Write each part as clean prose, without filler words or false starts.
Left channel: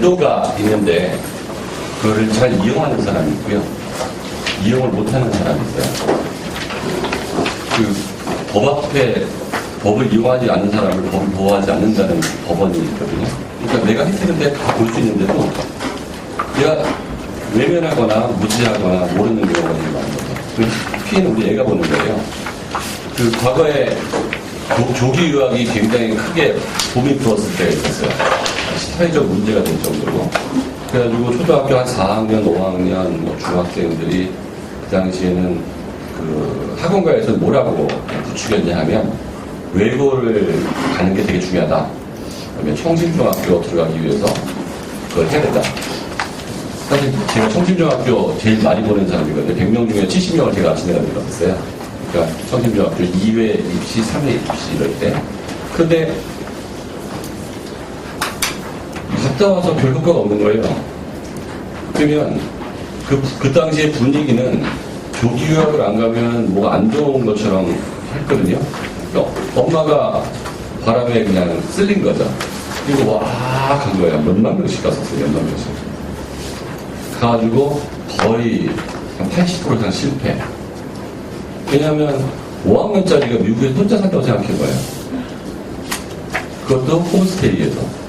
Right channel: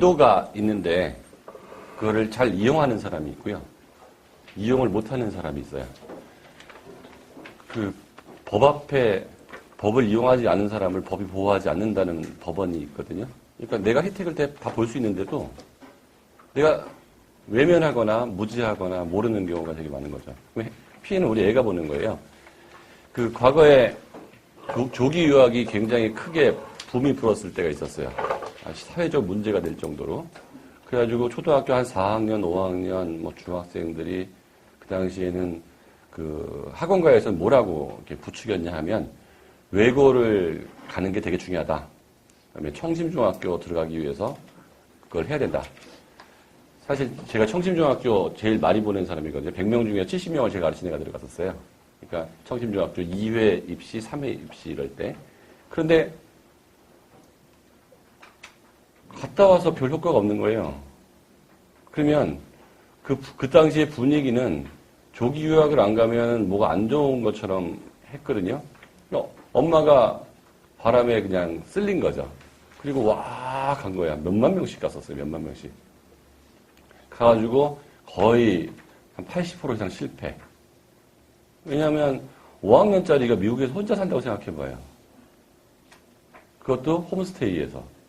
제도가 있는데 그거를 잘 이용하는 사람이 있고요. 이용을 못하는 사람이 있어요. 그 법 앞에 법을 이용하지 않는 사람을 법을 보호하지 않는다는 법원이 있거든요. 그러니까 내가 혜택인데 다 볼 수 있는데도 내가 외면하거나 무시하거나 모르는 경우가 되게 많은 거죠. 그 피해는 우리 애가 보는 거예요. 그 과거에 조기 유학이 굉장히 크게 붐이 불었을 때가 있었어요. 사회적 문제가 될 정도로. 그래가지고 초등학교 한 4학년, 5학년 뭐 중학생들이 그 당시에는 그 학원가에서 뭐라고 부추겼냐 하면 외고를 가는 게 되게 중요하다. 그러면 청심중학교 들어가기 위해서 그걸 해야 된다. 사실 제가 청심중학교 제일 많이 보낸 사람이거든요. 100명 중에 70명을 제가 아침에 들어갔어요. 그러니까 청심중학교 2회 입시, 3회 입시 이럴 때. 근데 갔다 와서 별 효과가 없는 거예요. 그러면 그 당시의 분위기는 조기 유학을 안 가면 뭐가 안 좋은 것처럼 했거든요. 그러니까 엄마가 바람에 그냥 쓸린 거죠. 그리고 와, 간 거예요. 몇만 명씩 갔었어요. 몇만 명씩. 가가지고 거의 한 80% 이상 실패. 왜냐하면 5학년짜리가 미국에서 혼자 산다고 생각한 거예요. 그것도 홈스테이에서.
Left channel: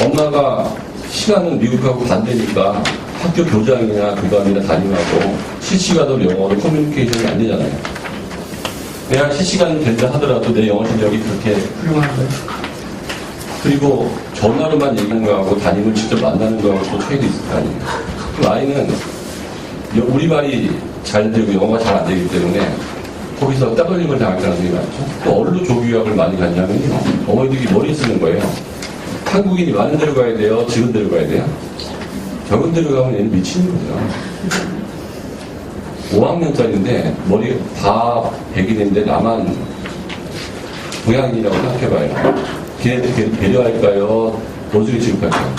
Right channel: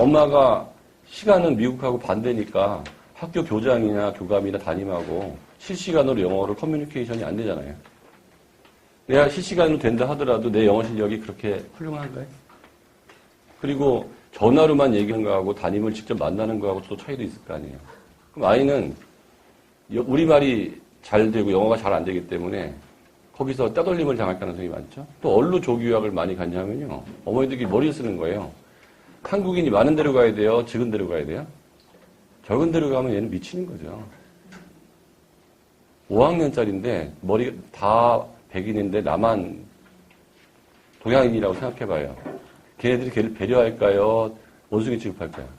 엄마가 시간은 미국하고 반대니까 학교 교장이나 교감이나 담임하고 실시간으로 영어로 커뮤니케이션이 안 되잖아요. 내가 실시간 된다 하더라도 내 영어 실력이 그렇게 훌륭한 거예요. 그리고 전화로만 얘기하는 거하고 담임을 직접 만나는 거하고 또 차이도 있을 거 아니에요. 그럼 아이는 우리말이 잘 되고 영어가 잘 안 되기 때문에 거기서 따돌림을 당할 가능성이 많죠. 또 어디로 조기유학을 많이 갔냐면요. 어머니들이 머리 쓰는 거예요. 한국인이 많은 데로 가야 돼요? 적은 데로 가야 돼요? 적은 데로 가면 얘는 미치는 거죠. 5학년짜리인데 머리 다 백인인데 나만 동양인이라고 생각해봐요. 걔네들 배려할까요? 도둑이 취급할까요?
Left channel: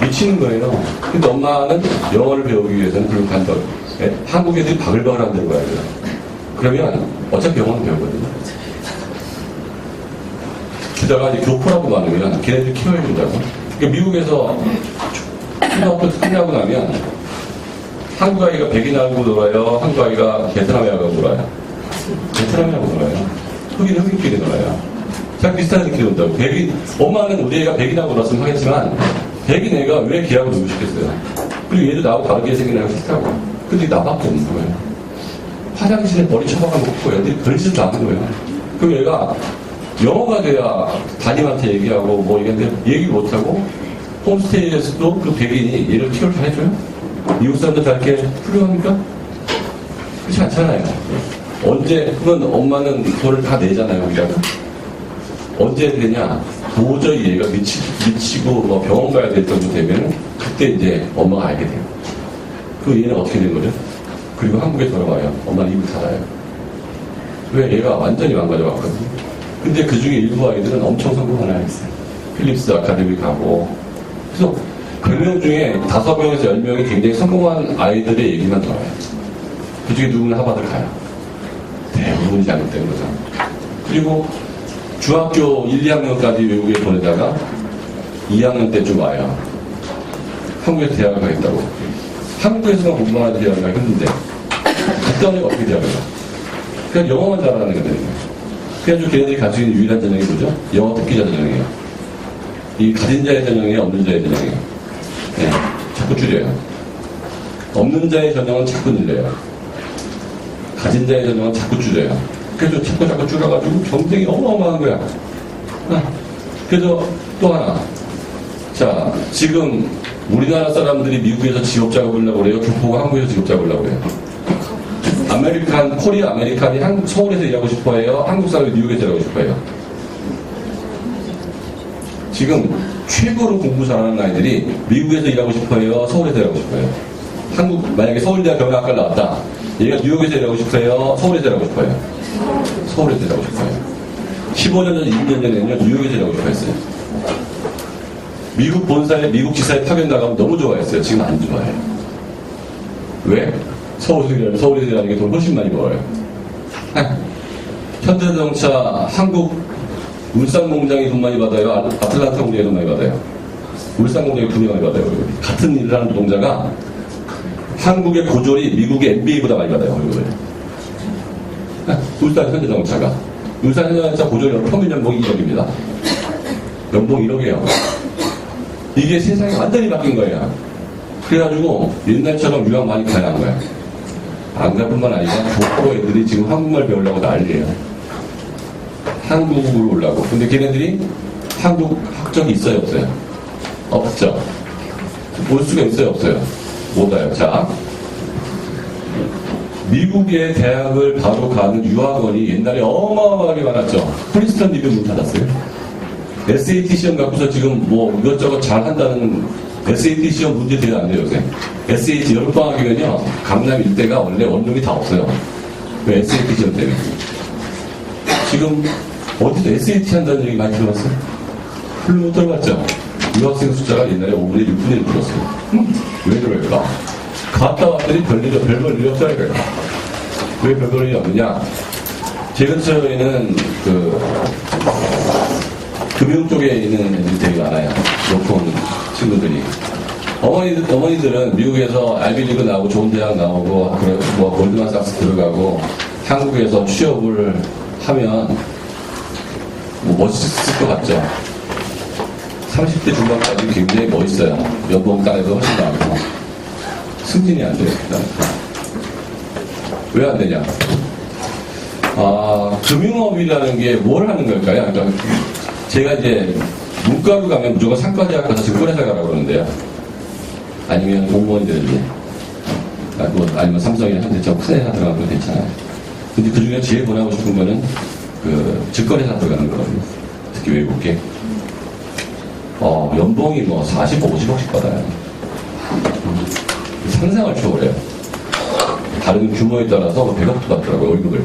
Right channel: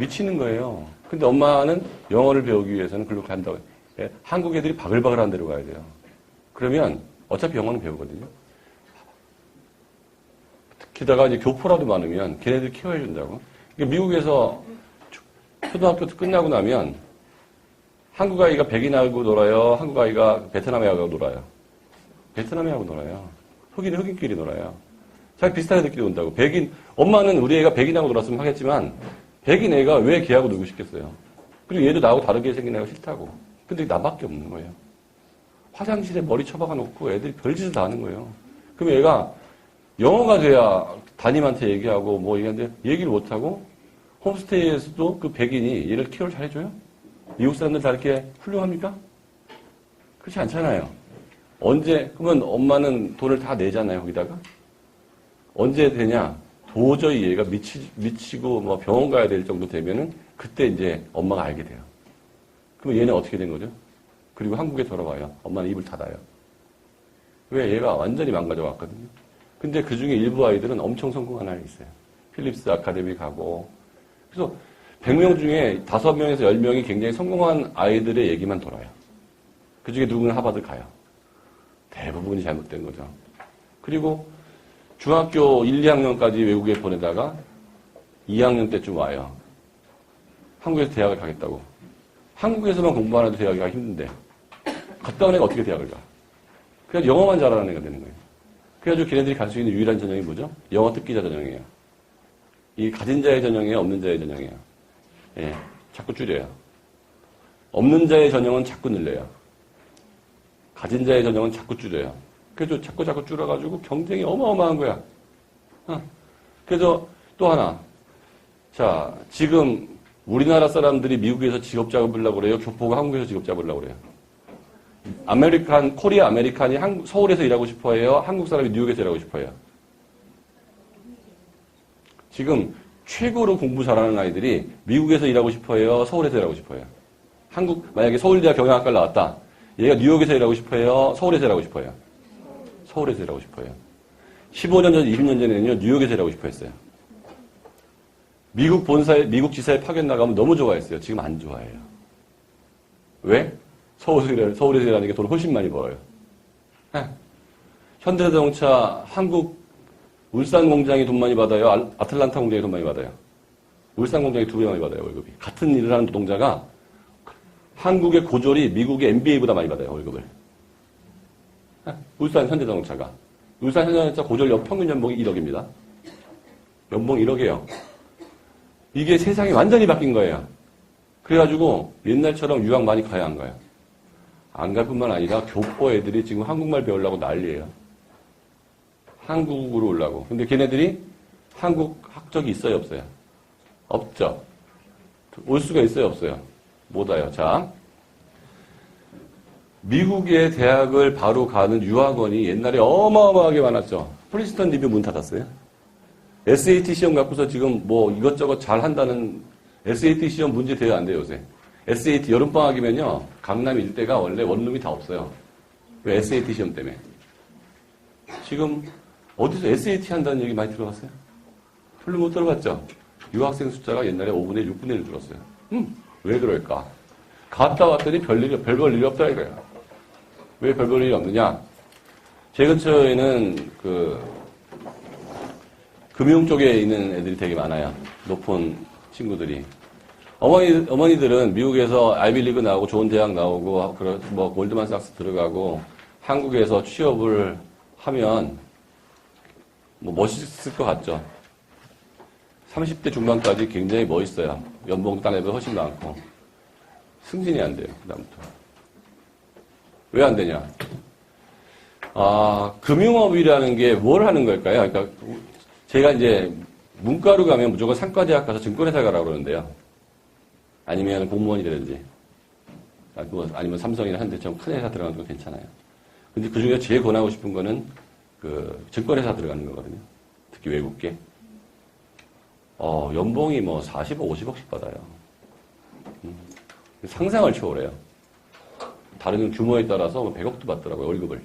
미치는 거예요. 근데 엄마는 영어를 배우기 위해서는 그걸 간다. 한국 애들이 바글바글한 데로 가야 돼요. 그러면 어차피 영어는 배우거든요. 게다가 이제 교포라도 많으면 걔네들 키워준다고. 그러니까 미국에서 초등학교 끝나고 나면 한국 아이가 백인하고 놀아요. 한국 아이가 베트남하고 놀아요. 베트남하고 놀아요. 흑인끼리 놀아요. 잘 비슷한 애들끼리 논다고. 백인, 엄마는 우리 애가 백인하고 놀았으면 하겠지만 백인 애가 왜 걔하고 놀고 싶겠어요. 그리고 얘도 나하고 다르게 생긴 애가 싫다고. 근데 나밖에 없는 거예요. 화장실에 머리 쳐박아놓고 애들이 별짓도 않는 거예요. 그럼 얘가 영어가 돼야 담임한테 얘기하고 뭐 이랬는데 얘기 못하고 홈스테이에서도 그 백인이 얘를 키울 잘 해줘요? 미국 사람들 다 이렇게 훌륭합니까? 그렇지 않잖아요. 언제, 그건 엄마는 돈을 다 내잖아요, 우리가. 언제 되냐? 도저히 얘가 미치고 뭐 병원 가야 될 정도 되면 그때 이제 엄마가 알게 돼요. 그 얘는 어떻게 된 거죠? 그리고 한국에 돌아와요. 엄마는 입을 닫아요. 왜? 얘가 완전히 망가져갔거든요. 근데 그 중에 일부 아이들은 엄청 성공하는 아이가 있어요. 필립스 아카데미 가고. 그래서 100명 중에 5명에서 10명이 굉장히 성공한 아이들의 얘기만 들어요. 그 중에 누구는 하버드 가요. 대부분이 잘못된 거죠. 그리고 중학교 1, 2학년까지 외국에 보내다가 2학년 때쯤 와요. 한국에서 대학을 가겠다고. 한국에서만 공부하는 대학을 가기 힘든데 그다음에 어떻게 대학을 가? 그냥 영어만 잘하는 거거든요. 그래가지고 걔네들이 갈 수 있는 유일한 전형이 뭐죠? 영어 듣기자 전형이에요. 이 가진 자의 전형이에요? 없는 자의 전형이에요? 네, 자꾸 줄여요. 없는 자의 전형은 자꾸 늘려요. 가진 자의 전형은 자꾸 줄여요. 그래서 자꾸 줄여가지고 경쟁이 어마어마한 거야. 그래서 또 하나. 자, 지금 우리나라 사람들이 미국에서 직업 잡으려고 그래요? 교포가 한국에서 직업 잡으려고 그래요? 코리아 아메리칸이 서울에서 일하고 싶어 해요? 한국 사람이 뉴욕에서 일하고 싶어 해요? 지금 최고로 공부 잘하는 아이들이 미국에서 일하고 싶어 해요? 서울에서 일하고 싶어 해요? 만약에 서울대학 경영학과를 나왔다. 얘가 뉴욕에서 일하고 싶어 해요? 서울에서 일하고 싶어 해요? 서울에서 일하고 싶어 해요. 15년 전, 20년 전에는요, 뉴욕에서 일하고 싶어 했어요. 미국 본사에, 미국 지사에 파견 나가면 너무 좋아했어요. 지금 안 좋아해요. 왜? 서울에서 일하는 게 돈 훨씬 많이 벌어요. 현대자동차 한국 울산 공장이 돈 많이 받아요? 아틀란타 공장이 돈 많이 받아요? 울산 공장이 돈 많이 받아요. 같은 일을 하는 노동자가 한국의 고졸이 미국의 MBA보다 많이 받아요. 월급을. 울산 현대자동차가. 울산 현대자동차 고졸 평균 연봉이 1억입니다. 연봉 1억이에요. 이게 세상이 완전히 바뀐 거예요. 그래가지고 옛날처럼 유학 많이 가야 하는 거예요. 안 갈 뿐만 아니라 교포 애들이 지금 한국말 배우려고 난리예요. 한국으로 오려고. 근데 걔네들이 한국 학적이 있어요, 없어요? 없죠. 올 수가 있어요, 없어요? 못 와요. 자, 미국의 대학을 바로 가는 유학원이 옛날에 어마어마하게 많았죠. 프린스턴 리뷰 문 닫았어요. SAT 시험 갖고서 지금 뭐 이것저것 잘 한다는 SAT 시험 문제 대가 안 돼요, 요새. SAT 여름방학이면요, 강남 일대가 원래 원룸이 다 없어요. 그 SAT 시험 때문에. 지금 어디서 SAT 한다는 얘기 많이 들어봤어요? 별로 못 들어봤죠? 유학생 숫자가 옛날에 5분의 6분의 1 줄었어요. 왜 그럴까? 갔다 왔더니 별 볼 일이 없더라고요. 왜 별 볼 일이 없느냐? 제 근처에는 금융 쪽에 있는 애들이 되게 많아요. 높은 친구들이. 어머니들은 미국에서 아이비리그 나오고 좋은 대학 나오고, 뭐, 골드만삭스 들어가고, 한국에서 취업을 하면, 뭐, 멋있을 것 같죠? 30대 중반까지 굉장히 멋있어요. 연봉 땅에도 훨씬 나고. 승진이 안 돼요. 왜 안 되냐? 금융업이라는 게 뭘 하는 걸까요? 그러니까 제가 이제 문과로 가면 무조건 상과대학 가서 증권회사 가라고 그러는데요. 아니면 공무원이 되는지. 아니면 삼성이나 현대처럼 큰 회사 들어가면 괜찮아요. 근데 그 중에 제일 권하고 싶은 거는 증권회사 들어가는 거거든요. 특히 외국계. 연봉이 뭐 40억, 50억씩 받아요. 상상을 초월해요. 다른 규모에 따라서 100억도 받더라고요, 월급을.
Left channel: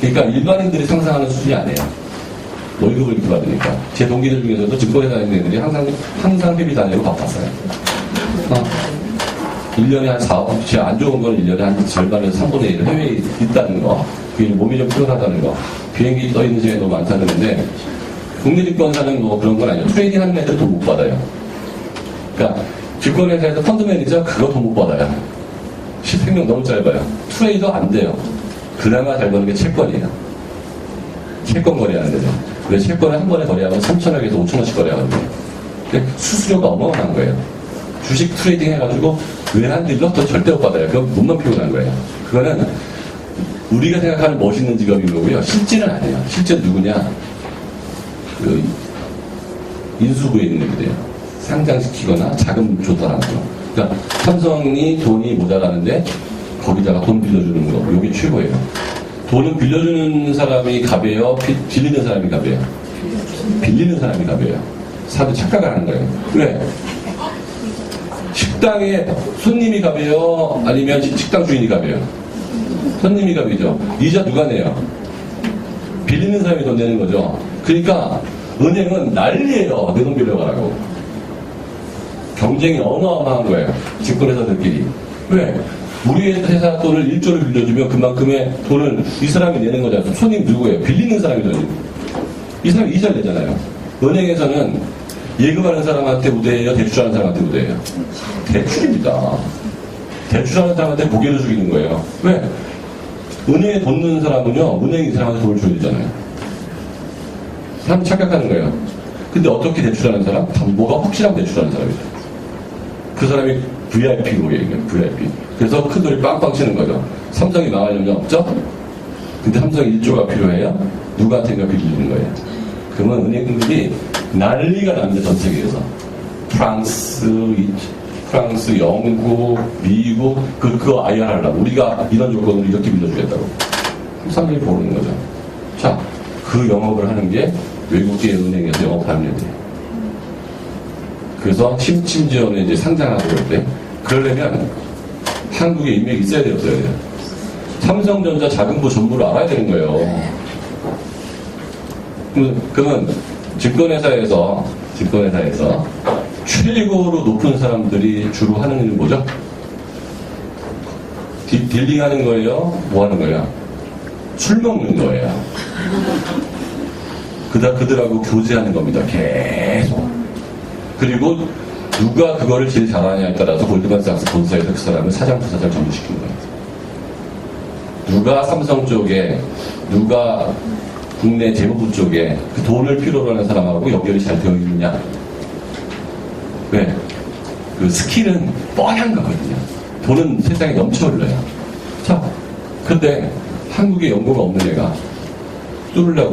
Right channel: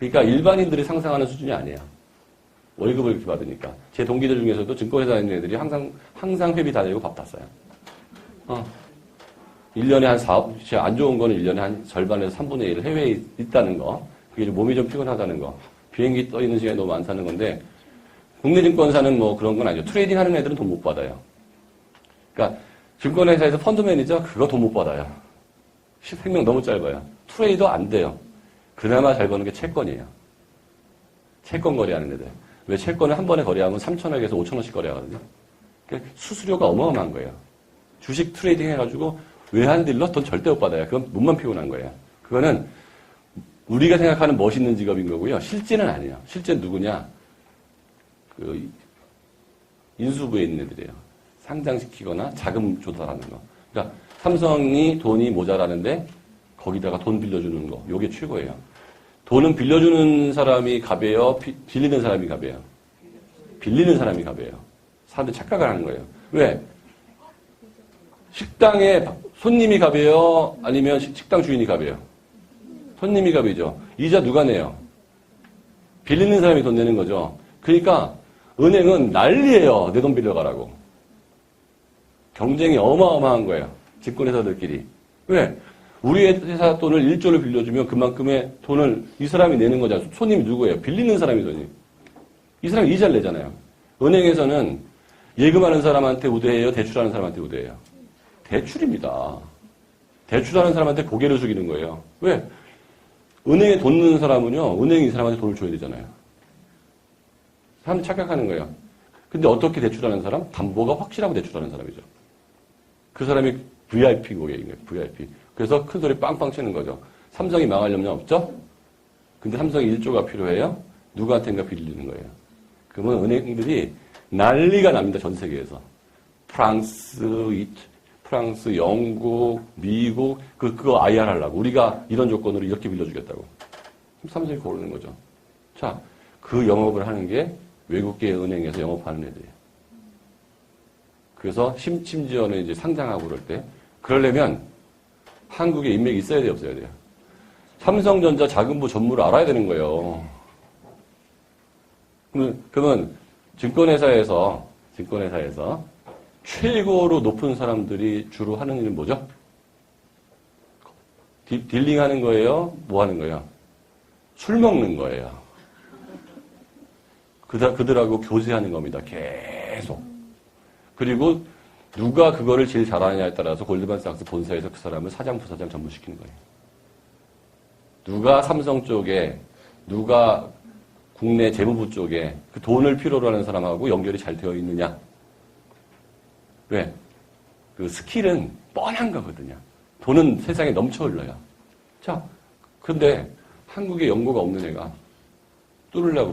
그러니까 일반인들이 상상하는 수준이 아니에요. 월급을 이렇게 받으니까. 제 동기들 중에서도 증권회사 다니는 애들이 항상 회비 다 내고 바빴어요. 1년에 한 4억, 제가 안 좋은 건 1년에 한 절반에서 3분의 1 해외에 있다는 거. 그게 몸이 좀 피곤하다는 거. 비행기 떠 있는 시간이 너무 많다는데, 국내 증권사는 뭐 그런 건 아니에요. 트레이딩 하는 애들은 돈 못 받아요. 그러니까, 증권회사에서 펀드 매니저 그거 돈 못 받아요. 실생명 너무 짧아요. 트레이더 안 돼요. 그나마 잘 버는 게 채권이에요. 채권 거래하는 데죠. 왜 채권을 한 번에 거래하면 3,000원에서 5,000원씩 거래하거든요. 근데 수수료가 어마어마한 거예요. 주식 트레이딩 해가지고 외환딜러 돈 절대 못 받아요. 그건 몸만 피곤한 거예요. 그거는 우리가 생각하는 멋있는 직업인 거고요. 실제는 아니에요. 실제 누구냐? 인수부에 있는 애들이에요. 상장시키거나 자금 조달하는 거. 그러니까 삼성이 돈이 모자라는데 거기다가 돈 빌려주는 거. 이게 최고예요. 돈은 빌려주는 사람이 갑이에요? 빌리는 사람이 갑이에요? 빌리는 사람이 갑이에요. 사람들이 착각을 하는 거예요. 왜? 식당에 손님이 갑이에요? 아니면 식당 주인이 갑이에요? 손님이 갑이죠. 이자 누가 내요? 빌리는 사람이 돈 내는 거죠. 그러니까 은행은 난리예요. 내 돈 빌려가라고. 경쟁이 어마어마한 거예요. 증권회사들끼리. 왜? 우리 회사 돈을 1조를 빌려주면 그만큼의 돈을 이 사람이 내는 거잖아요. 손님 누구예요? 빌리는 사람이죠. 이 사람이 이자를 내잖아요. 은행에서는 예금하는 사람한테 우대해요? 대출하는 사람한테 우대해요? 대출입니다. 대출하는 사람한테 고개를 숙이는 거예요. 왜? 은행에 돈 넣는 사람은요, 은행이 이 사람한테 돈을 줘야 되잖아요. 사람 착각하는 거예요. 근데 어떻게 대출하는 사람? 담보가 확실하고 대출하는 사람이죠. 그 사람이 VIP고 얘기해요. VIP. 그래서 큰 돈이 빵빵 치는 거죠. 삼성이 망하려면 없죠? 근데 삼성이 1조가 필요해요? 누구한테인가 빌리는 거예요. 그러면 은행들이 난리가 납니다. 전 세계에서. 프랑스, 영국, 미국, 그거 IR 하려고. 우리가 이런 조건으로 이렇게 빌려주겠다고. 삼성이 모르는 거죠. 자, 그 영업을 하는 게 외국계 은행에서 영업하는 애들이에요. 그래서 심지어는 이제 상장하고 그럴 때, 그러려면 한국에 인맥이 있어야 돼요, 없어야 돼요? 삼성전자 자금부 전무를 알아야 되는 거예요. 그러면 증권회사에서 최고로 높은 사람들이 주로 하는 일은 뭐죠? 딜링하는 거예요? 뭐 하는 거예요? 술 먹는 거예요. 그들하고 교제하는 겁니다. 계속. 그리고 누가 그거를 제일 잘하냐에 따라서 골드만삭스 본사에서 그 사람을 사장, 부사장 전부시키는 거예요. 누가 삼성 쪽에, 누가 국내 재무부 쪽에 그 돈을 필요로 하는 사람하고 연결이 잘 되어 있느냐. 왜? 그 스킬은 뻔한 거거든요. 돈은 세상에 넘쳐 흘러요. 자, 근데 한국에 연고가 없는 애가 뚫으려고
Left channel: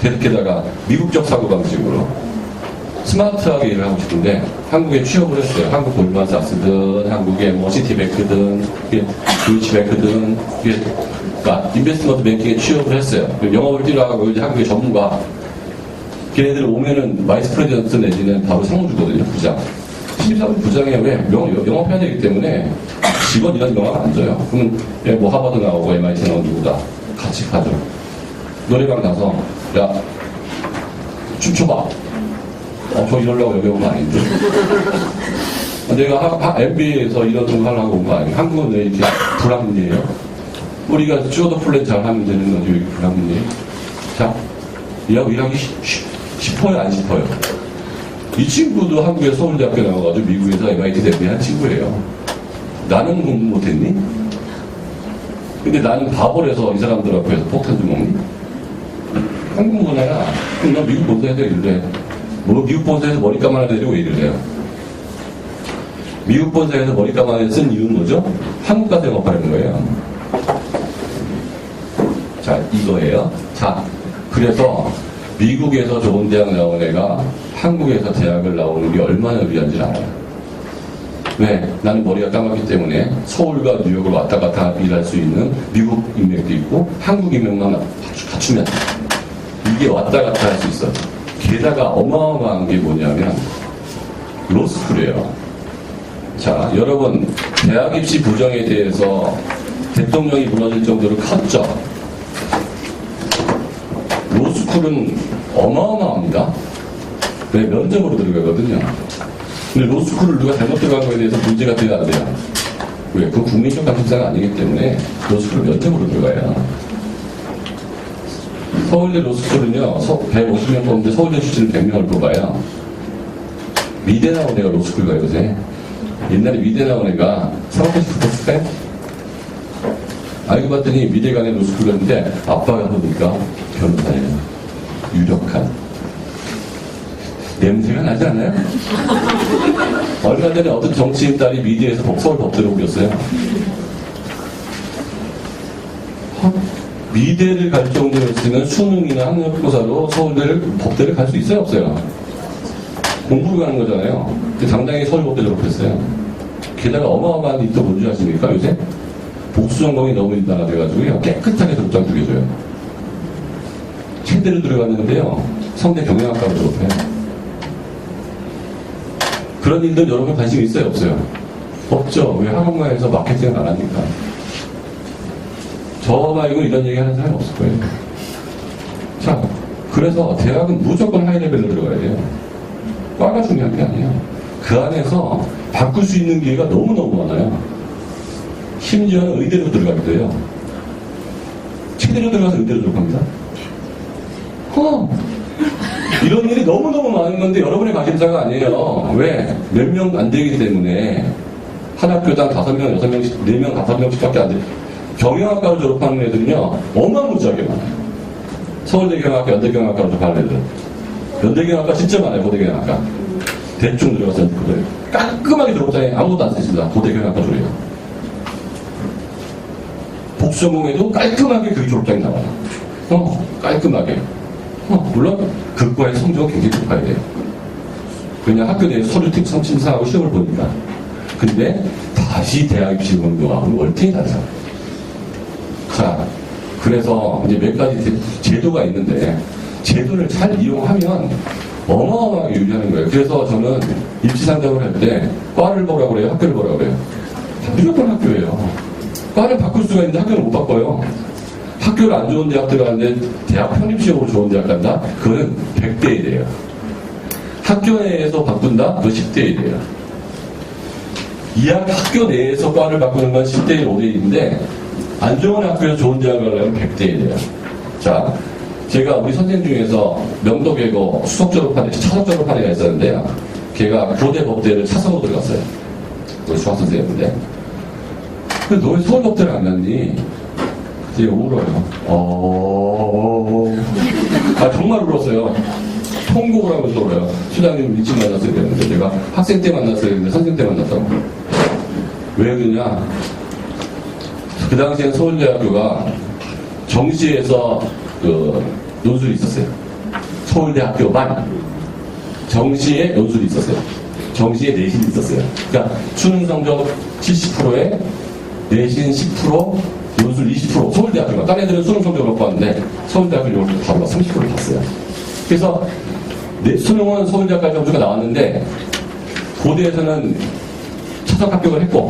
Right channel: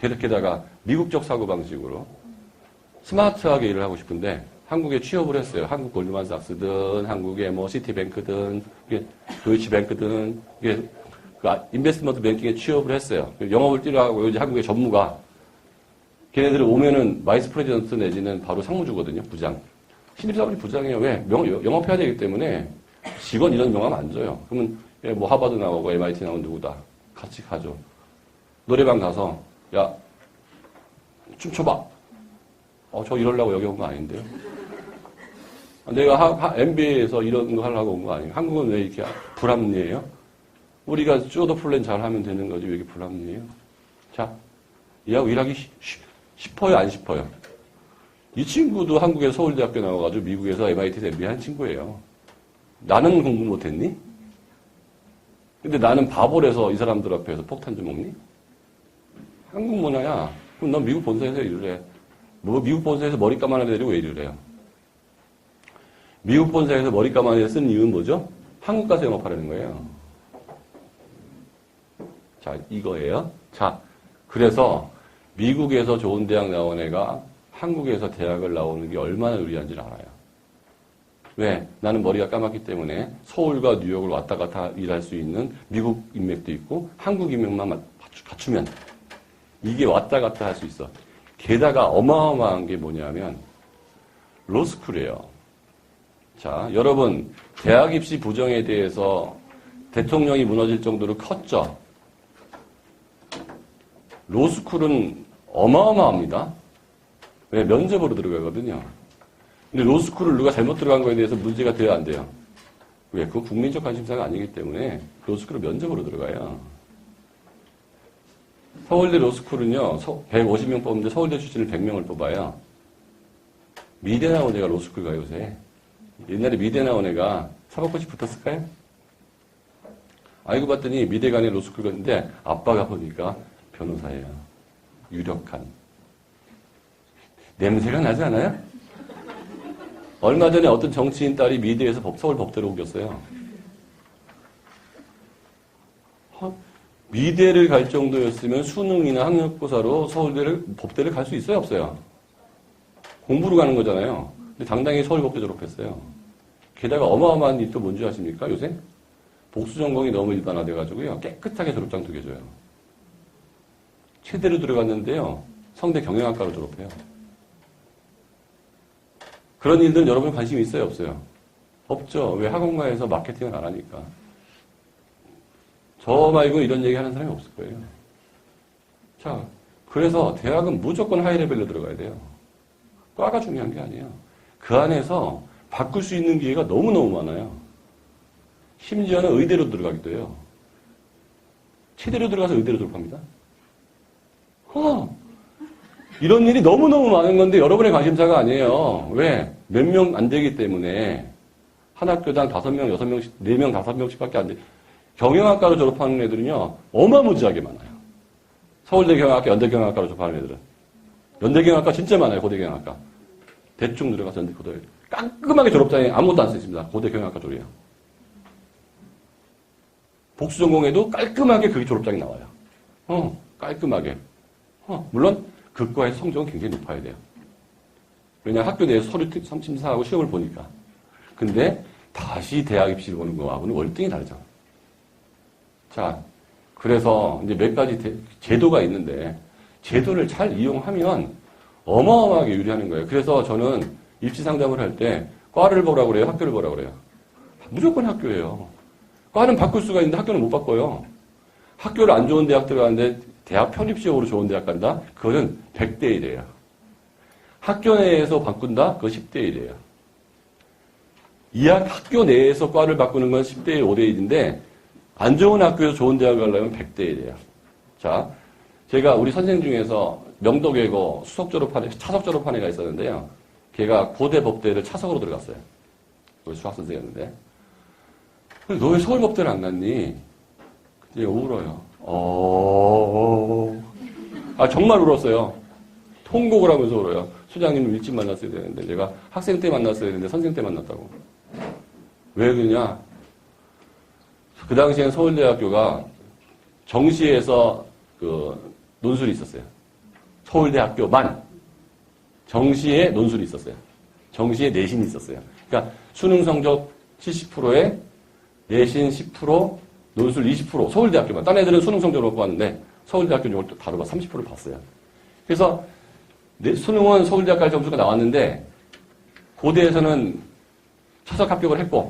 그러면 게다가 미국적 사고방식으로 스마트하게 일을 하고 싶은데 한국에 취업을 했어요. 한국 골드만삭스든 한국의 뭐 시티뱅크든 도이치뱅크든 그러니까 인베스트먼트 뱅킹에 취업을 했어요. 영업을 뛰어가고 이제 한국의 전문가 걔네들 오면은 바이스 프레지던트 내지는 바로 상무 주거든요. 부장. 신입사원 부장에 왜 영업해야 되기 때문에 직원 이런 명함 안 줘요. 그러면 뭐 하버드 나오고 MIT 나오고 누구다 같이 가죠. 노래방 가서 야 춤춰봐. 저 이러려고 여기 온 거 아닌데. 내가 MBA에서 이런 거 하려고 온 거 아니에요. 한국은 왜 이렇게 불합리해요? 우리가 슈어더 플랜 잘 하면 되는 거지 왜 이렇게 불합리해요? 자, 얘하고 일하기 싶어요 안 싶어요? 이 친구도 한국에 서울대학교 나와가지고 미국에서 MIT 대비한 친구예요. 나는 공부 못했니? 근데 나는 바보라서 이 사람들 앞에서 폭탄 좀 먹니? 한국 문화야. 그럼 너 미국 본사에서 일을 해. 뭐 미국 본사에서 머리 감아야 되고 왜 일을 해요? 미국 본사에서 머리 감아야 쓴 이유는 뭐죠? 한국 가서 영업하는 거예요. 자, 이거예요. 자, 그래서 미국에서 좋은 대학 나온 애가 한국에서 대학을 나오는 게 얼마나 유리한지 알아요. 왜? 나는 머리가 까맣기 때문에 서울과 뉴욕을 왔다 갔다 일할 수 있는 미국 인맥도 있고 한국 인맥만 갖추면 이게 왔다 갔다 할 수 있어요. 게다가 어마어마한 게 뭐냐면 로스쿨이에요. 자, 여러분 대학 입시 부정에 대해서 대통령이 무너질 정도로 컸죠. 로스쿨은 어마어마합니다. 왜? 면접으로 들어가거든요. 근데 로스쿨을 누가 잘못 들어간 거에 대해서 문제가 돼야 안 돼요. 왜? 그건 국민적 관심사가 아니기 때문에 로스쿨 면접으로 들어가요. 서울대 로스쿨은요, 150명 뽑는데 서울대 출신을 100명을 뽑아요. 미대 나온 애가 로스쿨 가요, 요새. 옛날에 미대 나온 애가 사업까지 붙었을까요? 알고 봤더니 미대 간에 로스쿨 갔는데 아빠가 보니까 변호사예요. 유력한. 냄새가 나지 않아요? 얼마 전에 어떤 정치인 딸이 미대에서 서울 법대로 오겼어요. 미대를 갈 정도였으면 수능이나 학력고사로 서울대를 법대를 갈 수 있어요, 없어요? 공부로 가는 거잖아요. 근데 당당히 서울법대 졸업했어요. 게다가 어마어마한 일도 뭔지 아십니까, 요새? 복수 전공이 너무 일반화돼가지고요, 깨끗하게 졸업장 2개 줘요. 체대로 들어갔는데요, 성대 경영학과로 졸업해요. 그런 일들은 여러분 관심 있어요, 없어요? 없죠. 왜 학원가에서 마케팅을 안 하니까. 저 말고 이런 얘기 하는 사람이 없을 거예요. 자, 그래서 대학은 무조건 하이레벨로 들어가야 돼요. 과가 중요한 게 아니에요. 그 안에서 바꿀 수 있는 기회가 너무너무 많아요. 심지어는 의대로 들어가기도 해요. 체대로 들어가서 의대로 들어갑니다. 이런 일이 너무너무 많은 건데 여러분의 관심사가 아니에요. 왜? 몇 명 안 되기 때문에 한 학교당 5명, 6명씩, 4명, 5명씩 밖에 안 돼요. 경영학과로 졸업하는 애들은요, 어마무지하게 많아요. 서울대 경영학과, 연대 경영학과로 졸업하는 애들은. 연대 경영학과 진짜 많아요, 고대 경영학과. 대충 들어가서 깔끔하게 졸업장에 아무것도 안 쓰십니다. 고대 경영학과 졸업이요. 복수전공에도 깔끔하게 그 졸업장이 나와요. 깔끔하게. 물론 그과의 성적은 굉장히 높아야 돼요. 그냥 학교 내에서 서류 심사하고 시험을 보니까. 근데 다시 대학 입시 보는 거하고는 월등히 다르죠. 자, 그래서 이제 몇 가지 제도가 있는데 제도를 잘 이용하면 어마어마하게 유리하는 거예요. 그래서 저는 입시 상담을 할 때 과를 보라고 그래요? 학교를 보라고 그래요? 무조건 학교예요. 과를 바꿀 수가 있는데 학교를 못 바꿔요. 학교를 안 좋은 대학 들어가는데 대학 편입시험으로 좋은 대학 간다? 그건 100대 1이에요. 학교 내에서 바꾼다? 그건 10대 1이에요. 이 학교 내에서 과를 바꾸는 건 10대 1, 5대 1인데 안 좋은 학교에서 좋은 대학을 가려면 100대 1이에요. 자, 제가 우리 선생님 중에서 명도외고 수석 졸업한, 차석 졸업한 애가 있었는데요. 걔가 고대 법대를 차서로 들어갔어요. 우리 수학 선생님인데. 너 왜 서울법대를 안 갔니? 그때 울어요. 정말 울었어요. 통곡을 하면서 울어요. 수장님 일찍 만났어야 되는데, 내가 학생 때 만났어야 되는데, 선생 때 만났다고. 왜 그러냐? 그 당시엔 서울대학교가 정시에서 논술이 있었어요. 서울대학교만 정시에 논술이 있었어요. 정시에 내신이 있었어요. 그러니까 수능 성적 70%에 내신 10%, 논술 20%. 서울대학교가. 딴 애들은 수능 성적을 못 봤는데 서울대학교를 바로 30%를 봤어요. 그래서 수능은 서울대학교 점수가 나왔는데 고대에서는 차석 합격을 했고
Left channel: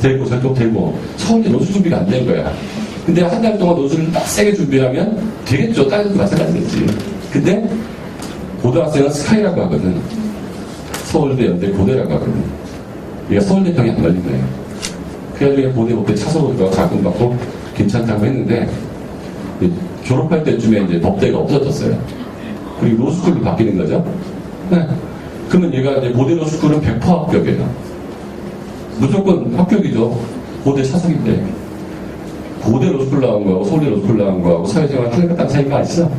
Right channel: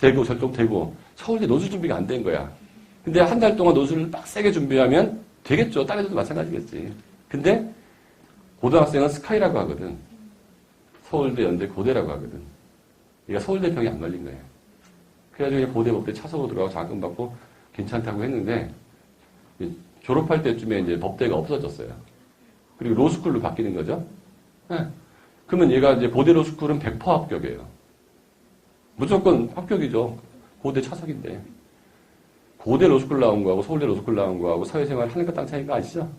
되고 저쪽 되고 서울대 논술 준비가 안 된 거야. 근데 한 달 동안 논술을 딱 세게 준비하면 되겠죠. 다른 데도 마찬가지겠지. 근데 고등학생은 스카이라고 하거든. 서울대, 연대, 고대라고 하거든. 얘가 서울대병이 안 걸린 거예요. 그래가지고 고대 법대 차서로 들어가 자금 받고 괜찮다고 했는데 졸업할 때쯤에 이제 법대가 없어졌어요. 그리고 로스쿨로 바뀌는 거죠. 네. 그러면 얘가 이제 고대 로스쿨은 100% 합격이에요. 무조건 합격이죠. 고대 차석인데. 고대 로스쿨 나온 거하고 서울대 로스쿨 나온 거하고 사회생활 하늘과 땅 차이가 아시죠?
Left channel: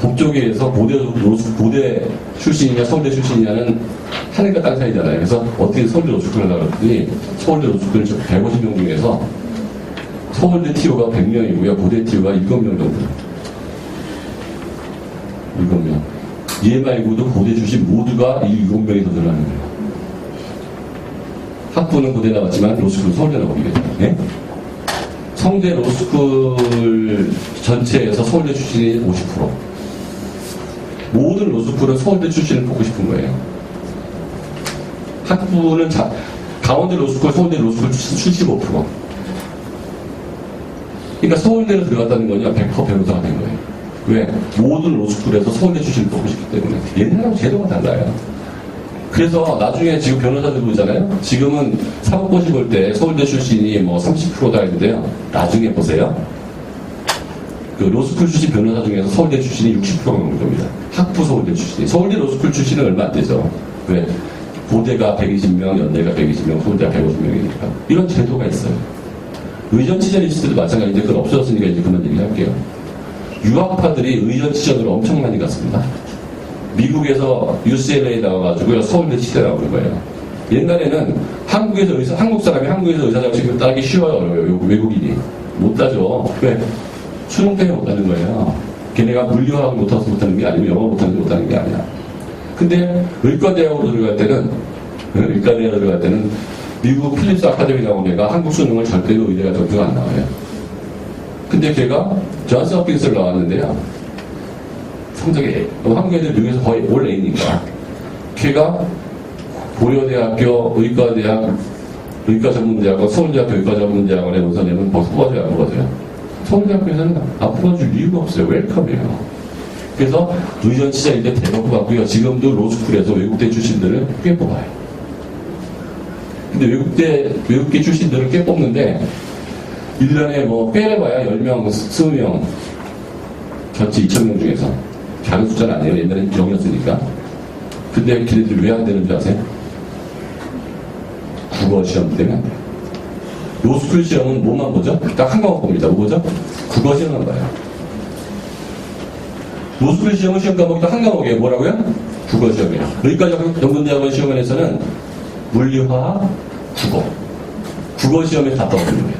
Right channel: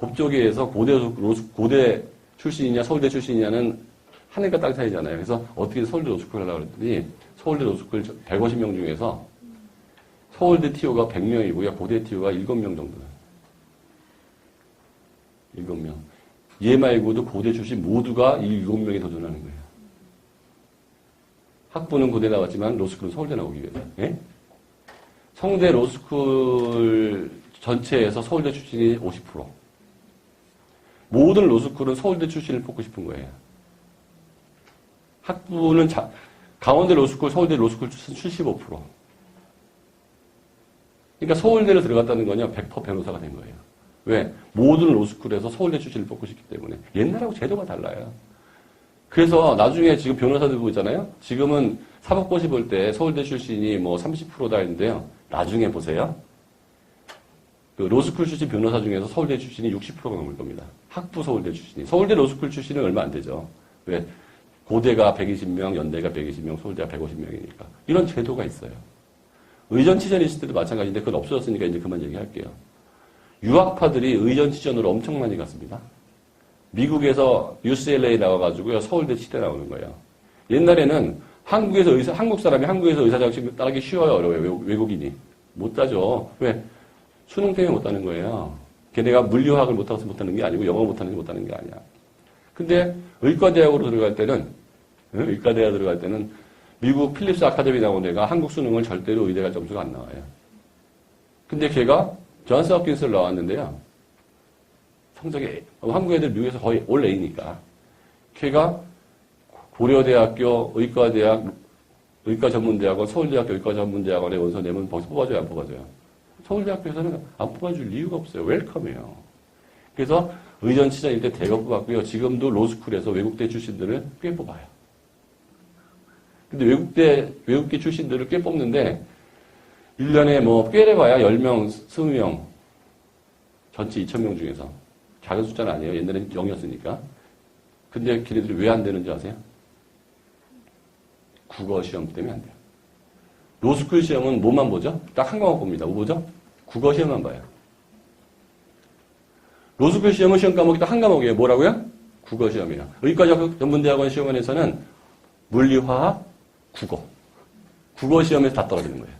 법조계에서 고대 출신이냐 서울대 출신이냐는 하늘과 땅 차이잖아요. 그래서 어떻게 서울대 로스쿨을 하려고 그랬더니 서울대 로스쿨 150명 중에서 서울대 TO가 100명이고요. 고대 TO가 7명 정도. 7명. 얘 말고도 고대 출신 모두가 이 7명이 더 들어가는 거예요. 학부는 고대 나왔지만 로스쿨은 서울대 나오겠죠. 네? 성대 로스쿨 전체에서 서울대 출신이 50%. 모든 로스쿨은 서울대 출신을 뽑고 싶은 거예요. 학부는 강원대 로스쿨, 서울대 로스쿨 출신 75%. 그러니까 서울대로 들어갔다는 거냐 100% 변호사가 된 거예요. 왜? 모든 로스쿨에서 서울대 출신을 뽑고 싶기 때문에. 옛날하고 제도가 달라요. 그래서 나중에 지금 변호사들 보잖아요. 지금은 사법고시 볼 때 서울대 출신이 뭐 30%다 했는데요. 나중에 보세요. 그 로스쿨 출신 변호사 중에서 서울대 출신이 60% 정도입니다. 학부 서울대 출신이. 서울대 로스쿨 출신은 얼마 안 되죠. 왜? 고대가 120명, 연대가 120명, 서울대가 150명이니까. 이런 제도가 있어요. 의전치전 있을 때도 마찬가지인데 그건 없어졌으니까 이제 그만 얘기할게요. 유학파들이 의전치전으로 엄청 많이 갔습니다. 미국에서 UCLA 나와가지고 서울대 치대 나오는 거예요. 옛날에는 한국 사람이 한국에서 의사자격증 따기 쉬워요, 어려워요. 외국인이. 못 따죠. 왜? 수능 때문에 못 따는 거예요. 걔네가 물리학을 못해서 못하는 게 아니고 영어 못하는 게 못하는 게 아니야. 근데 의과대학으로 들어갈 때는 미국 필립스 아카데미 나온 애가 한국 수능을 절대로 의대가 점수가 안 나와요. 근데 걔가 존스 홉킨스를 나왔는데요. 성적이 한국 애들 미국에서 거의 올 A니까 걔가 고려대학교 의과전문대학원, 서울대학교 의과전문대학원에 우선내면 거기서 뽑아줘야 안 뽑아줘요. 서울대학교에서는 안 뽑아줄 이유가 없어요. 웰컴이에요. 그래서 의전치자일 때 대박 뽑았고요. 지금도 로스쿨에서 외국대 출신들을 꽤 뽑아요. 근데 외국계 출신들을 꽤 뽑는데 1년에 뭐 꽤 봐야 10명, 20명 전체 2,000명 중에서 작은 숫자는 아니에요. 옛날엔 0이었으니까. 근데 걔네들 왜 안 되는 줄 아세요? 국어 시험 때문에 안 돼요. 로스쿨 시험은 뭐만 보죠? 딱 한 과목 봅니다. 뭐 보죠? 국어 시험만 봐요. 로스쿨 시험은 시험 과목이 딱 한 과목이에요. 뭐라고요? 국어 시험이에요. 의과전문대학원 시험원에서는 물리화학, 국어 시험에서 다 떠오르는 거예요.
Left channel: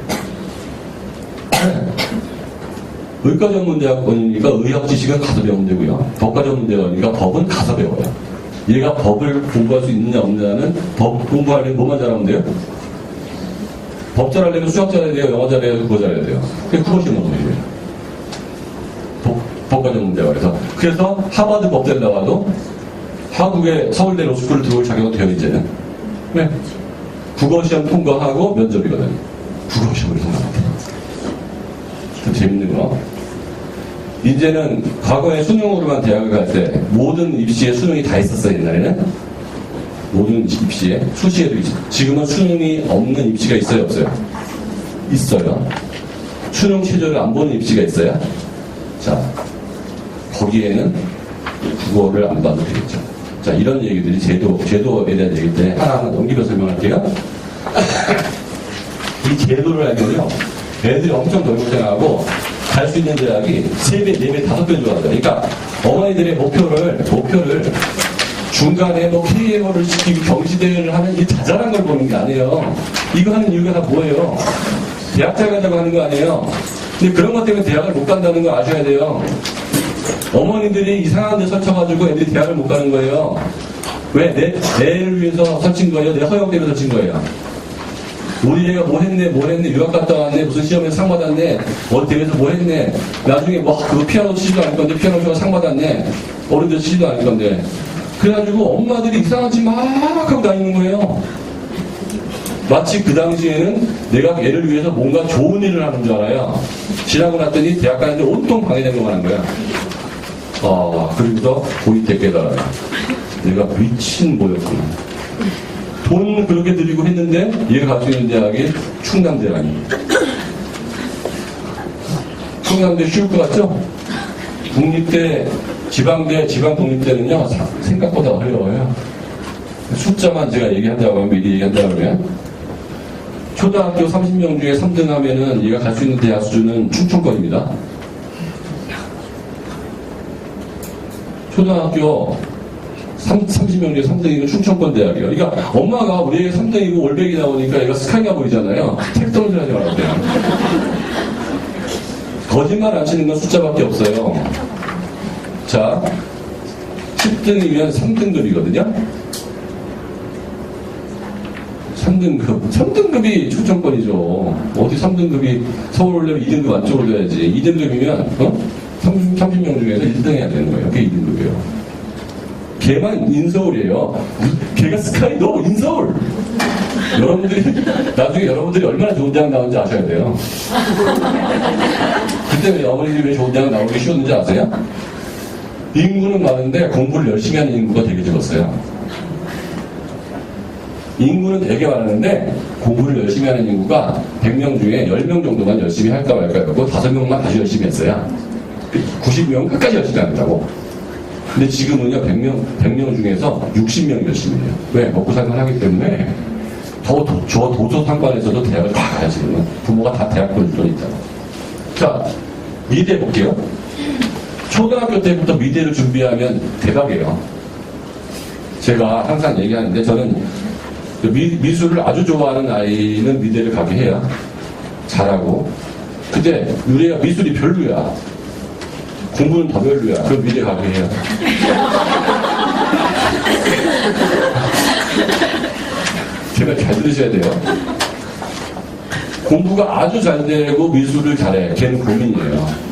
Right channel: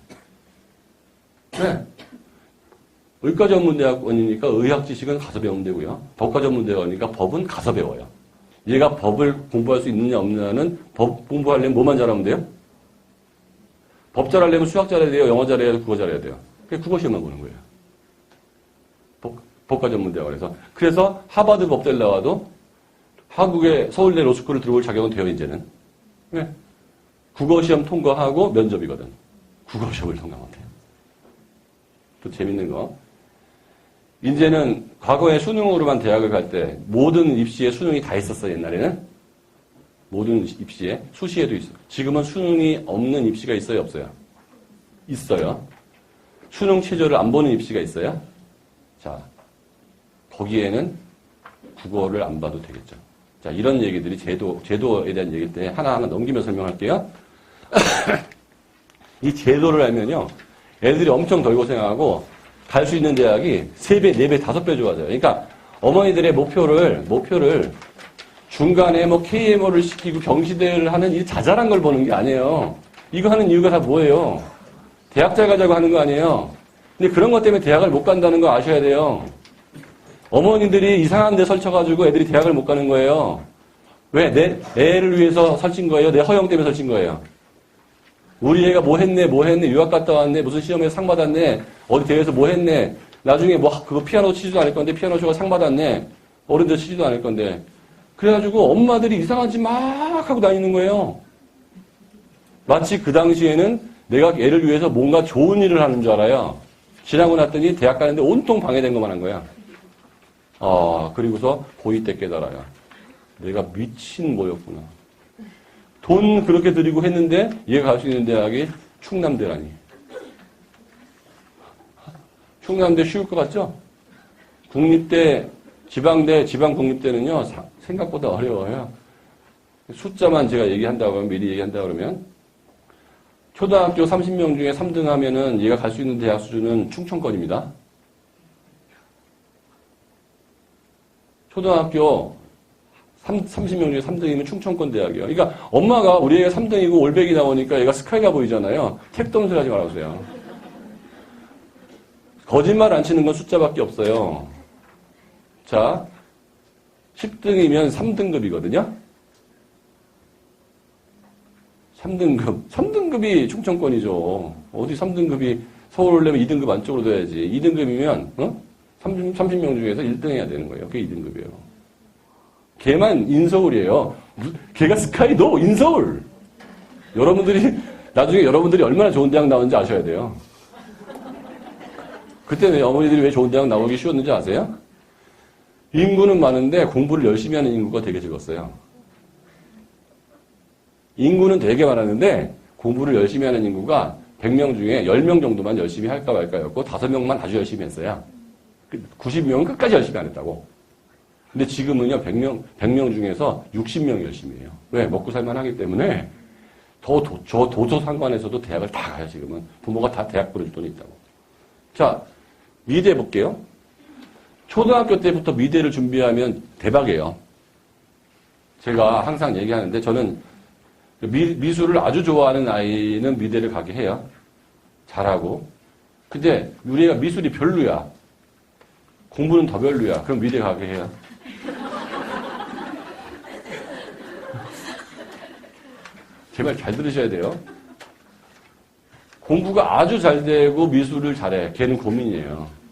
의과전문대학원이니까 의학 지식은 가서 배우면 되고요. 법과전문대학원이니까 법은 가서 배워요. 얘가 법을 공부할 수 있느냐 없느냐는 법 공부하려면 뭐만 잘하면 돼요? 법 잘하려면 수학 잘해야 돼요? 영어 잘해야 돼요? 국어 잘해야 돼요? 그게 국어 시험은 뭐예요? 법과전문대학원에서. 그래서 하버드 법대를 나와도 한국의 서울대 로스쿨을 들어올 자격은 돼요, 이제는. 네. 국어 시험 통과하고 면접이거든. 국어 시험을 통과합니다. 좀 재밌는 거. 이제는 과거에 수능으로만 대학을 갈 때 모든 입시에 수능이 다 있었어요. 옛날에는 모든 입시에 수시에도 있어요. 지금은 수능이 없는 입시가 있어요, 없어요? 있어요. 수능 최저를 안 보는 입시가 있어요? 자, 거기에는 국어를 안 봐도 되겠죠. 자, 이런 얘기들이 제도에 대한 얘기인데 하나하나 넘기며 설명할게요. 이 제도를 알면요, 애들이 엄청 덜 고생하고 갈 수 있는 대학이 3배, 4배, 5배 좋아져요. 그러니까 어머니들의 목표를 중간에 뭐 KMO를 시키고 경시대회를 하는 이 자잘한 걸 보는 게 아니에요. 이거 하는 이유가 다 뭐예요? 대학자 가자고 하는 거 아니에요. 근데 그런 것 때문에 대학을 못 간다는 거 아셔야 돼요. 어머니들이 이상한 데 설쳐가지고 애들이 대학을 못 가는 거예요. 왜? 내 애를 위해서 설친 거예요? 내 허용 때문에 설친 거예요. 우리 애가 뭐 했네, 유학 갔다 왔네, 무슨 시험에서 상 받았네, 어디 대회에서 뭐 했네, 나중에 그 피아노 치지도 않을 건데, 피아노 치고 상 받았네, 어른들 치지도 않을 건데. 그래가지고 엄마들이 이상한 짓 막 하고 다니는 거예요. 마치 그 당시에는 내가 애를 위해서 뭔가 좋은 일을 하는 줄 알아요. 지나고 났더니 대학 가는데 온통 방해된 것만 한 거야. 그리고서 고이 때 깨달아요. 내가 미친 모였구나. 돈 그렇게 들이고 했는데 얘가 가지고 있는 대학이 충남대학이. 충남대 쉬울 것 같죠? 국립대, 지방대, 지방국립대는요 생각보다 어려워요. 숫자만 제가 얘기한다고 하면 미리 얘기한다고 하면 초등학교 30명 중에 3등 하면은 얘가 갈 수 있는 대학 수준은 충청권입니다. 초등학교 30명 중에 3등이면 충청권 대학이에요. 그러니까 엄마가 우리 애가 3등이고 올백이 나오니까 얘가 스카이가 보이잖아요. 택덩질 하지 말았대요. 거짓말 안 치는 건 숫자밖에 없어요. 자, 10등이면 3등급이거든요. 3등급이 충청권이죠. 어디 3등급이 서울 오려면 2등급 안쪽으로 둬야지. 2등급이면 30명 중에서 1등 해야 되는 거예요. 그게 2등급이에요. 걔만 인서울이에요. 걔가 스카이, 너 인서울. 나중에 여러분들이 얼마나 좋은 대학 나오는지 아셔야 돼요. 그때 왜 어머니들이 왜 좋은 대학 나오기 쉬웠는지 아세요? 인구는 많은데 공부를 열심히 하는 인구가 되게 적었어요. 인구는 되게 많았는데 공부를 열심히 하는 인구가 100명 중에 10명 정도만 열심히 할까 말까 하고 5명만 다시 열심히 했어요. 90명은 끝까지 열심히 한다고. 근데 지금은요 100명 중에서 60명이 열심히 해요. 왜? 먹고 살만 하기 때문에 저 도서 상관에서도 대학을 다 가요. 지금은 부모가 다 대학 보낼 돈 있다고. 자, 미대 볼게요. 초등학교 때부터 미대를 준비하면 대박이에요. 제가 항상 얘기하는데 저는 미술을 아주 좋아하는 아이는 미대를 가게 해요. 잘하고. 근데 우리가 미술이 별로야. 공부는 더 별로야. 그럼 미대 가게 해요. 제가 잘 들으셔야 돼요. 공부가 아주 잘 되고 미술을 잘해. 걔는 고민이에요.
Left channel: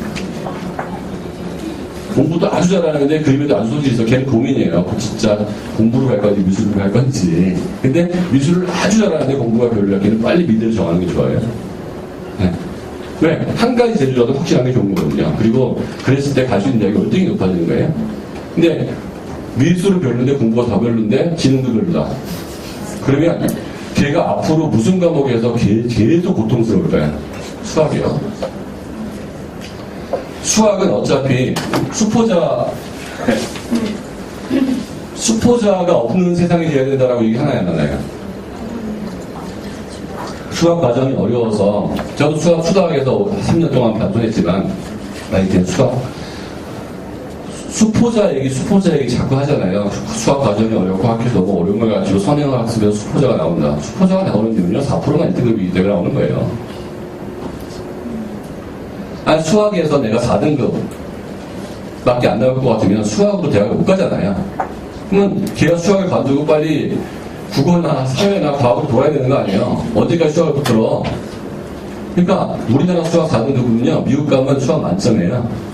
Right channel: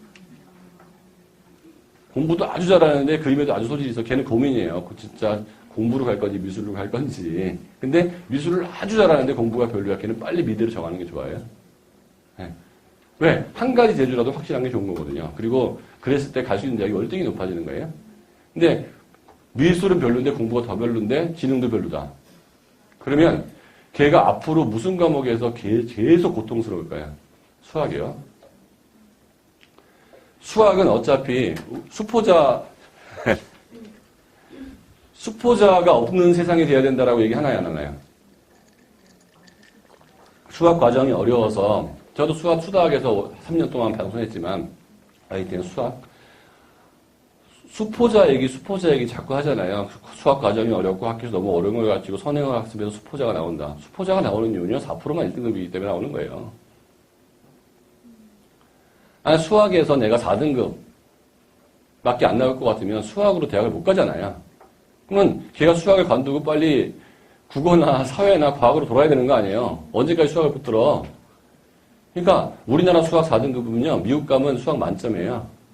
공부도 아주 잘하는데 그림에도 아주 소질이 있어. 걔는 고민이에요. 진짜 공부로 갈 건지 미술로 갈 건지. 근데 미술을 아주 잘하는데 공부가 별로야. 걔는 빨리 미대를 정하는 게 좋아요. 네. 왜? 한 가지 재주라도 확실한 게 좋은 거거든요. 그리고 그랬을 때 갈 수 있는 대학이 월등히 높아지는 거예요. 근데 미술은 별론데 공부가 더 별론데 지능도 별로다. 그러면 걔가 앞으로 무슨 과목에서 계속 고통스러울까요? 수학이요. 수학은 어차피 수포자가 없는 세상이 돼야 된다라고 얘기 하나야 하나요. 수학 과정이 어려워서 저도 수학에서 3년 동안 반성했지만 나 이제 수포자 얘기 자꾸 하잖아요. 수학 과정이 어렵고 학교에서 너무 어려운 걸 가지고 선행을 학습해서 수포자가 나온다. 수포자가 나오는 이유는요 4%만 1등급이 되게 나오는 거예요. 수학에서 내가 4등급 밖에 안 나올 것 같으면 수학으로 대학을 못 가잖아요. 그러면 걔가 수학을 관두고 빨리 국어나 사회나 과학으로 돌아야 되는 거 아니에요. 언제까지 수학을 붙들어. 그러니까 우리나라 수학 4등급은요 미국 가면 수학 만점이에요.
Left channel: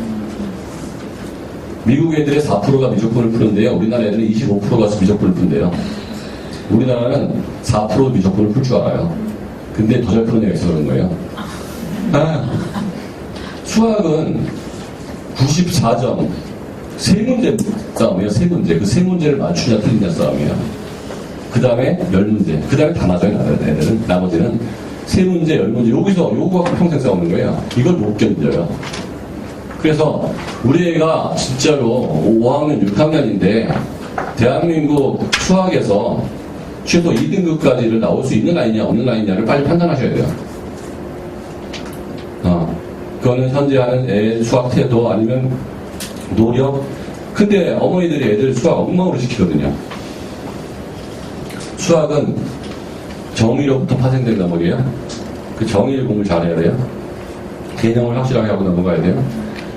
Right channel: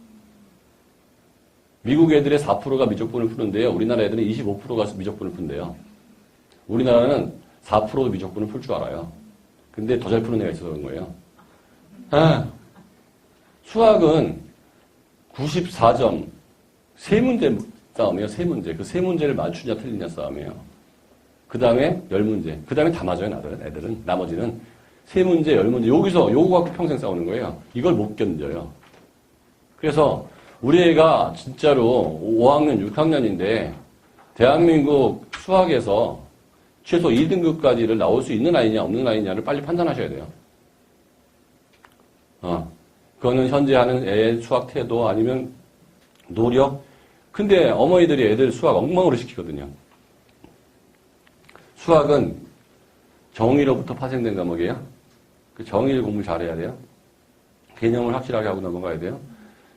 미국 애들의 4%가 미적분을 푸는데요. 우리나라 애들은 25%가 미적분을 푼대요. 우리나라는 4% 미적분을 풀 줄 알아요. 근데 더 잘 푸는 애가 있어서 그런 거예요. 수학은 94점, 3문제 싸움이에요. 3문제. 그 3문제를 맞추냐 틀리냐 싸움이에요. 그 다음에 10문제. 그 다음에 다 맞아요. 애들은. 나머지는 3문제, 10문제, 여기서 요거 갖고 평생 싸우는 거예요. 이걸 못 견뎌요. 그래서 우리 애가 진짜로 5학년, 6학년인데 대한민국 수학에서 최소 2등급까지를 나올 수 있는 아이냐 없는 아이냐를 빨리 판단하셔야 돼요. 그거는 현재 하는 애 수학 태도 아니면 노력. 근데 어머니들이 애들 수학 엉망으로 시키거든요. 수학은 정의로부터 파생된 과목이에요. 그 정의를 공부를 잘해야 돼요. 개념을 확실하게 하고 넘어가야 돼요.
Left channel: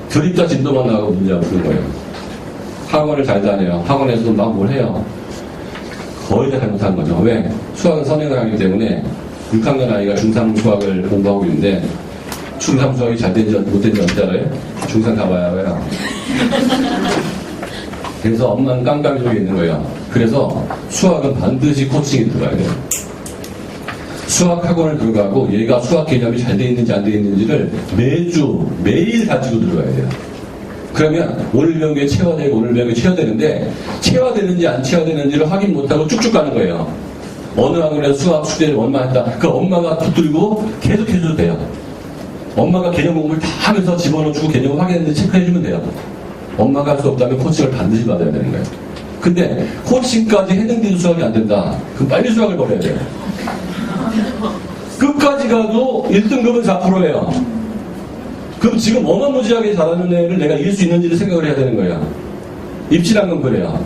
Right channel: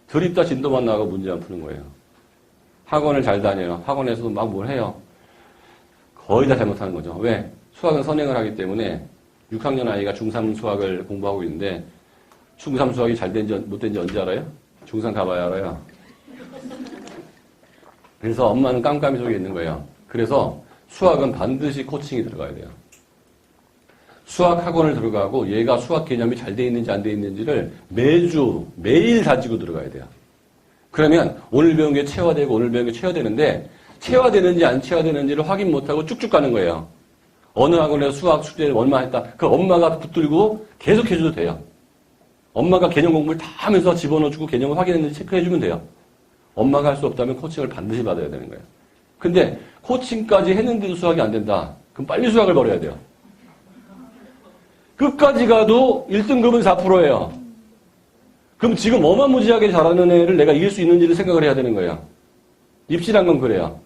드립다 진도만 나가고 문제 안 푸는 거예요. 학원을 잘 다녀요. 학원에서도 막 뭘 해요. 거의 다 잘못하는 거죠. 왜? 수학은 선행을 하기 때문에 6학년 아이가 중3 수학을 공부하고 있는데 중3 수학이 잘 된지 못 된지 언제 알아요? 중3 가봐야 알아요. 그래서 엄마는 깜깜이 속에 있는 거예요. 그래서 수학은 반드시 코칭이 들어가야 돼요. 수학 학원을 들어가고 얘가 수학 개념이 잘 돼 있는지 안 돼 있는지를 매일 가지고 들어가야 돼요. 그러면 오늘 배운 게 체화되고 오늘 배운 게 체화되는데 체화되는지 안 체화되는지를 확인 못하고 쭉쭉 가는 거예요. 어느 학원에서 수학 숙제를 얼마 했다. 그 엄마가 붙들고 계속 해줘도 돼요. 엄마가 개념 공부를 다 하면서 집어넣어주고 개념을 확인했는지 체크해주면 돼요. 엄마가 할 수 없다면 코칭을 반드시 받아야 되는 거예요. 근데 코칭까지 했는데도 수학이 안 된다. 그럼 빨리 수학을 버려야 돼요. 끝까지 가도 1등급은 4%예요. 그럼 지금 어마무지하게 잘하는 애를 내가 이길 수 있는지를 생각을 해야 되는 거야. 입시란 건 그래요.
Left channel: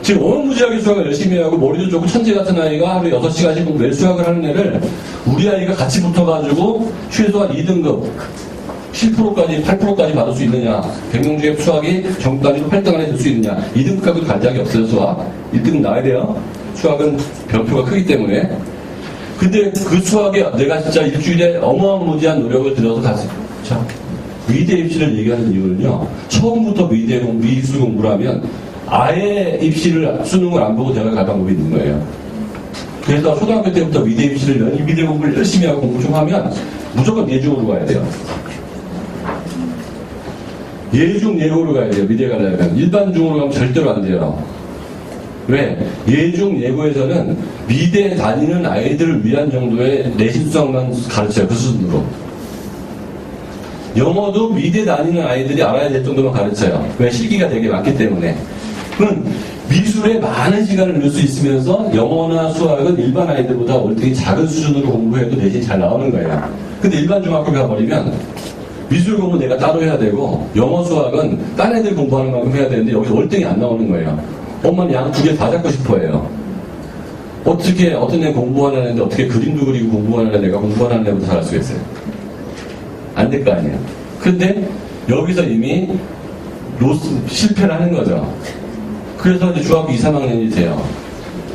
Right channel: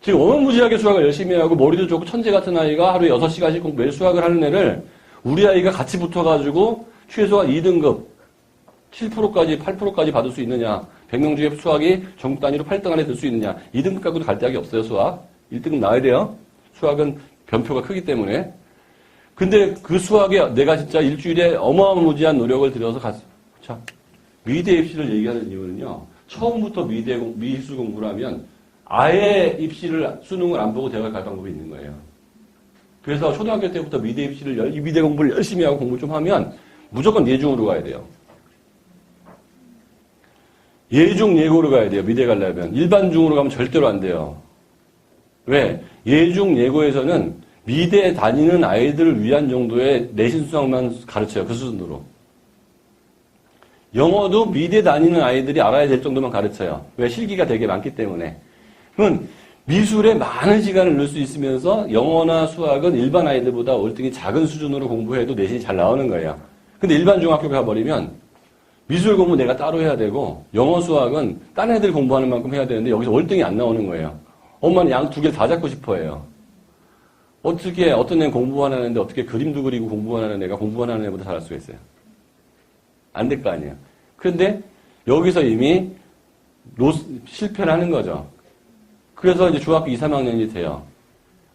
지금 어마무지하게 수학을 열심히 하고 머리도 좋고 천재 같은 아이가 하루에 6시간씩 매일 수학을 하는 애를 우리 아이가 같이 붙어가지고 최소한 2등급 7%까지 8%까지 받을 수 있느냐. 100명 중에 수학이 전국단위로 8등 안에 들 수 있느냐. 2등급까지 갈 적이 없어요. 수학 1등 나와야 돼요. 수학은 변표가 크기 때문에. 근데 그 수학에 내가 진짜 일주일에 어마무지한 노력을 들여서 갔어요. 자, 미대 입시를 얘기하는 이유는요. 처음부터 미술 공부를 하면 아예 입시를 수능을 안 보고 대학을 갈 방법이 있는 거예요. 그래서 초등학교 때부터 미대 입시를 미대 공부를 열심히 하고 공부 좀 하면 무조건 예중으로 가야 돼요. 예중 예고로 가야 돼요. 미대 가려면. 일반 중으로 가면 절대로 안 돼요. 왜? 예중 예고에서는 미대 다니는 아이들을 위한 정도의 내신 수학만 가르쳐요. 그 수준으로. 영어도 미대 다니는 아이들이 알아야 될 정도만 가르쳐요. 왜? 실기가 되게 많기 때문에. 그럼 미술에 많은 시간을 넣을 수 있으면서 영어나 수학은 일반 아이들보다 월등히 작은 수준으로 공부해도 내신이 잘 나오는 거예요. 근데 일반 중학교 가버리면 미술 공부 내가 따로 해야 되고 영어 수학은 딴 애들 공부하는 만큼 해야 되는데 여기서 월등히 안 나오는 거예요. 엄마는 양 두 개 다 잡고 싶어 해요. 어떻게 어떤 애 공부하는 애인데 어떻게 그림도 그리고 공부하는 애가 공부하는 애보다 잘할 수가 있어요? 안 될 거 아니에요. 근데 여기서 이미 실패를 하는 거죠. 그래서 이제 중학교 2, 3학년이 돼요.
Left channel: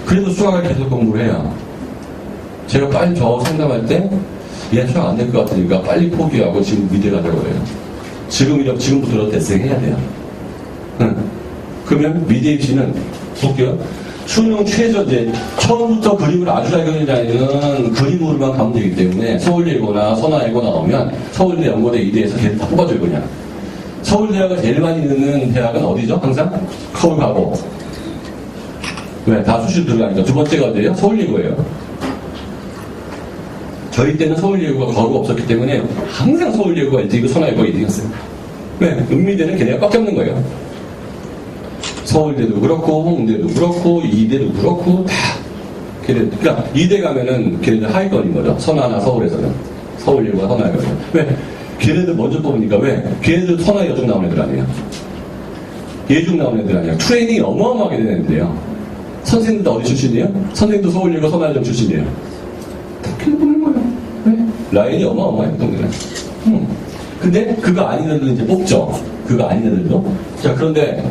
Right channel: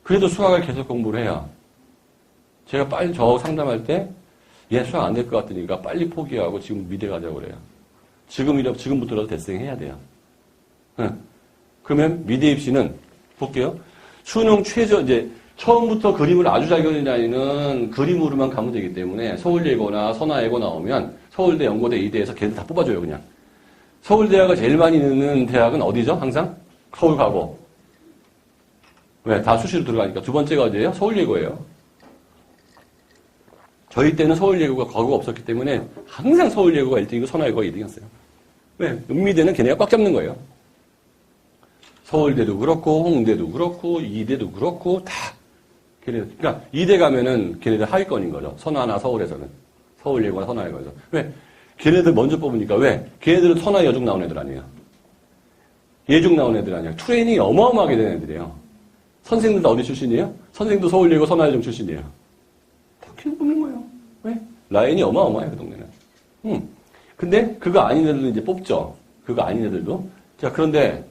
그래도 수학을 계속 공부를 해요. 제가 빨리 저 상담할 때 얘 수학 안 될 것 같으니까 빨리 포기하고 지금 미대 가자고 해요. 지금부터 대생해야 돼요. 그러면 미대 입시는 볼게요. 수능 최저제 처음부터 그림을 아주 잘 그리는 아이는 그림으로만 가면 되기 때문에 서울예고나 선화예고 나오면 서울대, 연고대, 이대에서 걔를 다 뽑아줘요. 그냥 서울대학을 제일 많이 넣는 대학은 어디죠? 항상 서울 가고. 왜? 다 수시로 들어가니까. 두 번째가 어디예요? 서울예고예요. 저희 때는 서울예고가 거의 없었기 때문에 항상 서울예고가 1등이고 선화예고가 2등이었어요. 왜? 은미대는 걔네가 꽉 잡는 거예요. 서울대도 그렇고 홍대도 그렇고 이대도 그렇고 다 걔네. 그러니까 이대 가면은 걔네들 하위권인 거죠. 선화나 서울에서는 서울예고나 선화예고. 왜? 걔네들 먼저 뽑으니까. 왜? 걔네들 선화 여중 나온 애들 아니에요. 예중 나온 애들 아니에요. 트레이닝이 어마어마하게 되는 애들이에요. 선생님도 어디 출신이에요? 선생님도 서울예고 선화여중 출신이에요. 다 걔네 뽑는 거예요. 왜? 라인이 어마어마해요. 동네는. 근데 그거 아닌 애들은 이제 뽑죠. 그거 아닌 애들도. 자, 그런데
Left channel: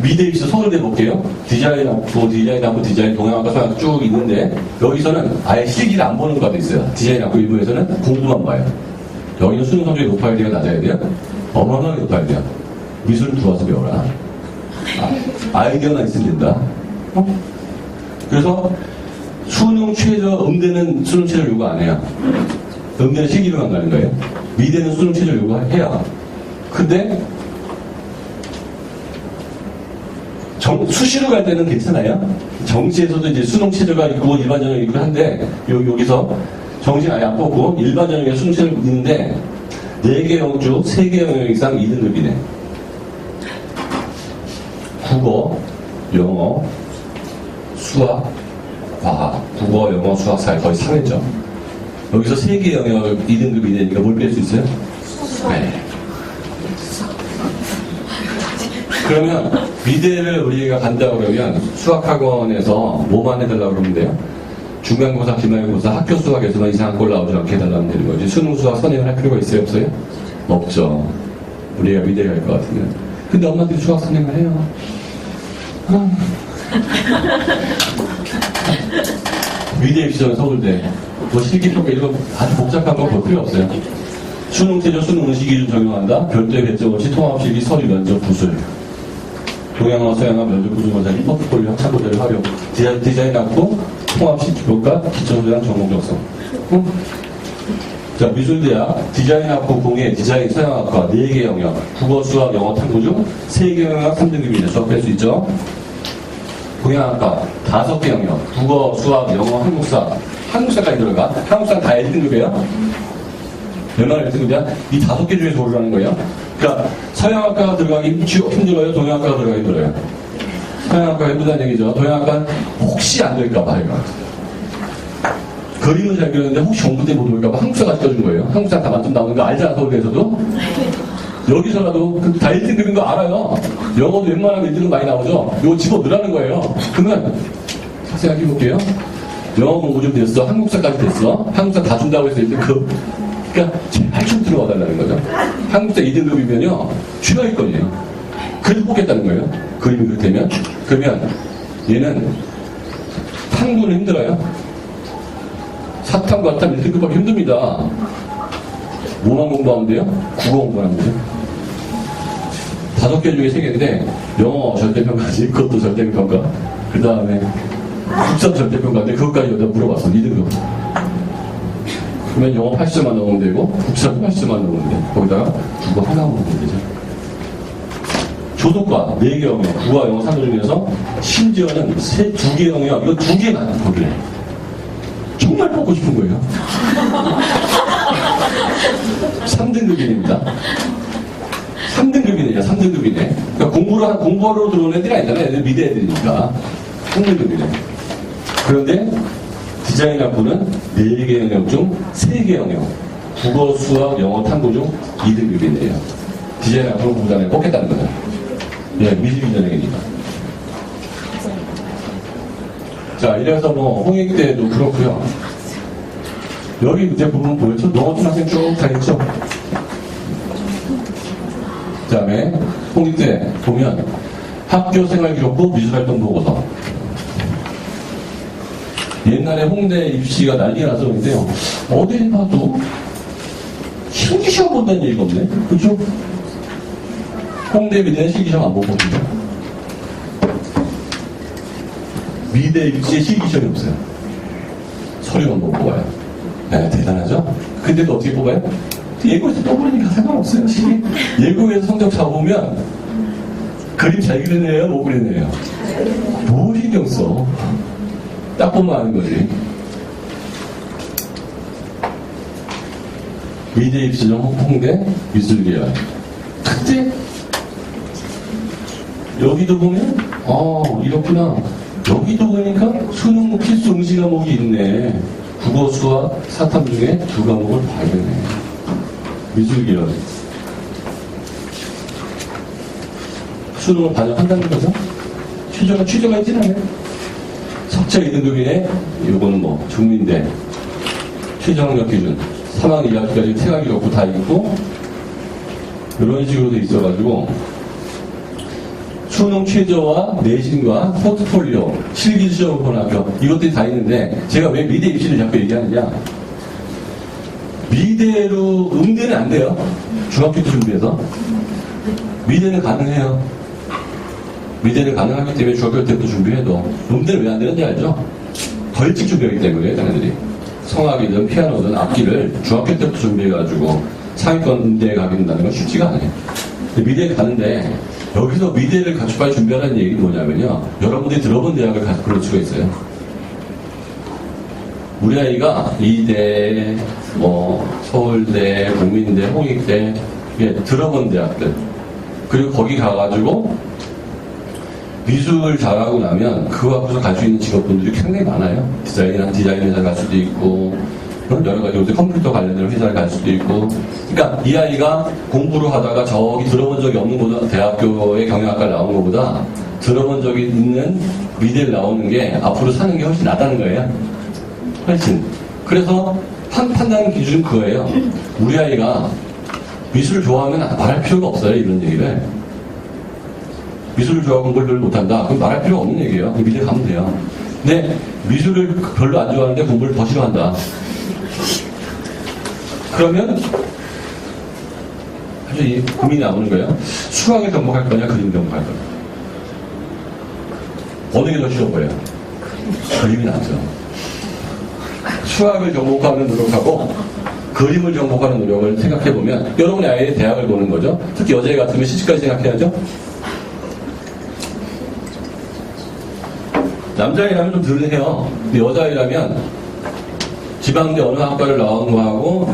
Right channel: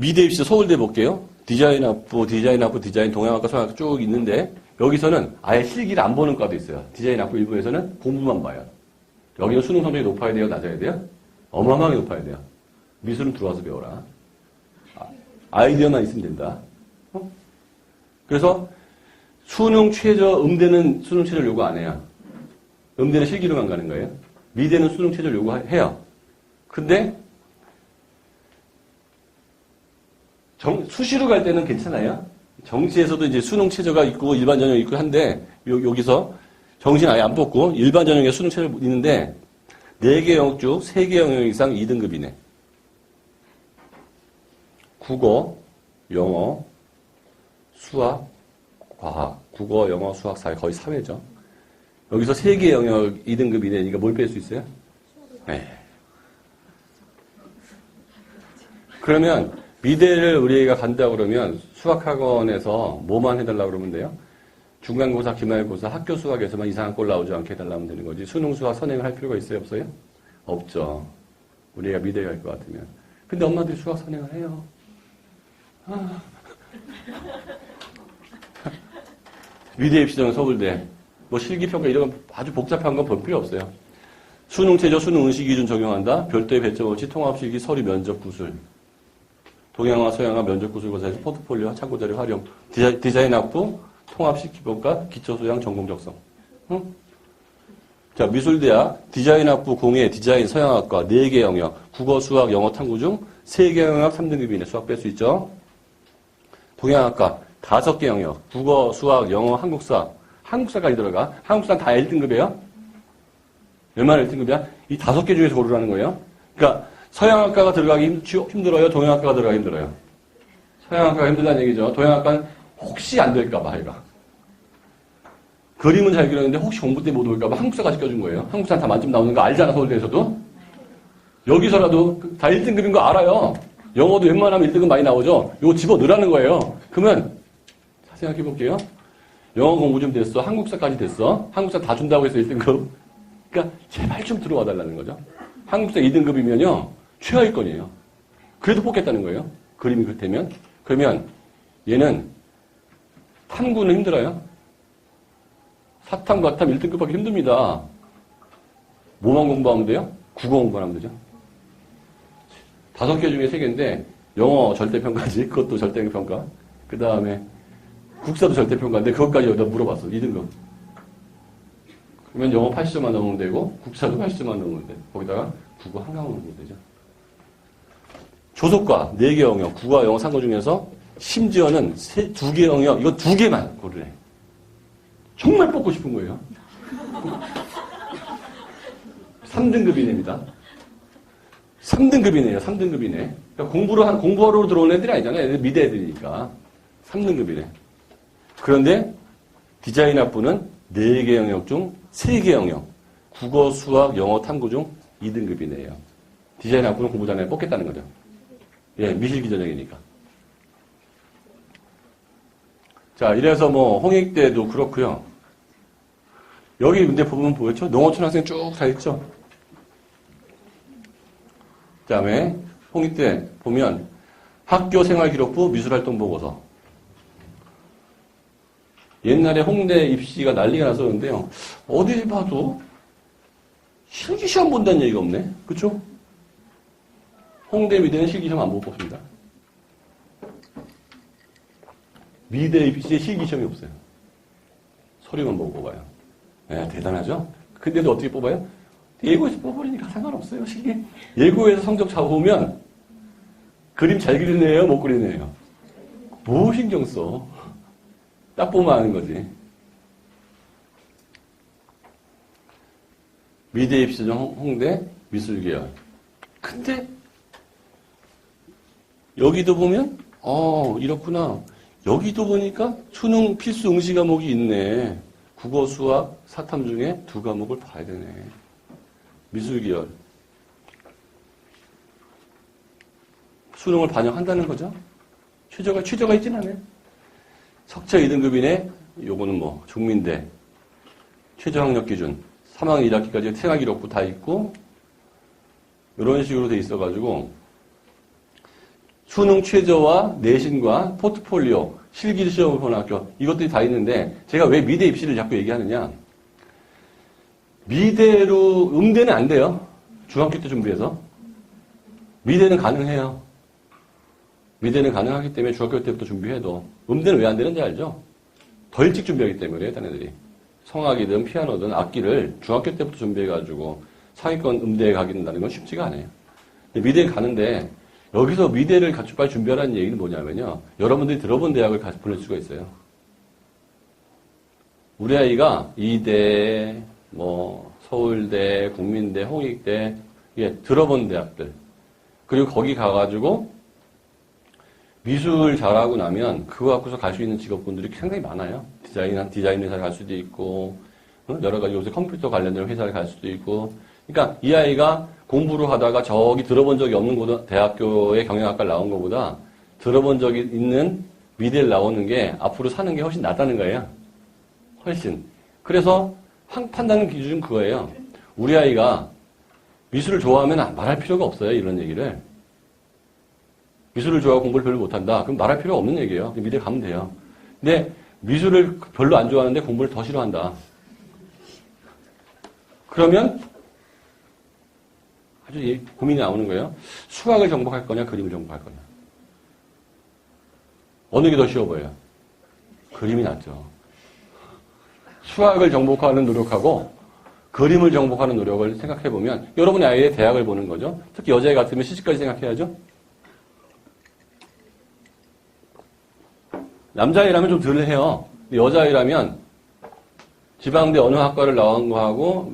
미대 입시 서울대 볼게요. 디자인학부, 디자인 동양학과 서양학과 쭉 있는데 여기서는 아예 실기를 안 보는 과도 있어요. 디자인학부 일부에서는 공부만 봐요. 여기는 수능 성적이 높아야 돼요? 낮아야 돼요? 어마어마하게 높아야 돼요. 미술은 들어와서 배워라. 아이디어만 있으면 된다. 그래서 수능 최저, 음대는 수능 최저 요구 안 해요. 음대는 실기로만 가는 거예요. 미대는 수능 최저 요구해요. 근데 수시로 갈 때는 괜찮아요. 정시에서도 이제 수능 체제가 있고 일반 전형이 있고 한데 여기서 정시는 아예 안 뽑고 일반 전형에 수능 체제가 있는데 4개 영역 중 3개 영역 이상 2등급이네. 국어, 영어, 수학, 과학. 국어, 영어, 수학, 사회 거의 3회죠. 여기서 3개 영역 2등급이 되니까 뭘 뺄 수 있어요? 네. 그러면 미대를 우리가 간다고 그러면 수학학원에서 뭐만 해달라고 그러면 돼요? 중간고사, 기말고사, 학교 수학에서만 이상한 꼴 나오지 않게 해달라면 되는 거지. 수능 수학 선행을 할 필요가 있어요? 없어요? 없죠. 우리가 미대 갈 것 같으면. 근데 엄마들이 수학 선행을 해요. 미대 입시전 서울대. 뭐 실기평가 이런 거 아주 복잡한 건 볼 필요 없어요. 수능 최저 수능 응시 기준 적용한다. 별도의 배제 원칙, 통합실기, 서류, 면접, 부술. 동양화, 서양화, 면접, 부술, 검사기, 포트폴리오, 학창 모델 활용. 디자인 학부, 통합식 교과, 기초소양, 전공 적성. 자, 미술대학, 디자인 학부 공예, 디자인 서양학과 4개 영역, 국어, 수학, 영어, 탐구 중 3개 영역 3등급이 수업할 수 있죠. 동양학과 5개 영역, 국어, 수학, 영어, 한국사. 한국사까지 들어가. 한국사 다 1등급이에요. 얼마나 1등급이야? 이 5개 중에서 고르라는 거예요. 그러니까 서양학과가 들어가기 힘들어요? 동양학과가 들어가기 힘들어요? 서양학과가 힘들다는 얘기죠. 동양학과는 혹시 안 될까봐 해요. 그림은 잘 그렸는데 혹시 공부 때 못 올까봐 한국사가 시켜준 거예요. 한국사 다 만점 나오는 거 알잖아, 서울대에서도. 여기서라도 다 1등급인 거 알아요. 영어도 웬만하면 1등급 많이 나오죠. 이거 집어넣으라는 거예요. 그러면 생각해 볼게요. 영어 공부 좀 됐어. 한국사까지 됐어. 한국사 다 준다고 해서 1등급. 그러니까 제발 좀 들어와 달라는 거죠. 한국사 2등급이면요. 최하위권이에요. 그래도 뽑겠다는 거예요. 그림이 그렇다면. 그러면 얘는 탐구는 힘들어요. 사탐, 과탐 1등급하기 힘듭니다. 뭐만 공부하면 돼요? 국어 공부하면 돼요. 5개 중에 3개인데 영어 절대평가지, 그것도 절대평가. 그 다음에 국사 절대평가인데 그것까지 여기다 물어봤어. 2등급. 그러면 영어 80점만 넣으면 되고 국사도 80점만 넣으면 돼. 거기다가 국어 하나 넣으면 되죠. 조속과 4개 영역, 국어, 영어, 산호 중에서 심지어는 2개 영역, 이거 2개만 거기래. 정말 뽑고 싶은 거예요. 3등급입니다. 3등급이네요. 3등급이네. 그러니까 공부하러 들어온 애들이 아니잖아요. 애들 미대 애들이니까. 3등급이네. 그런데 디자인 학부는 4개 영역 중 3개 영역. 국어, 수학, 영어, 탐구 중 2등급이네요. 디자인 학부는 공부장에 뽑겠다는 거죠. 예, 미술기 전형이니까. 자, 이래서 뭐 홍익대도 그렇고요. 여기 밑에 부분 보였죠? 농어초등학생 쭉 다 있죠? 그 다음에 홍익대 보면 학교 생활기록부 미술활동 보고서. 옛날에 홍대 입시가 난리가 나서 그런데요. 어디 봐도 실기시험 본다는 얘기가 없네. 그죠? 홍대 미대는 실기시험 안 보거든요. 미대 입시에 실기시험이 없어요. 서류만 보고 뽑아요. 네, 대단하죠? 근데도 어떻게 뽑아요? 예고에서 뽑으니까 상관없어요. 예고에서 성적 잡으면 그림 잘 그리네요, 못 그리네요. 뭐 신경 써? 딱 보면 아는 거지. 미대 입시는 홍대 미술계열. 그때 여기도 보면 이렇구나. 여기도 보니까 수능 필수 응시 과목이 있네. 국어, 수학, 사탐 중에 2과목을 봐야겠네. 미술계열. 수능을 반영한다는 거죠. 취조가 있진 않아요. 석차 2등급이네. 이거는 뭐 중민대 최저학력 기준 3학년 1학기까지 생활기록부 다 있고 이런 식으로 돼 있어가지고 수능 최저와 내신과 포트폴리오 실기시험을 보는 학교 이것들이 다 있는데 제가 왜 미대 입시를 자꾸 얘기하느냐. 미대로 음대는 안 돼요. 중학교 때 준비해서 미대는 가능해요. 미대는 가능하기 때문에 중학교 때부터 준비해도 음대는 왜 안 되는지 알죠? 더 일찍 준비하기 때문에 자네들이 성악이든 피아노든 악기를 중학교 때부터 준비해가지고 상위권 음대에 가게 된다는 건 쉽지가 않아요. 미대에 가는데 여기서 미래를 갖춰갈 준비하는 얘기는 뭐냐면요. 여러분들이 들어본 대학을 고를 수가 있어요. 우리 아이가 이대, 서울대, 국민대, 홍익대, 들어본 대학들. 그리고 거기 가가지고 미술 잘하고 나면 그거 갖고서 갈 수 있는 직업분들이 굉장히 많아요. 디자인 회사 갈 수도 있고, 여러 가지 요새 컴퓨터 관련된 회사를 갈 수도 있고. 그러니까 이 아이가 공부를 하다가 저기 들어본 적이 없는 대학교의 경영학과를 나온 것보다 들어본 적이 있는 미대를 나오는 게 앞으로 사는 게 훨씬 낫다는 거예요. 훨씬. 그래서 판단 기준은 그거예요. 우리 아이가 미술을 좋아하면 말할 필요가 없어요. 이런 얘기를. 미술을 좋아하고 공부를 별로 못한다. 그럼 말할 필요가 없는 얘기예요. 그럼 미대 가면 돼요. 근데 미술을 별로 안 좋아하는데 공부를 더 싫어한다. 그러면 사실 이 고민이 나오는 거예요. 수학을 접목할 거냐, 그림 접목할 거냐. 어느 게 더 쉬워 보여요? 그림이 낫죠. 수학을 접목하는 노력하고 그림을 접목하는 노력을 생각해보면 여러분이 아예 대학을 보는 거죠. 특히 여자애 같으면 시집까지 생각해야죠. 남자애라면 좀 덜 해요. 근데 여자애라면 지방대 어느 학과를 나온 거하고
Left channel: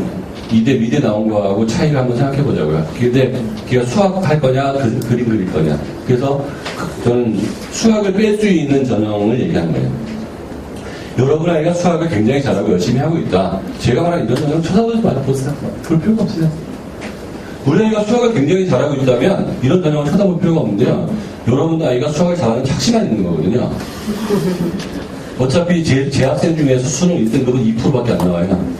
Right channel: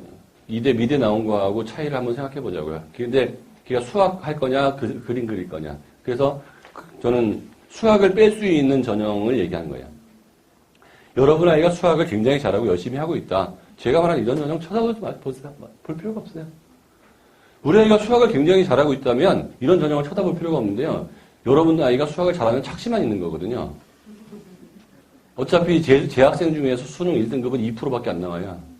이대 미대 나온 거하고 차이를 한번 생각해 보자고요. 근데 걔가 수학 할 거냐, 그림 그릴 거냐. 그래서 저는 수학을 뺄 수 있는 전형을 얘기하는 거예요. 여러분 아이가 수학을 굉장히 잘하고 열심히 하고 있다. 제가 말하는 이런 전형 쳐다보지 말아보세요. 볼 필요가 없어요. 우리 아이가 수학을 굉장히 잘하고 있다면 이런 전형을 쳐다볼 필요가 없는데요. 여러분 아이가 수학을 잘하는 착시만 있는 거거든요. 어차피 제 학생 중에서 수능 1등급은 2%밖에 안 나와요.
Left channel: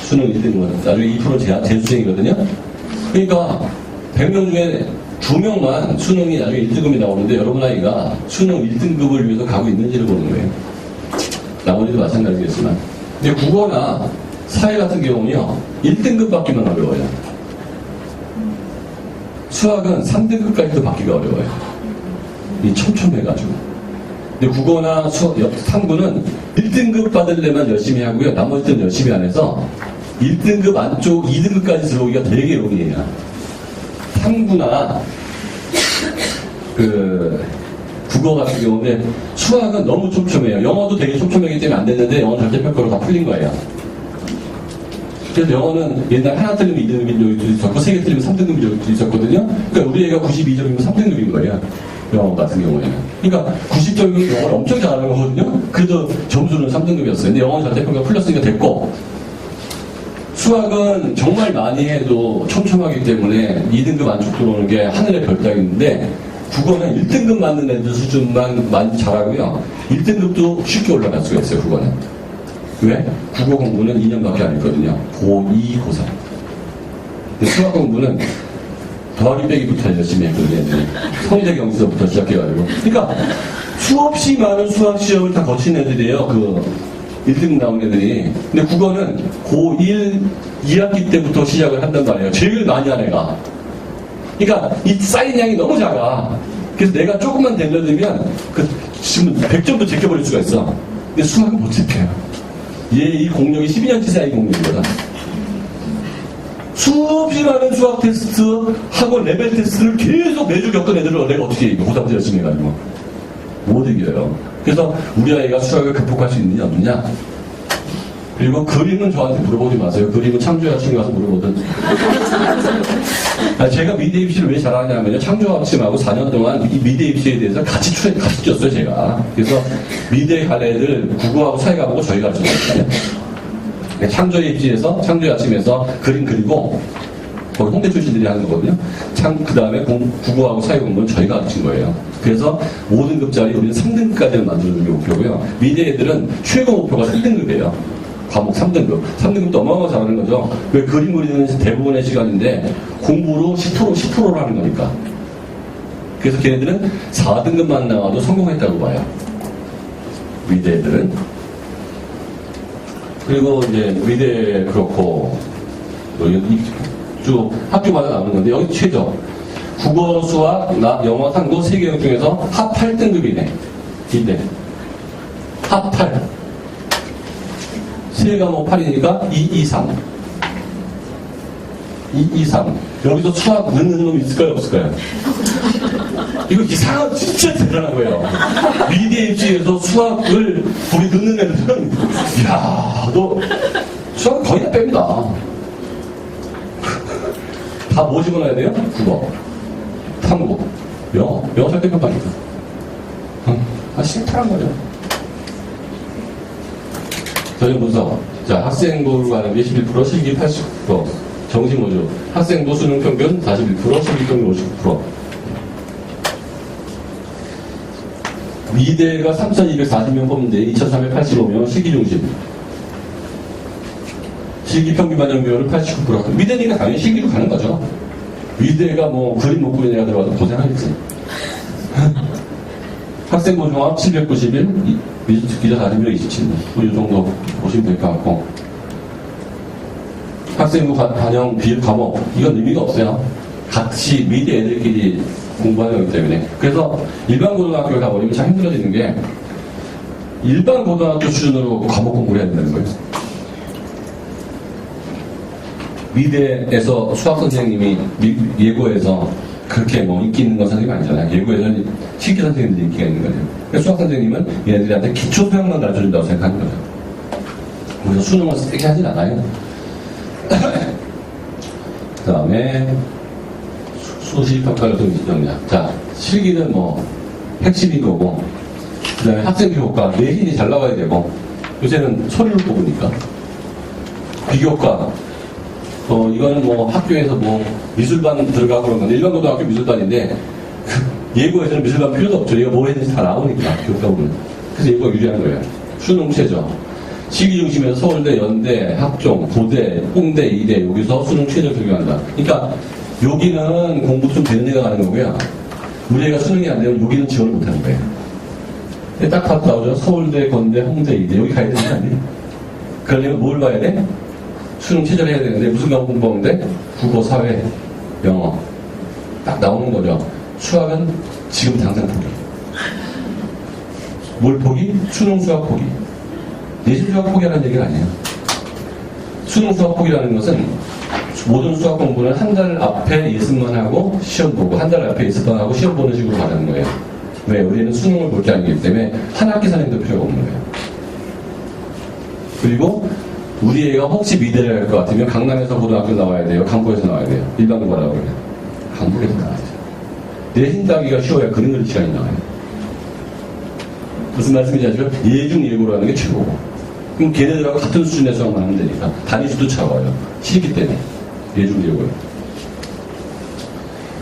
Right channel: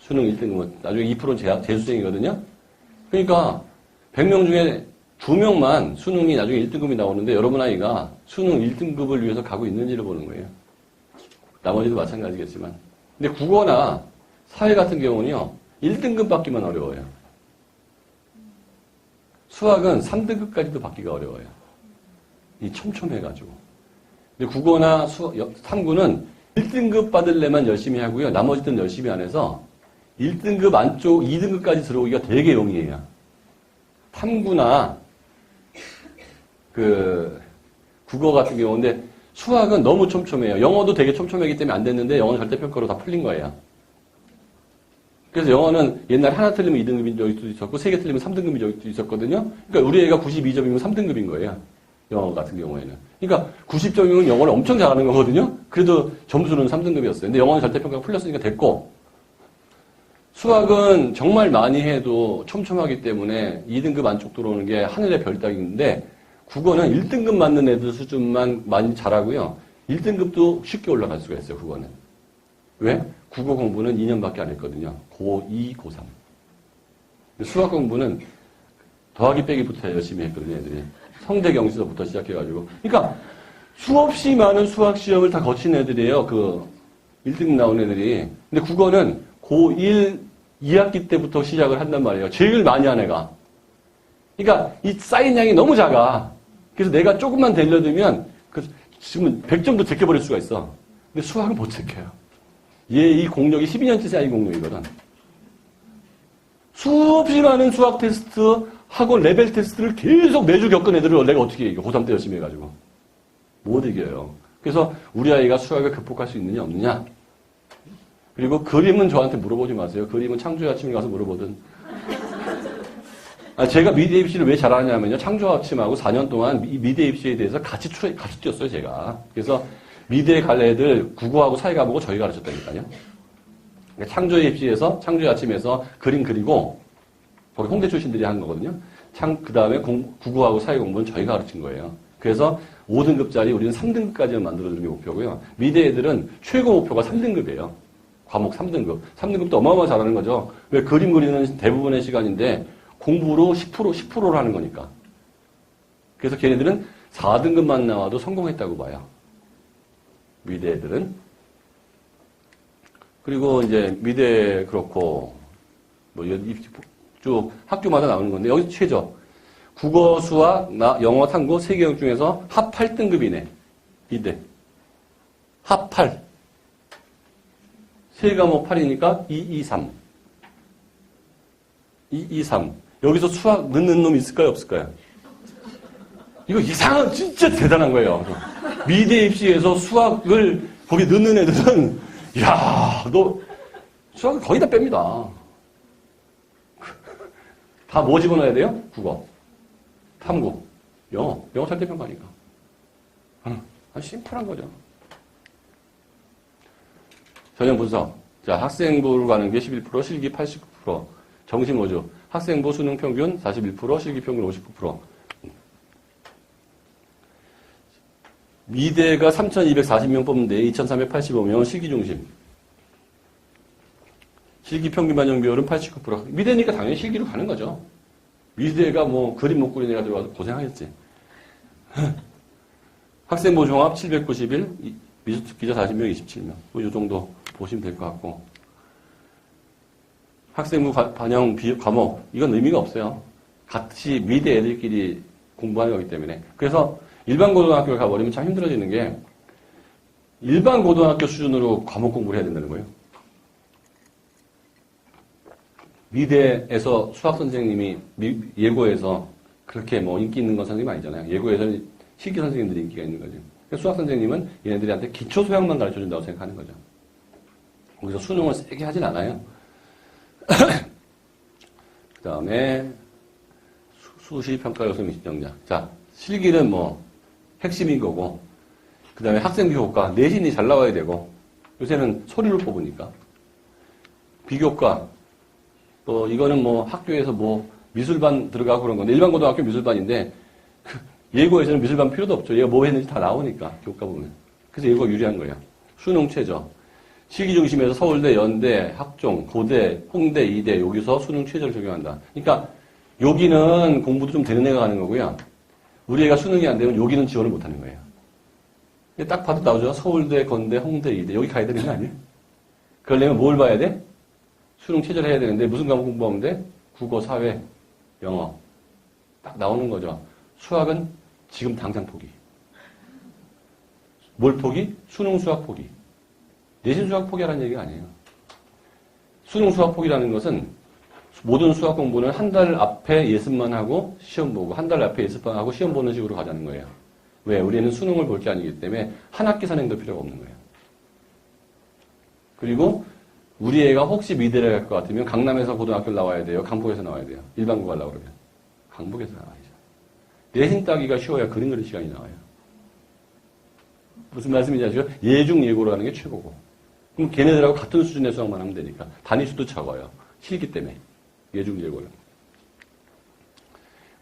수능 1등급은. 나중에 2%는 재수생이거든요. 그러니까 100명 중에 2명만 수능이 나중에 1등급이 나오는데 여러분 아이가 수능 1등급을 위해서 가고 있는지를 보는 거예요. 나머지도 마찬가지겠지만. 근데 국어나 사회 같은 경우는요, 1등급 받기만 어려워요. 수학은 3등급까지도 받기가 어려워요. 이 촘촘해가지고. 근데 국어나 탐구는 1등급 받으려면 열심히 하고요. 나머지 때는 열심히 안 해서 1등급 안쪽 2등급까지 들어오기가 되게 용이해요. 탐구나 국어 같은 경우인데 수학은 너무 촘촘해요. 영어도 되게 촘촘하기 때문에 안 됐는데 영어 절대평가로 다 풀린 거예요. 그래서 영어는 옛날 하나 틀리면 2등급인 적도 있었고 3개 틀리면 3등급인 적도 있었거든요. 그러니까 우리 애가 92점이면 3등급인 거예요. 영어 같은 경우에는. 그러니까 90점이면 영어를 엄청 잘하는 거거든요. 그래도 점수는 3등급이었어요. 근데 영어는 절대평가 풀렸으니까 됐고 수학은 정말 많이 해도 촘촘하기 때문에 2등급 안쪽 들어오는 게 하늘의 별따기인데 국어는 1등급 맞는 애들 수준만 많이 잘하고요. 1등급도 쉽게 올라갈 수가 있어요, 국어는. 왜? 국어 공부는 2년밖에 안 했거든요. 고2, 고3. 근데 수학 공부는 더하기 빼기부터 열심히 했거든요, 애들이. 성대 경지서부터 시작해가지고. 그러니까 수없이 많은 수학 시험을 다 거친 애들이에요, 1등 나온 애들이. 근데 국어는 고1, 2학기 때부터 시작을 한단 말이에요. 제일 많이 한 애가. 그러니까 이 쌓인 양이 너무 작아. 그래서 내가 조금만 들려드리면 지금 100점도 제껴버릴 수가 있어. 근데 수학은 못 지켜요. 얘 이 공력이 12년치 쌓인 공력이거든. 수없이 많은 수학 테스트 하고 레벨 테스트를 계속 매주 겪은 애들을 내가 어떻게 이겨. 고3 때 열심히 해가지고. 못 이겨요. 그래서 우리 아이가 수학을 극복할 수 있느냐 없느냐. 그리고 그림은 저한테 물어보지 마세요. 그림은 창조아침 가서 물어보든. 제가 미대 입시를 왜 잘하냐면요. 창조아침하고 4년 동안 이 미대 입시에 대해서 같이 뛰었어요, 제가. 그래서 미대 갈 애들 국어하고 사회가 보고 저희 가르쳐줬어요. 창조의 아침에서 그림 그리고 거기 홍대 출신들이 하는 거거든요. 그 다음에 국어하고 사회 공부는 저희가 가르친 거예요. 그래서 5등급짜리 우리는 3등급까지는 만들어주는 게 목표고요. 미대 애들은 최고 목표가 3등급이에요. 과목 3등급. 3등급도 어마어마 잘하는 거죠. 왜 그림 그리는 대부분의 시간인데 공부로 10%를 하는 거니까. 그래서 걔네들은 4등급만 나와도 성공했다고 봐요. 미대 애들은. 그리고 이제 미대 그렇고 쭉 학교마다 나오는 건데 여기 최저. 국어, 수학, 영어, 탐구, 세계영 중에서 합 8등급이네. 이대. 합 8. 세 과목 8이니까 2, 2, 3. 2, 2, 3. 여기서 수학 넣는 놈 있을까요? 없을까요? 이거 이상한, 진짜 대단한 거예요. 미대 입시에서 수학을 거기 넣는 애들은, 이야, 너 수학 거의 다 뺍니다. 다 뭐 집어넣어야 돼요? 국어, 탐구, 영어 설득평가니까. 심플한 거죠. 전형 분석. 자, 학생부를 가는 게 11%, 실기 89%. 정시모주. 학생부 수능 평균 41%, 실기 평균 59%. 미대가 3,240명 뽑는데 2,385명 실기 중심. 실기 평균 반영 비율은 89%. 미대니까 당연히 실기로 가는 거죠. 미대가 뭐 그림 못 그리느라 들어가도 고생하겠지. 학생부 종합 791, 기자 40명 27. 이 정도 보시면 될 것 같고. 학생부 반영 비율 과목. 이건 의미가 없어요. 같이 미대 애들끼리 공부하는 거기 때문에. 그래서 일반 고등학교에 가버리면 참 힘들어지는 게 일반 고등학교 수준으로 과목 공부를 해야 된다는 거예요. 미대에서 수학 선생님이 예고에서 그렇게 뭐 인기 있는 건 선생님이 아니잖아요. 예고에서는 실기 선생님들이 인기가 있는 거죠. 그러니까 수학 선생님은 얘네들한테 기초 수학만 가르쳐준다고 생각하는 거죠. 그래서 수능을 세게 하진 않아요. 그 다음에 수시 평가를 좀 있습니다. 자, 실기는 뭐 핵심인 거고, 그 다음에 학생 교육과 내신이 잘 나와야 되고, 요새는 서류를 뽑으니까 비교과. 이거는 뭐 학교에서 뭐 미술반 들어가고 그런 건데, 일반 고등학교 미술반인데 예고에서는 미술반 필요도 없죠. 얘가 뭐 했는지 다 나오니까 교과 보면. 그래서 예고가 유리한 거예요. 수능 최저. 시기 중심에서 서울대, 연대, 학종, 고대, 홍대, 이대 여기서 수능 최저 적용한다. 그러니까 여기는 공부도 좀 되는 애가 하는 거고요. 우리 애가 수능이 안 되면 여기는 지원을 못 하는 거예요. 딱 봤다 나오죠. 서울대, 건대, 홍대, 이대 여기 가야 되는 거 아니에요? 그러려면 뭘 봐야 돼? 수능 최저를 해야 되는데 무슨 과목 공부하는데? 국어, 사회, 영어 딱 나오는 거죠. 수학은 지금 당장 포기. 뭘 포기? 수능 수학 포기. 내신 수학 포기하는 얘기가 아니에요. 수능 수학 포기라는 것은 모든 수학 공부는 한 달 앞에 예습만 하고 시험 보고 한 달 앞에 예습만 하고 시험 보는 식으로 가는 거예요. 왜? 우리는 수능을 볼 게 아니기 때문에 한 학기 선행도 필요가 없는 거예요. 그리고 우리 애가 혹시 미대를 갈 것 같으면 강남에서 고등학교 나와야 돼요? 강북에서 나와야 돼요? 일반 고등학교 그러면 강북에서 나와야 돼요. 내신 따기가 쉬워야 그림 그릴 시간이 나와요. 무슨 말씀인지 아시죠? 예중 예고로 하는 게 최고고. 그럼 걔네들하고 같은 수준의 수학만 하면 되니까 단위수도 차와요. 실기 때문에 예중 예고요.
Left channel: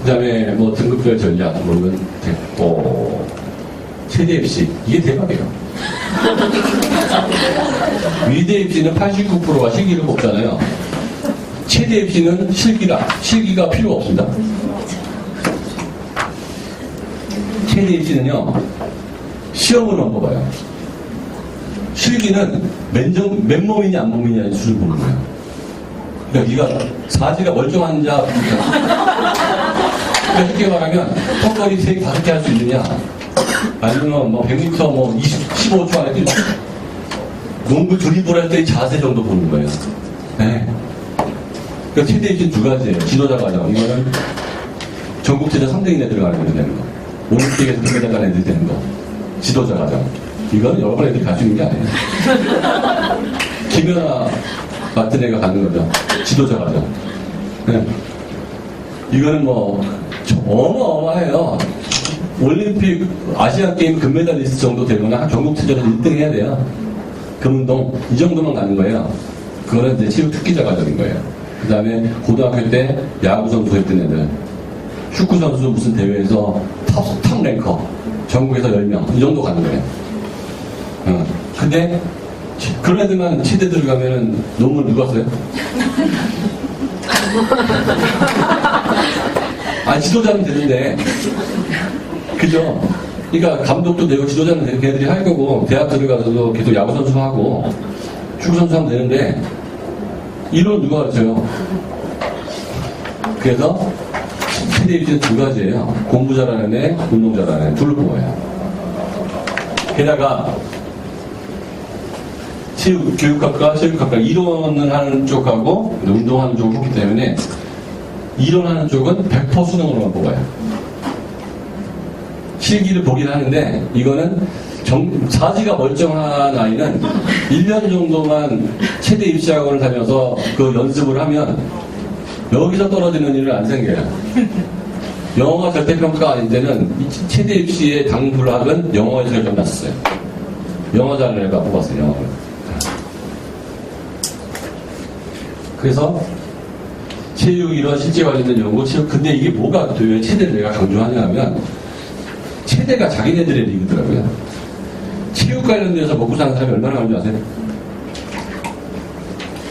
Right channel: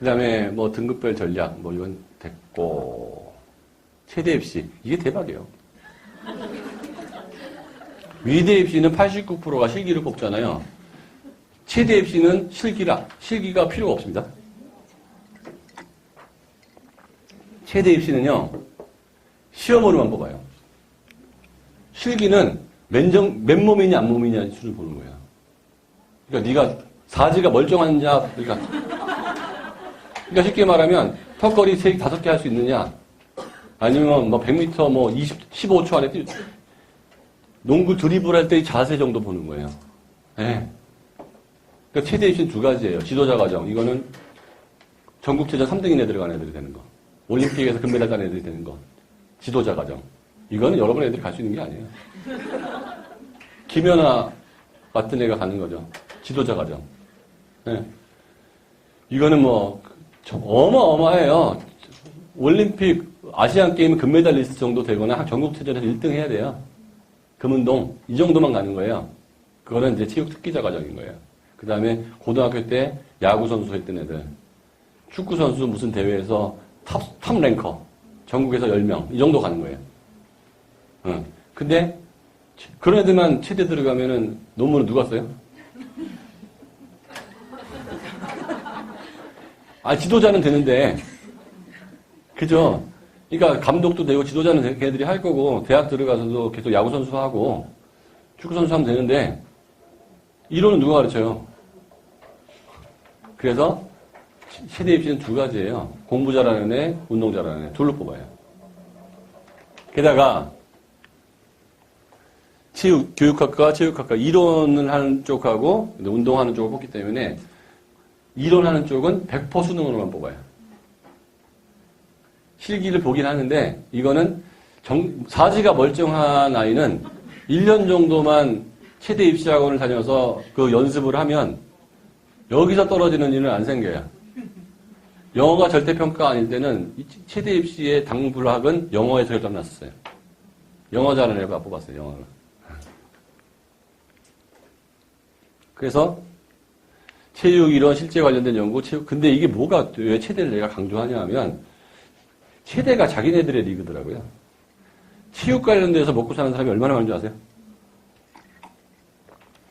그 다음에 뭐 등급별 전략 뭐 이건 됐고, 최대 입시 이게 대박이에요. 미대 입시는 89%가 실기를 뽑잖아요. 최대 입시는 실기가 필요가 없습니다. 최대 입시는요, 시험으로만 뽑아요. 실기는 맨몸이냐 안 몸이냐 수준 보는 거예요. 그러니까 네가 사지가 멀쩡한 자, 그러니까 쉽게 말하면 턱걸이 3개, 5개 할 수 있느냐, 아니면 뭐 100m 뭐 15초 안에 뛰 농구 드리블 할 때의 자세 정도 보는 거예요. 네. 그러니까 최대 입시는 두 가지예요. 지도자 과정. 이거는 전국체전 3등인에 들어가는 애들이 되는 거. 올림픽에서 금메달 간 애들이 되는 거. 지도자 과정. 이거는 여러 번 애들이 갈 수 있는 게 아니에요. 김연아 같은 애가 가는 거죠. 지도자 과정. 네. 이거는 뭐 어마어마해요. 올림픽, 아시안게임 금메달리스트 정도 되거나 전국체전에서 1등 해야 돼요. 금운동 이 정도만 가는 거예요. 그거는 이제 체육 특기자 과정인 거예요. 그 다음에 고등학교 때 야구 선수 했던 애들, 축구 선수 무슨 대회에서 탑 랭커, 전국에서 10명 이 정도 가는 거예요. 근데 그런 애들만 치대 들어가면은 논문 누가 써요? 지도자는 되는데, 그죠? 그러니까 감독도 되고 지도자는 걔네들이 할 거고, 대학 들어가서도 계속 야구 선수 하고 축구 선수 하면 되는데, 이론은 누가 가르쳐요? 그래서 최대 입시는 두 가지예요. 공부 잘하는 애, 운동 잘하는 애, 둘을 뽑아요. 게다가 교육학과, 체육학과 이론은 하는 쪽하고 운동하는 쪽을 뽑기 때문에 일어나는 쪽은 100% 수능으로만 뽑아요. 실기를 보긴 하는데 이거는 사지가 멀쩡한 아이는 1년 정도만 체대 입시학원을 다녀서 그 연습을 하면 여기서 떨어지는 일은 안 생겨요. 영어가 절대평가 아닌 데는 체대 입시의 당불학은 영어에 제일 좀 났어요. 영어 잘하는 애가 뽑았어요. 영어를. 그래서 체육 이런 실제 관련된 연구, 근데 이게 뭐가 또 왜 체대를 내가 강조하냐 하면 체대가 자기네들의 리그더라고요. 체육 관련돼서 먹고 사는 사람이 얼마나 많은 줄 아세요?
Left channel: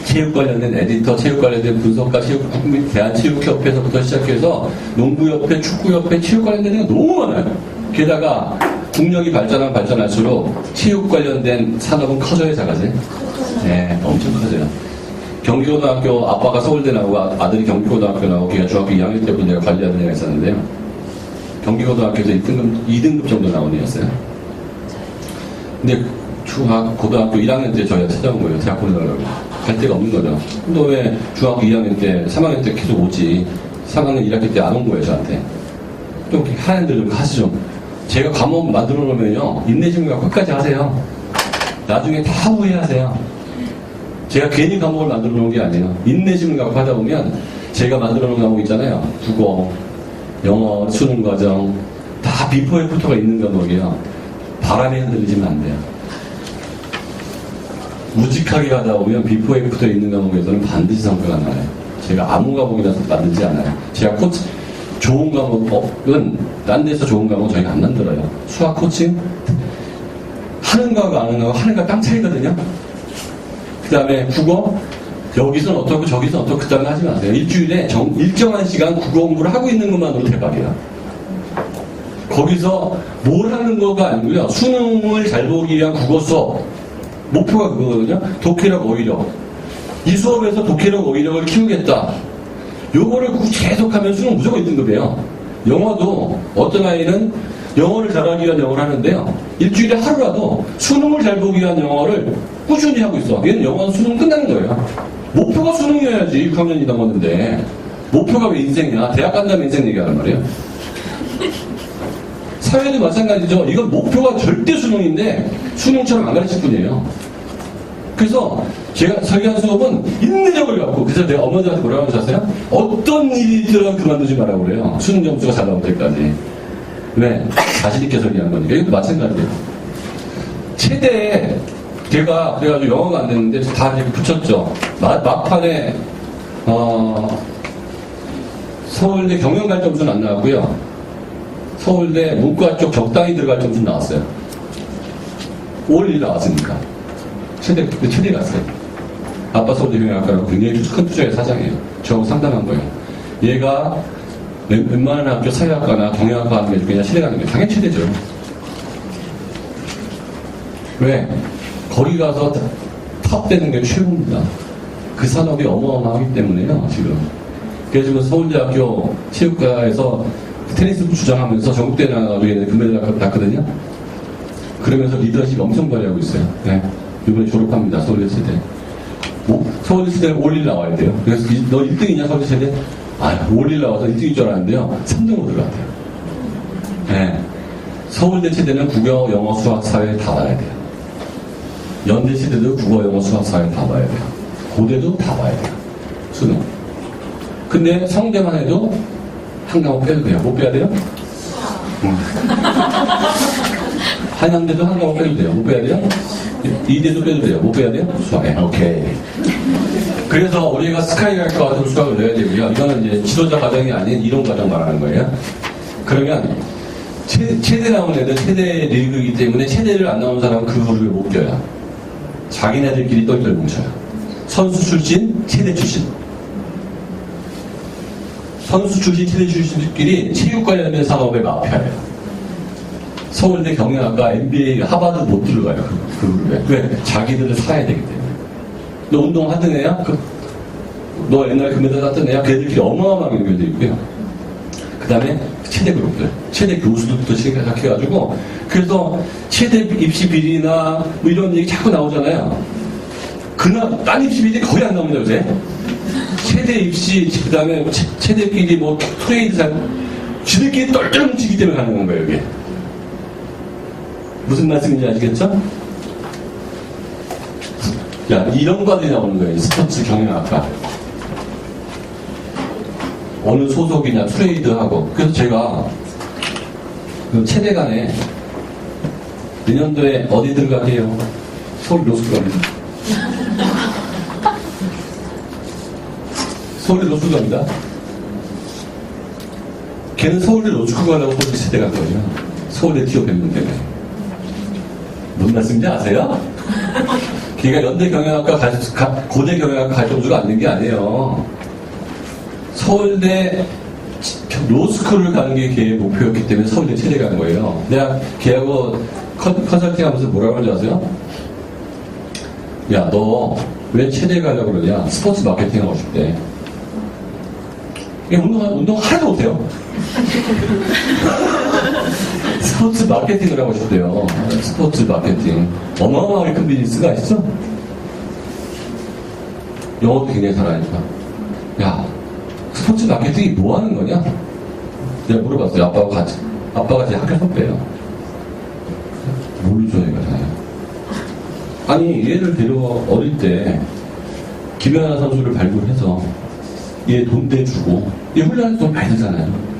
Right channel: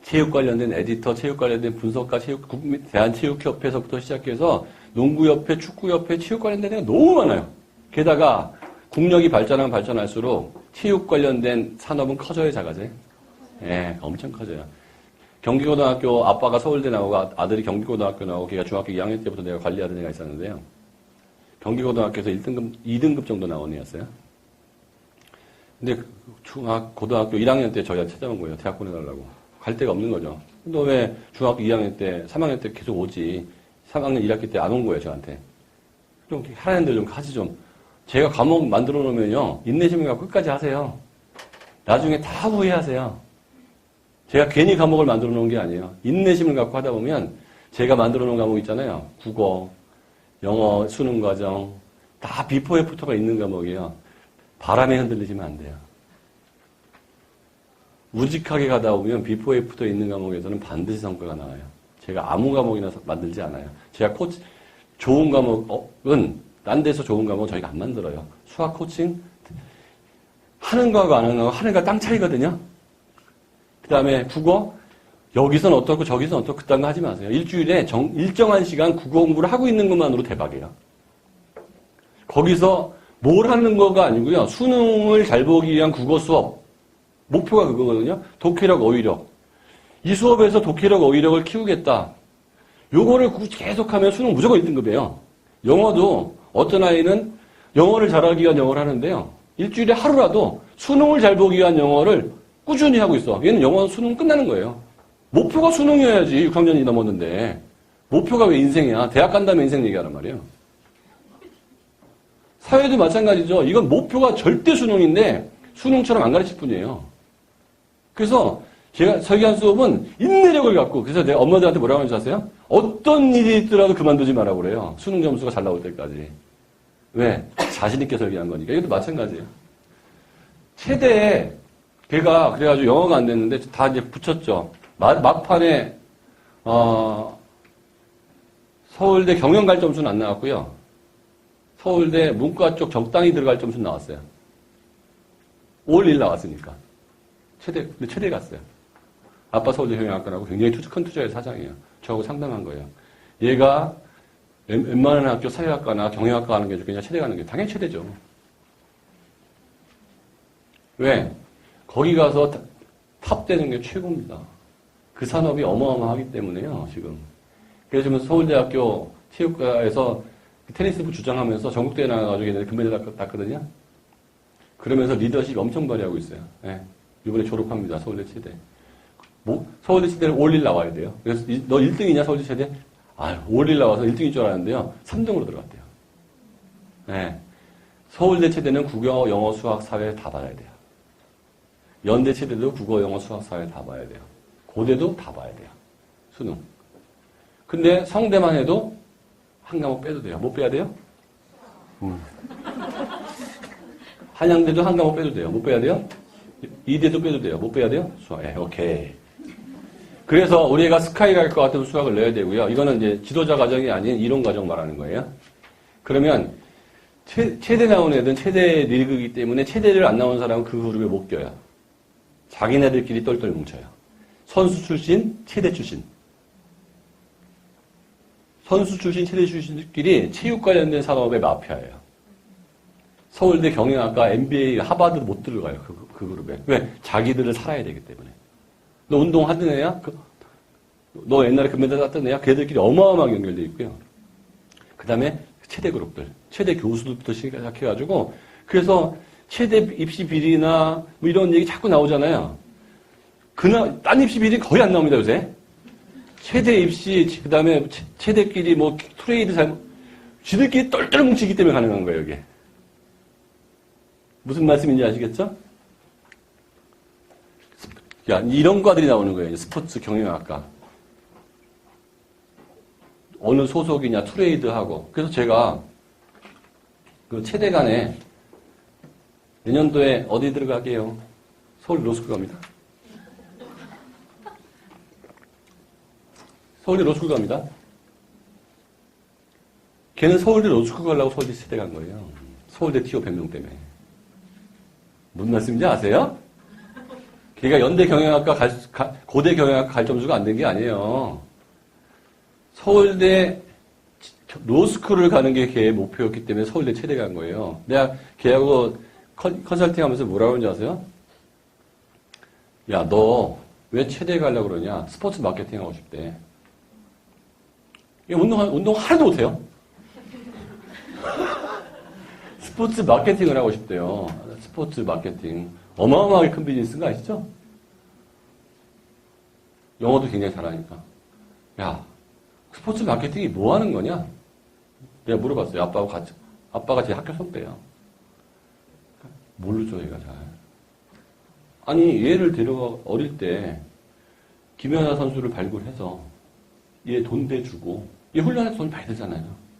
체육 관련된 에디터, 체육 관련된 분석가, 대한체육협회에서부터 시작해서 농구협회, 축구협회, 체육 관련된 데가 너무 많아요. 게다가 국력이 발전할수록 체육 관련된 산업은 커져야 작아져요. 네, 엄청 커져요. 경기고등학교 아빠가 서울대 나오고 아들이 경기고등학교 나오고 걔가 중학교 2학년 때부터 내가 관리하던 애가 있었는데요. 경기고등학교에서 2등급 정도 나온 애였어요. 근데 고등학교 1학년 때 저희가 찾아온 거예요. 대학 보내달라고. 갈 데가 없는 거죠. 근데 왜 중학교 2학년 때, 3학년 때 계속 오지? 3학년 1학기 때 안 온 거예요, 저한테. 좀 하얀들 좀 하시죠. 제가 과목 만들어 놓으면요, 인내심을 갖고 끝까지 하세요. 나중에 다 후회하세요. 제가 괜히 과목을 만들어 놓은 게 아니에요. 인내심을 갖고 하다 보면 제가 만들어 놓은 과목 있잖아요. 국어, 영어, 수능 과정, 다 비포 애프터가 있는 과목이에요. 바람에 흔들리지면 안 돼요. 무직하게 가다 보면 비포 애프터 있는 과목에서는 반드시 성과가 나와요. 제가 아무 과목이나 만들지 않아요. 제가 좋은 과목은 딴 데서 좋은 과목은 저희가 안 만들어요. 수학 코칭 하는 거하고 안 하는 거하고 하는가 땅 차이거든요. 그 다음에 국어 여기서는 어떻고 저기서는 어떻고 그 다음에 하지 마세요. 일주일에 일정한 시간 국어 공부를 하고 있는 것만으로 대박이야. 거기서 뭘 하는 거가 아니고요. 수능을 잘 보기 위한 국어 수업 목표가 그거거든요. 독해력, 어휘력. 이 수업에서 독해력, 어휘력을 키우겠다. 요거를 계속하면 수능 무조건 1등급이에요. 영어도 어떤 아이는 영어를 잘하기 위한 영어를 하는데요. 일주일에 하루라도 수능을 잘 보기 위한 영어를 꾸준히 하고 있어. 얘는 영어 수능 끝나는 거예요. 목표가 수능이어야지 6학년이 넘었는데 목표가 왜 인생이야? 대학 간 다음에 인생 얘기하란 말이에요. 사회도 마찬가지죠. 이건 목표가 절대 수능인데 수능처럼 안 가르칠 뿐이에요. 그래서 제가 설계한 수업은 인내력을 갖고 그래서 내가 엄마들한테 뭐라고 하는지 아세요? 어떤 일이 있더라도 그만두지 말라고 그래요. 수능 점수가 잘 나올 때까지. 왜? 자신 있게 설계하는 거니까. 이것도 마찬가지예요. 최대에 제가 그래가지고 영어가 안 됐는데 다 이렇게 붙였죠. 막판에 서울대 경영갈 점수는 안 나왔고요. 서울대 문과 쪽 적당히 들어갈 점수는 나왔어요. 올 1 나왔으니까. 최대 갔어요. 아빠 서울대 경영학과라고 굉장히 큰 투자의 사장이에요. 저하고 상담한 거예요. 얘가 웬만한 학교 사회학과나 경영학과 하는 게 그냥 최대 가는 게 당연히 최대죠. 왜? 거기 가서 탑되는 게 최고입니다. 그 산업이 어마어마하기 때문에요, 지금. 그래서 지금 서울대학교 체육과에서 테니스 주장하면서 전국대 나가도 얘는 금메달 땄거든요. 그러면서 리더십 엄청 발휘하고 있어요. 네. 이번에 졸업합니다, 서울대 체대. 서울대 체대는 올 1 나와야 돼요. 그래서 너 1등이냐, 서울대 체대? 올 1 나와서 1등일 줄 알았는데요. 3등으로 들어갔대요. 네. 서울대 체대는 국어, 영어, 수학, 사회 다 봐야 돼요. 연대 체대도 국어, 영어, 수학, 사회 다 봐야 돼요. 고대도 다 봐야 돼요. 수능. 근데 성대만 해도 한 과목 빼도 돼요. 못 빼야 돼요? 한양대도 한 과목 빼도 돼요. 못 빼야 돼요? 이대도 빼도 돼요. 못 빼야 돼요? 수학. 네, 오케이. 그래서 우리가 스카이라이트 같은 수학을 내야 되고요. 이거는 이제 지도자 과정이 아닌 이론 과정 말하는 거예요. 그러면 체대 나온 애들 체대 리그이기 때문에 체대를 안 나온 사람은 그 그룹을 못 껴요. 자기네들끼리 똘똘 뭉쳐요. 선수 출신, 체대 출신. 선수 출신, 체대 출신들끼리 체육 관련된 산업에 마피아예요. 서울대 경영학과, MBA, 하버드 못 들어가요. 그 그룹에. 왜? 자기들을 사야 되기 때문에. 너 운동 하던 애야? 너 옛날에 금메달 땄던 애야? 걔들끼리 어마어마하게 연결되어 있고요. 그 다음에 체대 그룹들, 체대 교수들부터 시작해가지고, 그래서 체대 입시 비리나 뭐 이런 얘기 자꾸 나오잖아요. 딴 입시 비리 거의 안 나옵니다, 요새. 체대 입시, 그 다음에 체대끼리 뭐 트레이드 지들끼리 똘똘 뭉치기 때문에 가능한 거예요, 이게. 무슨 말씀인지 아시겠죠? 야, 이런 과들이 나오는 거예요. 스포츠 경영학과. 어느 소속이냐, 트레이드하고. 그래서 제가 그 체대 간에 내년도에 어디 들어가게요? 서울 로스쿨 갑니다. 서울대 로스쿨 갑니다. 걔는 서울대 로스쿨 가려고 서울대 체대 간 거예요. 서울대 취업했는 때문에. 무슨 말씀인지 아세요? 걔가 연대 경영학과 고대 경영학과 갈 정도가 안 된 게 아니에요. 서울대 로스쿨을 가는 게 걔의 목표였기 때문에 서울대 체대 가는 거예요. 내가 걔하고 컨설팅 하면서 뭐라고 하는지 아세요? 야, 너 왜 체대 가려고 그러냐? 스포츠 마케팅 하고 싶대. 운동 하나도 못해요. 스포츠 마케팅을 하고 싶대요. 스포츠 마케팅. 어마어마하게 큰 비즈니스가 있어. 영어도 굉장히 잘하니까. 야, 스포츠 마케팅이 뭐 하는 거냐? 내가 물어봤어요. 아빠가 제 학교 선배예요. 모르죠, 얘가 잘. 아니, 얘를 데려와 어릴 때 김연아 선수를 발굴해서 얘 돈 떼주고 얘 훈련할 돈 많이 들잖아요.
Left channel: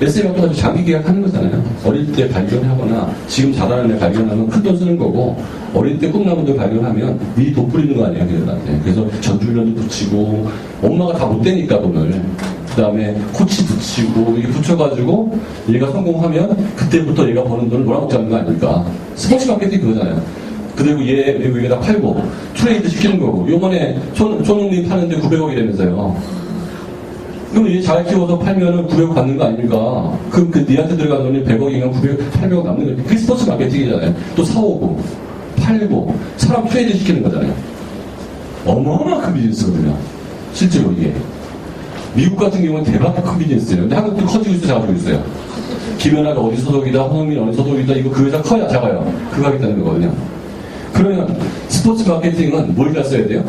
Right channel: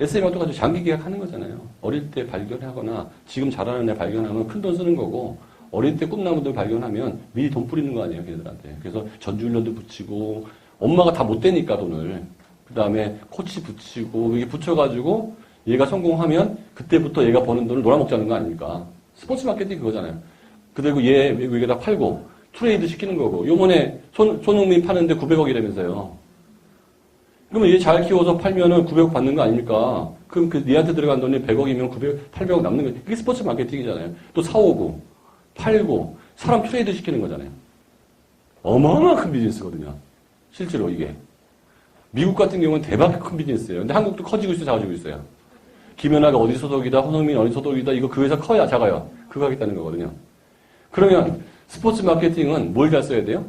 SM도 아주 장기 계약하는 거잖아요. 어릴 때 발견하거나 지금 잘하는 애 발견하면 큰 돈 쓰는 거고 어릴 때 꿈나무들 발견하면 미리 돈 뿌리는 거 아니야, 걔들한테. 그래서 전주훈련도 붙이고 엄마가 다 못 대니까 돈을. 그 다음에 코치 붙이고 이게 붙여가지고 얘가 성공하면 그때부터 얘가 버는 돈을 놀아먹자는 거 아닙니까? 스포츠 마케팅 그거잖아요. 그리고 얘 외국에다 팔고 트레이드 시키는 거고 요번에 손흥민 파는데 900억이라면서요. 그럼 얘 잘 키워서 팔면은 900억 받는 거 아닙니까? 그럼 니한테 들어간 돈이 100억이면 900, 800억 남는 거지. 그게 스포츠 마케팅이잖아요. 또 사오고 팔고 사람 트레이드 시키는 거잖아요. 어마어마한 큰 비즈니스거든요. 실제로 이게. 미국 같은 경우는 대박 큰 비즈니스예요. 근데 한국도 커지고 있어요, 작아지고 있어요. 김연아가 어디 소속이다, 황흥민 어디 소속이다, 이거 그 회사 커야 작아요. 그거 하겠다는 거거든요. 그러면 스포츠 마케팅은 뭘 잘 써야 돼요?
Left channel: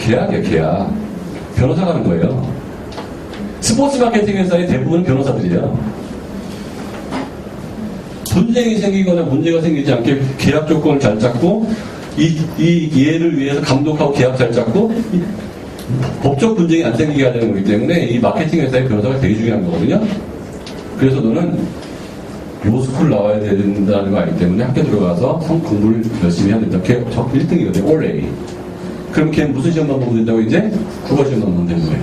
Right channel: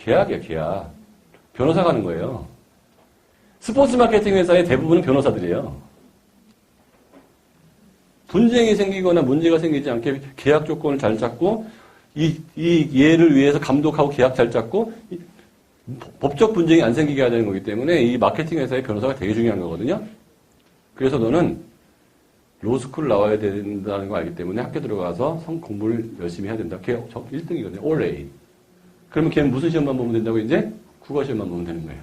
계약이에요, 계약. 변호사 가는 거예요. 스포츠 마케팅 회사의 대부분은 변호사들이에요. 분쟁이 생기거나 문제가 생기지 않게 계약 조건을 잘 짰고, 이 얘를 위해서 감독하고 계약 잘 짰고, 법적 분쟁이 안 생기게 하는 거기 때문에 이 마케팅 회사의 변호사가 되게 중요한 거거든요. 그래서 너는 로스쿨 나와야 된다는 거 알기 때문에 학교 들어가서 공부를 열심히 해야 된다. 걔 1등이거든요. 올레이. 그럼 걔는 무슨 시험만 보면 된다고 이제? 국어 시험만 보면 되는 거예요.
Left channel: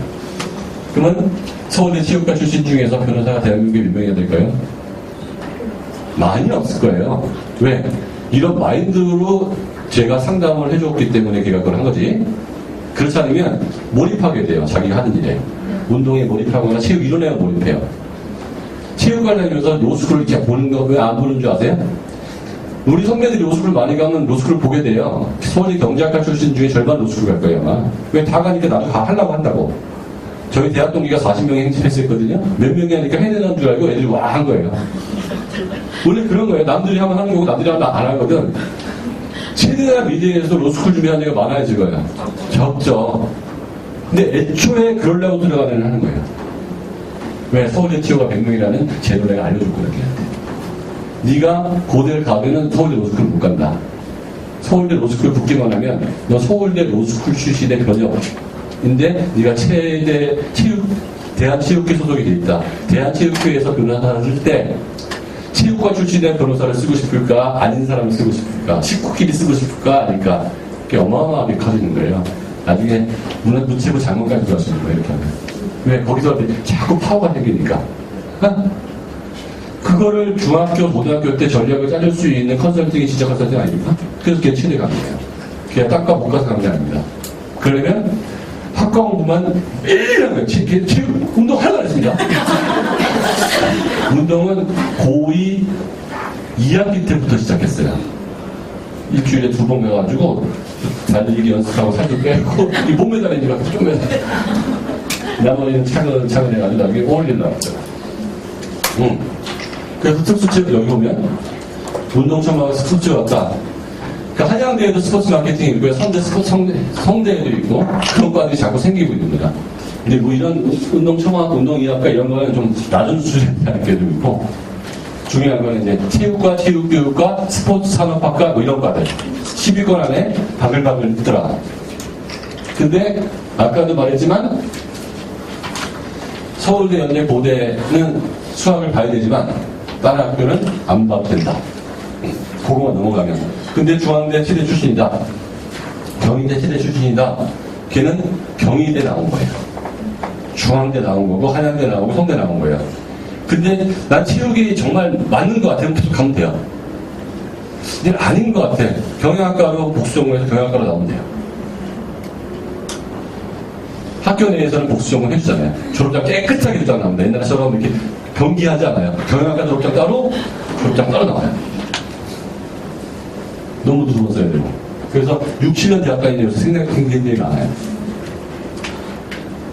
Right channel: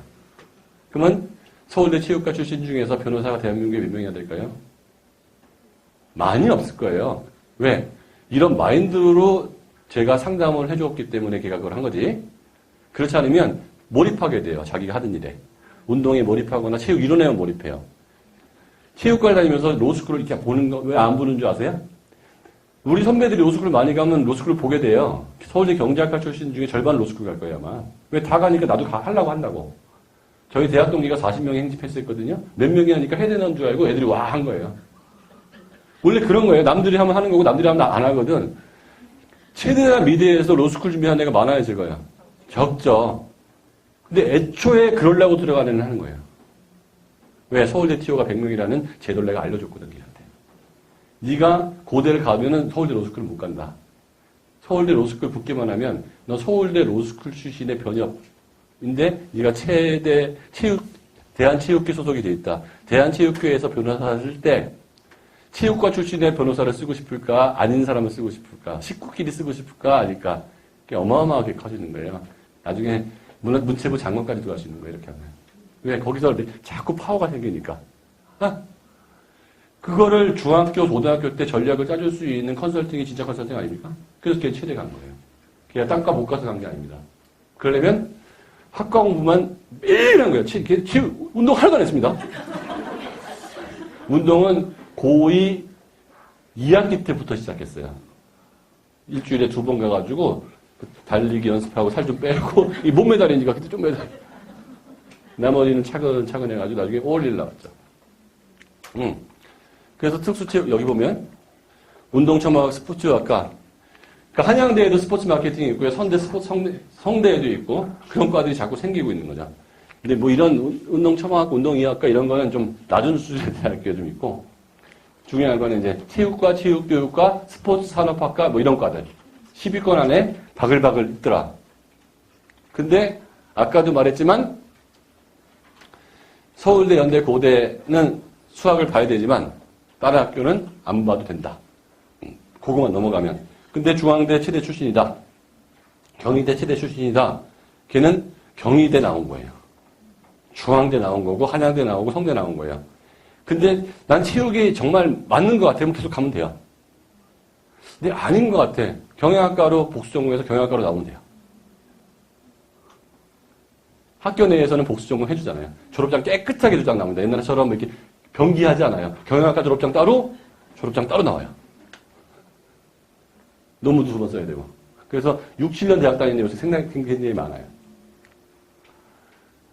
그러면 서울대 취업과 출신 중에서 변호사가 대한민국에 몇 명이나 될까요? 많이 없을 거예요. 왜? 이런 마인드로 제가 상담을 해줬기 때문에 걔가 그걸 한 거지. 그렇지 않으면 몰입하게 돼요. 자기가 하는 일에. 운동에 몰입하거나 체육 이론에 몰입해요. 체육관 다니면서 로스쿨을 이렇게 보는 거 왜 안 보는 줄 아세요? 우리 선배들이 로스쿨 많이 가면 로스쿨을 보게 돼요. 서울대 경제학과 출신 중에 절반 로스쿨 갈 거예요, 아마. 왜 다 가니까 나도 하려고 한다고. 저희 대학 동기가 40명이 행진했었거든요. 몇 명이 하니까 해내는 줄 알고 애들이 와 한 거예요. 원래 그런 거예요. 남들이 하면 하는 거고 남들이 하면 안 하거든. 체대나 미대에서 로스쿨 준비하는 애가 많아질 거예요. 적죠. 근데 애초에 그러려고 들어가는 하는 거예요. 왜? 서울대 티오가 100명이라는 제도를 내가 알려줬거든, 걔한테. 네가 고대를 가면은 서울대 로스쿨을 못 간다. 서울대 로스쿨 붙기만 하면 너 서울대 로스쿨 출신의 변혁인데 네가 대한체육회 소속이 돼 있다. 대한체육회에서 변호사를 쓸 때 체육과 출신의 변호사를 쓰고 싶을까? 아닌 사람을 쓰고 싶을까? 식구끼리 쓰고 싶을까? 아닐까? 그게 어마어마하게 커지는 거예요. 나중에 문체부 장관까지 들어가시는 거예요, 이렇게 하면. 왜? 거기서 자꾸 파워가 생기니까. 그거를 중학교, 고등학교 때 전략을 짜줄 수 있는 컨설팅이 진짜 컨설팅 아닙니까? 그래서 걔 체대 간 거예요. 걔가 딱과 못 가서 간 게 아닙니다. 그러면 학과 공부만 매일 하는 거예요. 운동 하나도 안 했습니다. 운동은 고2 2학기 때부터 시작했어요. 일주일에 2번 가가지고 달리기 연습하고 살도 빼고 이 몸매 다리니까 좀 해서 나머지는 차근차근 해가지고 나중에 어울리는 나왔어요. 그래서 특수체육 여기 보면 운동청하고 특수학과 그러니까 한양대에도 스포츠 마케팅이 있고 성대에도 있고 그런 과들이 자꾸 생기고 있는 거야. 근데 뭐 이런 운동청학, 운동의학과 이런 거는 좀 낮은 수준에 대한 게 좀 있고 중요한 거는 이제 체육과 체육교육과 스포츠 산업학과 뭐 이런 과들 10위권 안에 바글바글 있더라. 근데 아까도 말했지만 서울대, 연대, 고대는 수학을 봐야 되지만 다른 학교는 안 봐도 된다. 그거만 넘어가면. 근데 중앙대 치대 출신이다. 경희대 치대 출신이다. 걔는 경희대 나온 거예요. 중앙대 나온 거고 한양대 나오고 성대 나온 거예요. 근데 난 체육이 정말 맞는 것 같아요. 계속 가면 돼요. 근데 아닌 것 같아. 경영학과로 복수전공해서 경영학과로 나오면 돼요. 학교 내에서는 복수전공 해주잖아요. 졸업장 깨끗하게 졸업장 나옵니다. 옛날처럼 이렇게 경기하지 않아요. 경영학과 졸업장 따로, 졸업장 따로 나와요. 너무 두 번 써야 되고. 그래서 6, 7년 대학 다니면서 생각이 많아요.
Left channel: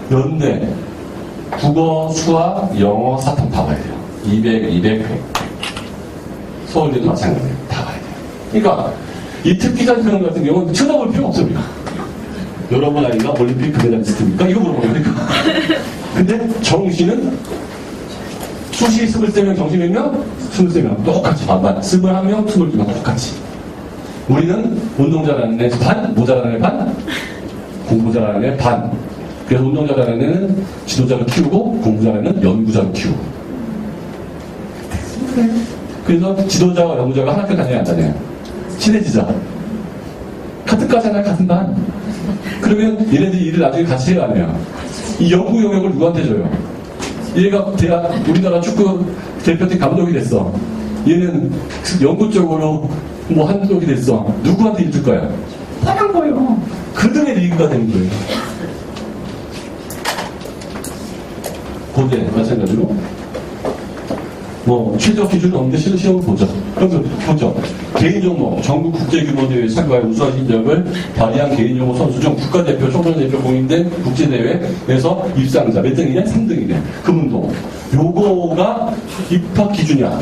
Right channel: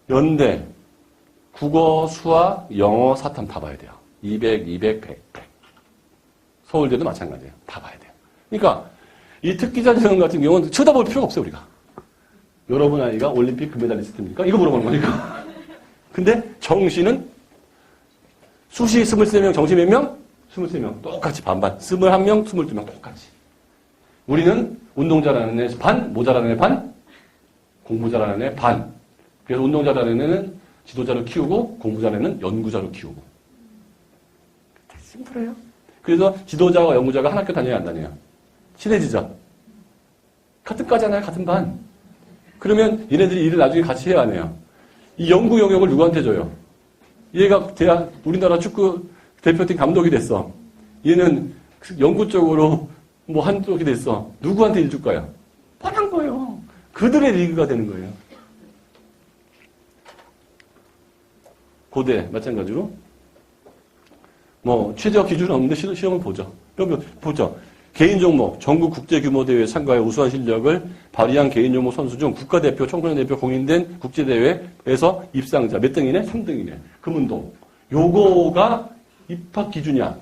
연대, 국어, 수학, 영어, 사탐 다 봐야 돼요. 200. 서울대도 마찬가지예요. 다 봐야 돼요. 그러니까 이 특기자 시험 같은 경우는 쳐다볼 필요가 없습니다. 여러분 아이가 올림픽 금메달리스트입니까? 이거 물어보는 거니까. 근데 정시는 수시 23명, 정시 몇 명? 23명. 똑같이 반반. 21명, 22명 똑같이. 우리는 운동 잘하는 애 반, 못 잘하는 애 반, 공부 잘하는 애 반. 그래서 운동 잘하는 애는 지도자로 키우고 공부 잘하는 애는 연구자로 키우고. 그래서 지도자와 연구자가 한 학교 다녀야 안 다녀요. 친해지자. 같은 과잖아요, 같은 반. 그러면 얘네들이 일을 나중에 같이 해야 하네요. 이 연구 영역을 누구한테 줘요? 얘가 우리나라 축구 대표팀 감독이 됐어. 얘는 연구 쪽으로 뭐 한쪽이 됐어. 누구한테 일 줄 거야? 뻔한 거예요. 그들의 리그가 되는 거예요. 고대 마찬가지로 뭐 최저 기준은 없는데 시험을 보죠. 그럼 보죠. 개인 종목 전국 국제 규모 대회 참가에 우수한 실력을 발휘한 개인 종목 선수 중 국가대표, 총선대표 공인된 국제 대회에서 입상자 몇 등이냐? 3등이네. 금운동. 요거가 입학 기준이야.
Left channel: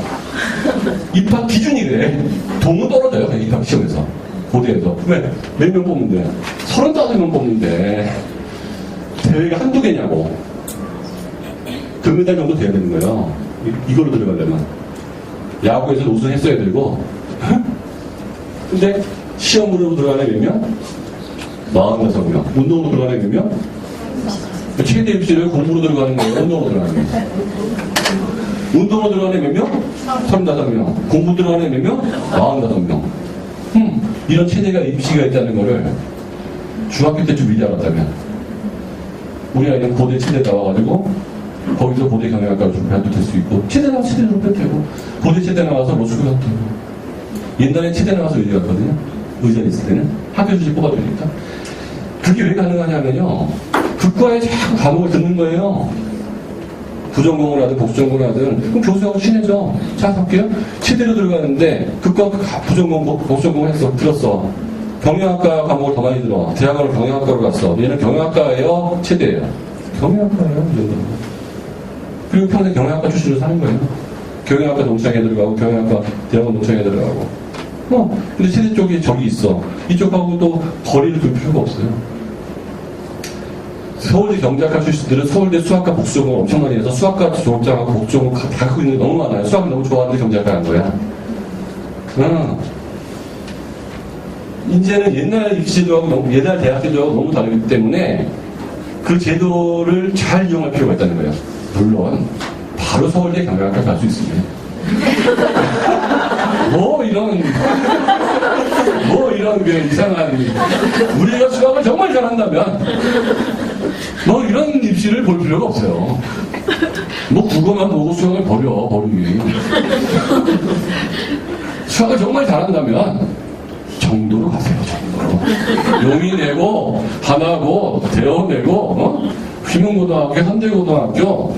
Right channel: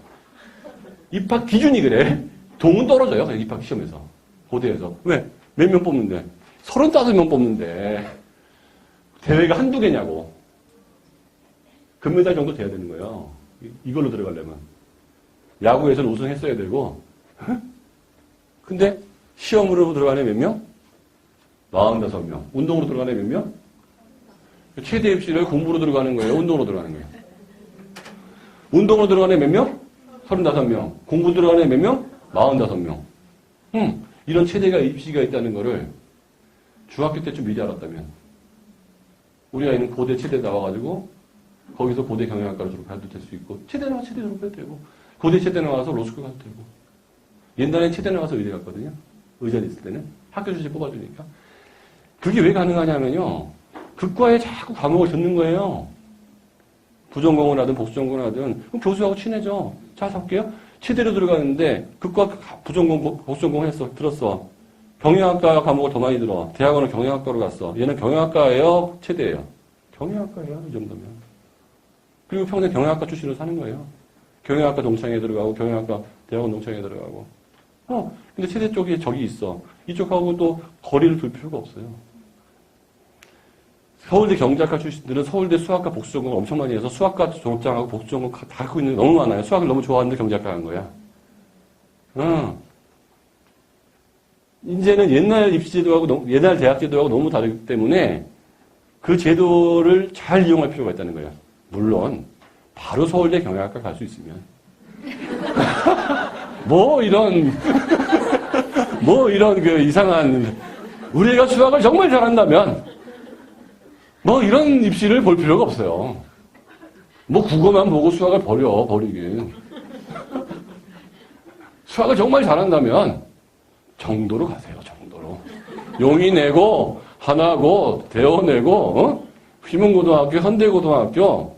입학 기준이 그래. 동은 떨어져요. 그냥 입학 시험에서. 고대에서. 왜? 몇 명 뽑는데? 35명 뽑는데 대회가 한두 개냐고. 금메달 정도 돼야 되는 거예요. 이걸로 들어가려면. 야구에서는 우승했어야 되고. 근데 시험으로 들어가는 몇 명? 45명. 운동으로 들어가는 몇 명? 최대 입시를 공부로 들어가는 거예요. 운동으로 들어가는 거. 운동으로 들어가는 몇 명? 35명. 공부 들어가는 몇 명? 45명. 이런 체대가 입시가 있다는 거를 중학교 때쯤 미리 알았다면 우리 아이는 고대 체대 나와가지고 거기서 고대 경영학과를 준비해도 될 수 있고 체대 나와서 체대 준비해도 되고 고대 체대 나와서 로스쿨 가도 되고 옛날에 체대 나와서 의대 갔거든요. 의대 있을 때는 학교 주식 뽑아주니까 그게 왜 가능하냐면요. 극과에 자꾸 과목을 듣는 거예요. 부전공을 하든 복수전공을 하든 그럼 교수하고 친해져. 자 볼게요. 체대로 들어가는데 극과 부전공 복수전공을 했어. 들었어. 경영학과 과목을 더 많이 들어. 대학원을 경영학과로 갔어. 얘는 경영학과예요? 체대예요? 경영학과예요? 그리고 평생 경영학과 출신으로 사는 거예요. 경영학과 농창에 들어가고 경영학과 대학원 농창에 들어가고 근데 체대 쪽에 저기 있어. 이쪽하고 또 거리를 둘 필요가 없어요. 서울대 경작과 출신들은 서울대 수학과 복수전공을 엄청 많이 해서 수학과 졸업장하고 복수전공 다 갖고 있는 게 너무 많아요. 수학을 너무 좋아하는데 경작과 한 거야. 이제는 옛날 입시제도하고 옛날 대학 제도하고 너무 다르기 때문에 그 제도를 잘 이용할 필요가 있다는 거예요. 물론 바로 서울대 경영학과 갈 수 있습니다. 뭐 이런 그 이상한 우리가 수학을 정말 잘한다면 뭐 이런 입시를 볼 필요가 없어요. 뭐 국어만 보고 수학을 버리기. 수학을 정말 잘한다면 정도로 가세요. 정도로. 용인내고 하나고 대원내고 휘문고등학교, 현대고등학교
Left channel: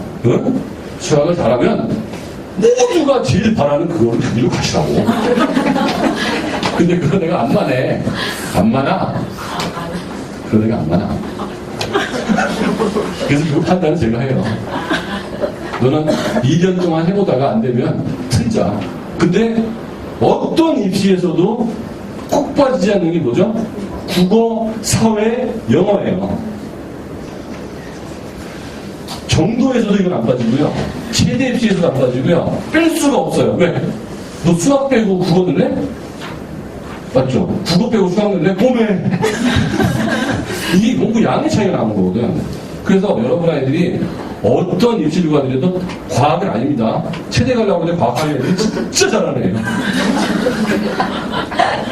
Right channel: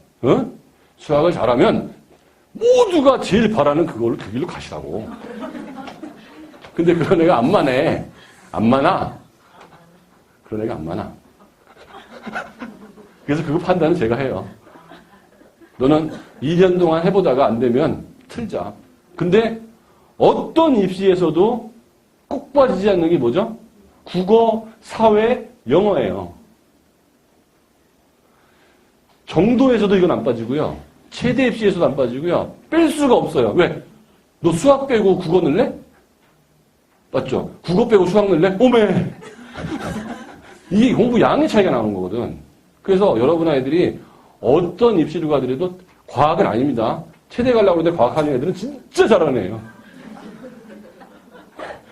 수학을 잘하면 모두가 제일 바라는 그거를 그대로 가시라고. 근데 그거 내가 안 많아. 그거 내가 안 많아. 그래서 그 판단은 제가 해요. 너는 2년 동안 해보다가 안 되면 틀자. 근데 어떤 입시에서도 꼭 빠지지 않는 게 뭐죠? 국어, 사회, 영어예요. 정도에서도 이건 안 빠지고요. 최대 입시에서도 안 빠지고요. 뺄 수가 없어요. 왜? 너 수학 빼고 국어 넣을래? 맞죠? 국어 빼고 수학 넣을래? 꼬매! 이게 공부 양의 차이가 나는 거거든. 그래서 여러분 아이들이 어떤 입시를 가더라도 과학은 아닙니다. 체대 가려고 하는데 과학하는 애들이 진짜 잘하는 애예요.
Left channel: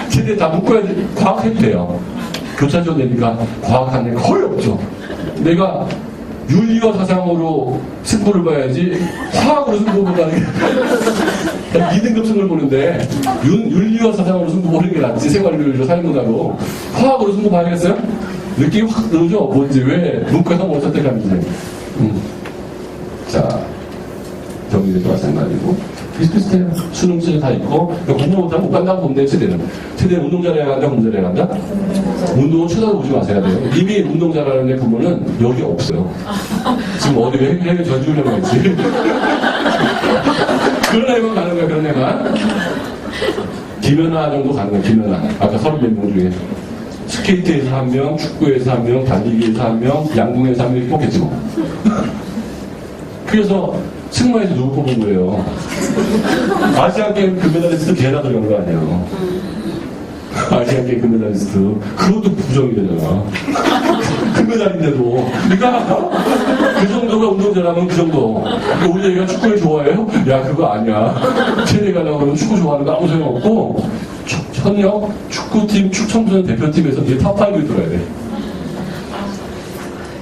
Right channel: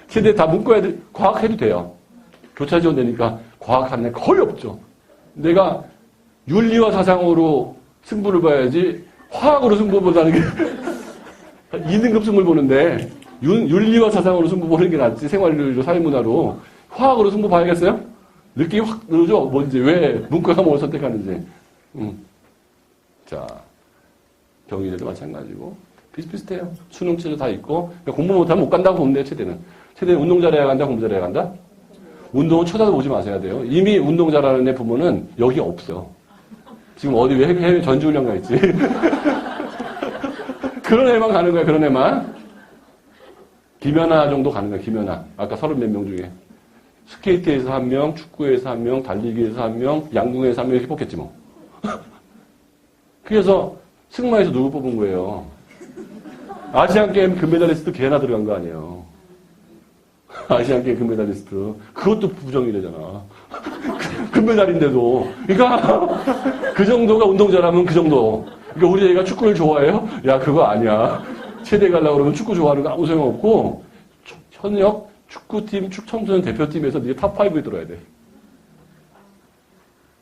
체대 다 문과 애들이 과학해도 돼요. 교차지원 되니까 과학하는 애 거의 없죠. 내가 윤리와 사상으로 승부를 봐야지 화학으로 승부 본다는 게 2등급 승부를 보는데 윤리와 사상으로 승부 보는 게 낫지. 생활윤리로 사회문화로 화학으로 승부 봐야겠어요? 느낌이 확 들어오죠? 뭔지 왜 문과가 뭘 선택하는지. 자, 정리될 거라 생각이고 비슷비슷해요. 수능 시절 다 있고 공부 못하면 못 간다고 보는데 체대는 운동 잘해야 간다, 공부 잘해야 간다? 운동은 쳐다보지 마셔야 돼요. 이미 운동 잘하는 애 부분은 여기 없어요. 지금 어디 해외 전지훈련을 했지. 그런 애만 가는 거야. 그런 애만. 김연아 정도 가는 거야. 김연아. 아까 30명 중에 스케이트에서 한 명, 축구에서 한 명, 달리기에서 한 명, 양궁에서 한 명이 뽑겠지 뭐. 그래서 승마에서 누구 뽑은 거예요? 아시안게임 금메달리스트 걔나 들어간 거 아니에요. 아시안게임 금메달리스트. 그것도 부정이 되잖아. 금메달인데도. 그러니까 그 정도가 운동 잘하면 그 정도. 그러니까 우리 애가 축구를 좋아해요? 야, 그거 아니야. 체대 가려고 그러면 축구 좋아하는 거 아무 생각 없고 현역 축구팀 청소년 대표팀에서 이제 탑5에 들어야 돼.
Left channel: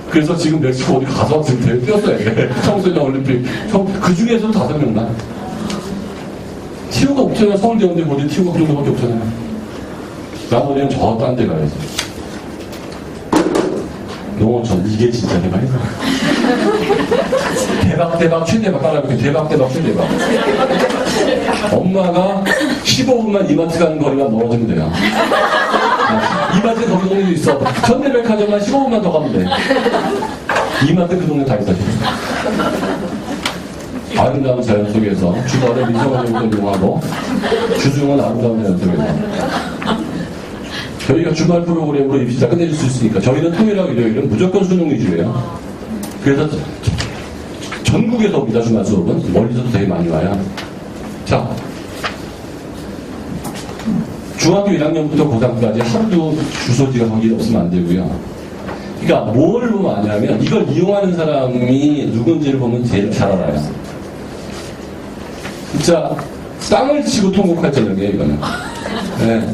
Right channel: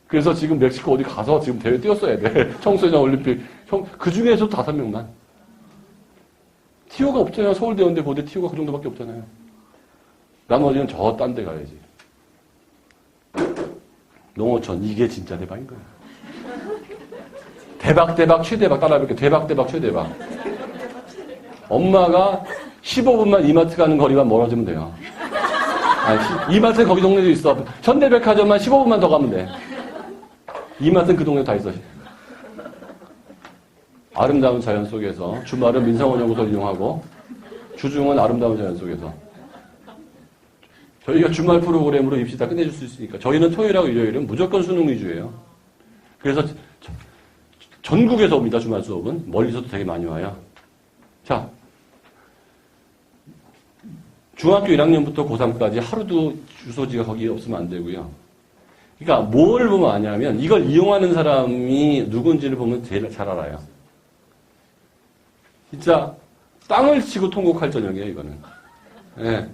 그래서 지금 멕시코 어디 가서 지금 대회 뛰었어야 돼. 청소년 올림픽. 그 중에서도 5명만. 티오가 없잖아요. 서울대 연대 고대 티오가 그 정도밖에 없잖아요. 나머지는 저 딴 데 가야지. 농어촌 이게 진짜 대박이다. 대박 최대박 깔아볼게. 대박 최대박. 엄마가 15분만 이마트 가는 거리만 멀어지면 돼요. 이마트 거기 동네도 있어. 현대백화점만 15분만 더 가면 돼. 이마트 그 동네 다 있어. 아름다운 자연 속에서 주말에 미성원을 이용하고 주중은 아름다운 자연 속에서 저희가 주말 프로그램으로 입시 다 끝내줄 수 있으니까 저희는 토요일하고 일요일은 무조건 수능 위주예요. 그래서 전국에서 옵니다. 주말 수업은 멀리서도 되게 많이 와요. 자, 중학교 1학년부터 고3까지 하루도 주소지가 거기 없으면 안 되고요. 그러니까 뭘 보면 아냐면 이걸 이용하는 사람이 누군지를 보면 제일 잘 알아요. 진짜 땅을 치고 통곡할 저녁이에요, 이거는. 네.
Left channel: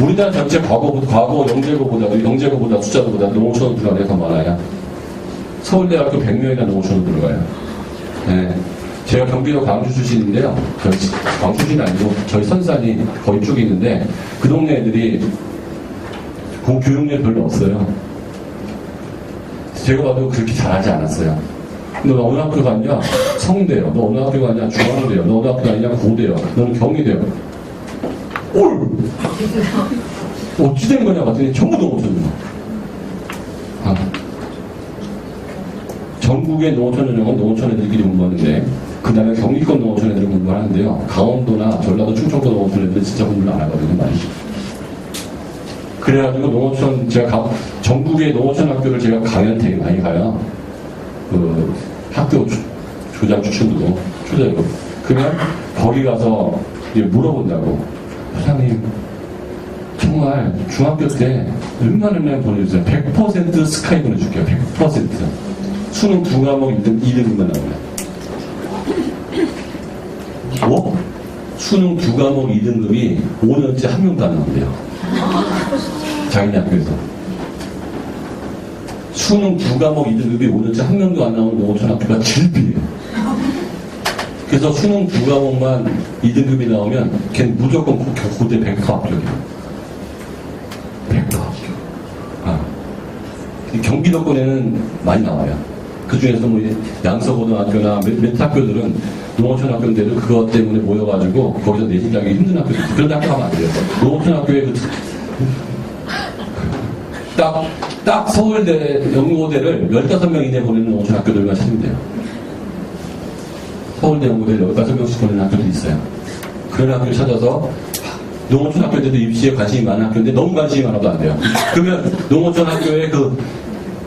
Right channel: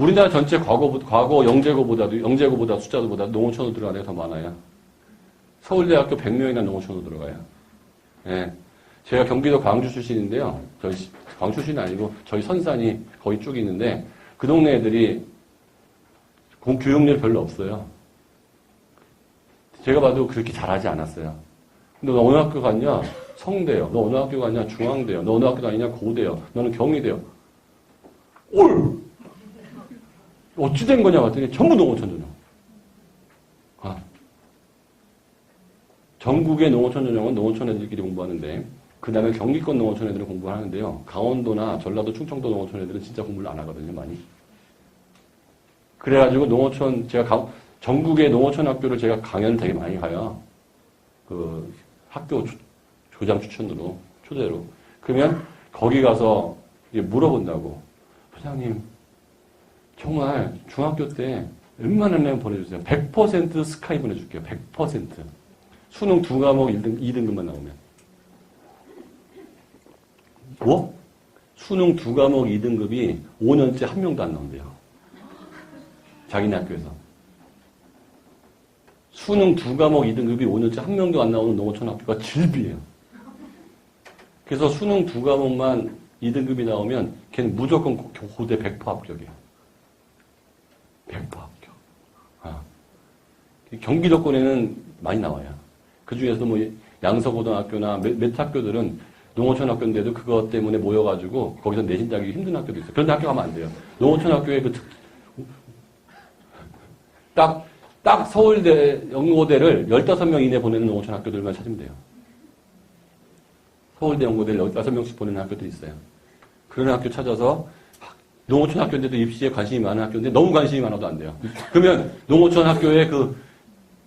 우리나라 전체 과거 영재고보다 숫자보다 농어촌 들어가는 게 더 많아요. 서울대학교 100명이나 농어촌으로 들어가요. 네. 제가 경기도 광주 출신인데요. 광주 출신이 아니고 저희 선산이 거의 쪽에 있는데 그 동네 애들이 교육열이 별로 없어요. 제가 봐도 그렇게 잘하지 않았어요. 너 어느 학교 갔냐? 성대요. 너 어느 학교 갔냐? 중앙대요. 너 어느 학교 갔냐? 고대요. 너는 경희대요. 올! 어찌 된 거냐? 봤더니 전부 농어촌이요. 전국의 농어촌 전형은 농어촌 애들끼리 공부하는데 그 다음에 경기권 농어촌 애들을 공부하는데요. 강원도나 전라도 충청도 농어촌 애들은 진짜 공부를 안 하거든요. 많이. 그래가지고 농어촌 제가 전국의 농어촌 학교를 제가 강연 되게 많이 가요. 그 학교 교장 추천도 초대하고 그러면 거기 가서 물어본다고 사장님 정말 중학교 때 얼마나 보내주세요. 100% 스카이 보내줄게요. 100% 수능 2과목 2등급만 나오면 뭐? 수능 2과목 2등급이 5년째 한 명도 안 나온대요. 자기네 학교에서 수능 2과목 2등급이 5년째 한 명도 안 나오는 농어촌 학교가 질비해요. 그래서 수능 2과목만 2등급이 나오면 걔는 무조건 고대 100% 합격이에요. 100% 합격. 경기도권에는 많이 나와요. 그 중에서 뭐 양서고등학교나 몇 학교들은 농어촌 학교인데도 그것 때문에 모여가지고 거기서 내신하기 힘든 학교들. 그런 학교 하면 안 돼요. 농어촌 학교에 딱 서울대, 연고대를 15명 이내 보내는 농어촌 학교들만 찾으면 돼요. 서울대 연고대를 15명씩 보내는 학교들이 있어요. 그런 학교를 찾아서 농어촌학교인데도 입시에 관심이 많은 학교인데 너무 관심이 많아도 안 돼요. 그러면 농어촌 학교의 그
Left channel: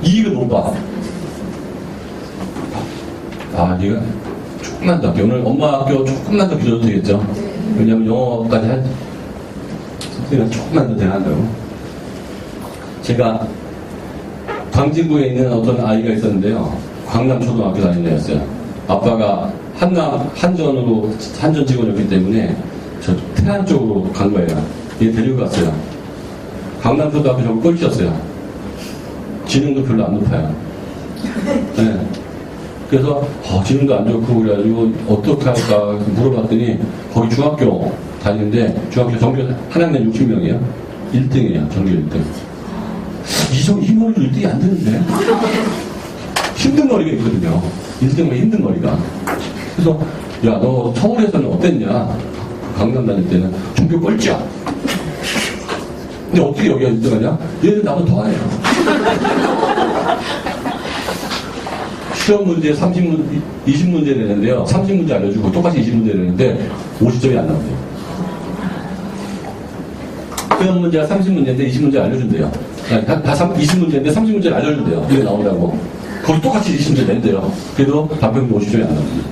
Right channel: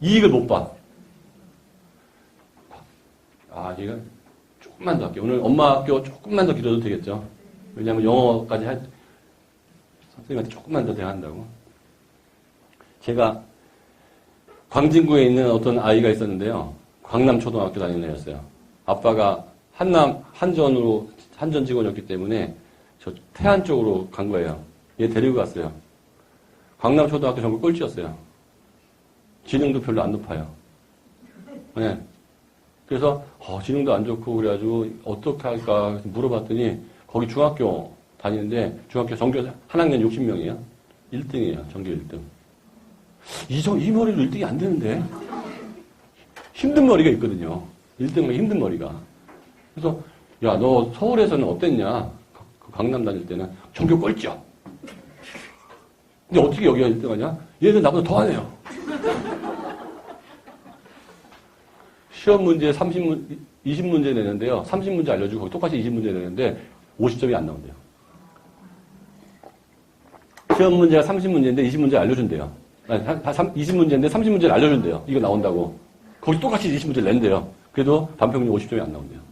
이익을 못 봐. 아, 네가 조금만 더, 오늘 엄마 학교 조금만 더 길어도 되겠죠? 왜냐면 영어까지 선생님은 조금만 더 대한다고. 제가 광진구에 있는 어떤 아이가 있었는데요. 광남초등학교 다니는 애였어요. 아빠가 한전 직원이었기 때문에 저 태안 쪽으로 간 거예요. 얘 데리고 갔어요. 광남초등학교 전부 꼴찌였어요. 지능도 별로 안 높아요. 네. 그래서 지능도 안 좋고 그래가지고 어떻게 할까 물어봤더니 거기 중학교 다니는데 중학교 전교 한 학년 60명이에요. 1등이에요. 전교 1등. 이 머리도 1등이 안 되는데 힘든 머리가 있거든요. 1등은 힘든 머리가. 그래서 야, 너 서울에서는 어땠냐? 강남 다닐 때는 전교 꼴찌야. 근데 어떻게 여기가 1등하냐? 얘는 나보다 더 하네요. 시험 문제 20문제 내는데요. 30문제 알려주고 똑같이 20문제 내는데 50점이 안 나온대요. 시험 문제가 30문제인데 20문제 알려준대요. 다 20문제인데 30문제를 알려준대요. 이게 나온다고. 거기 똑같이 20문제 낸대요. 그래도 반평균 50점이 안 나옵니다.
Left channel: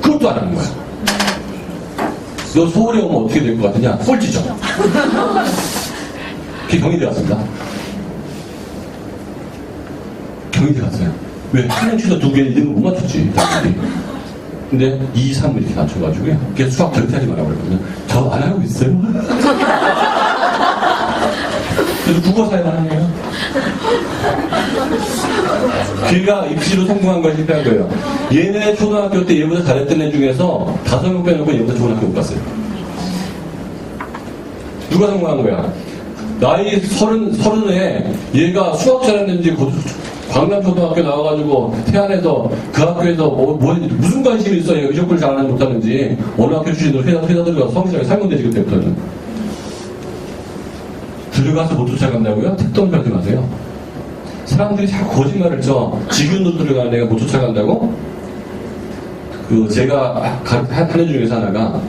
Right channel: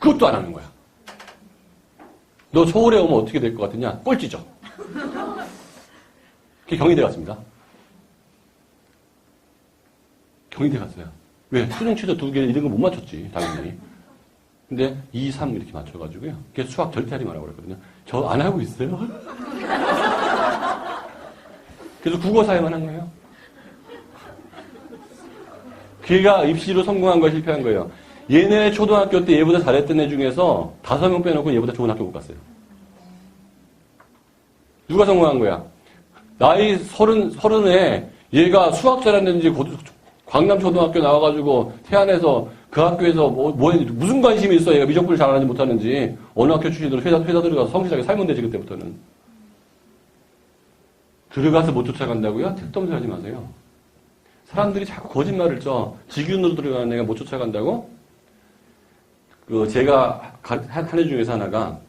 그것도 안 하는 거야. 너 서울에 오면 어떻게 될 것 같으냐? 꼴찌죠. 그게 경희대 갔습니다. 경희대 갔어요. 왜? 한명 추자 2개 1등을 못 맞췄지. 당연히. 근데 2, 3 이렇게 맞춰가지고요. 그게 수학 절대 하지 말라고 그랬거든요. 저 안 하고 있어요. 그래서 국어 사용하는 거예요. 걔가 입시로 성공한 거야, 실패한 거예요. 얘네 초등학교 때 얘보다 잘했던 애 중에서 5명 빼놓고 얘보다 좋은 학교 못 갔어요. 누가 성공한 거야? 나이 30에 얘가 수학 잘했는지 광남초등학교 나와가지고 태안에서 그 학교에서 무슨 관심이 있어? 얘가 미적분을 잘하는지 못하는지 어느 학교 출신으로 회사 들어가서 성기장에 살면 되지 그때부터는. 들어가서 못 쫓아간다고요? 택도 하지 마세요. 사람들이 자꾸 거짓말을 쳐. 직윤으로 들어가는 애가 못 쫓아간다고? 제가 하는 중에서 하나가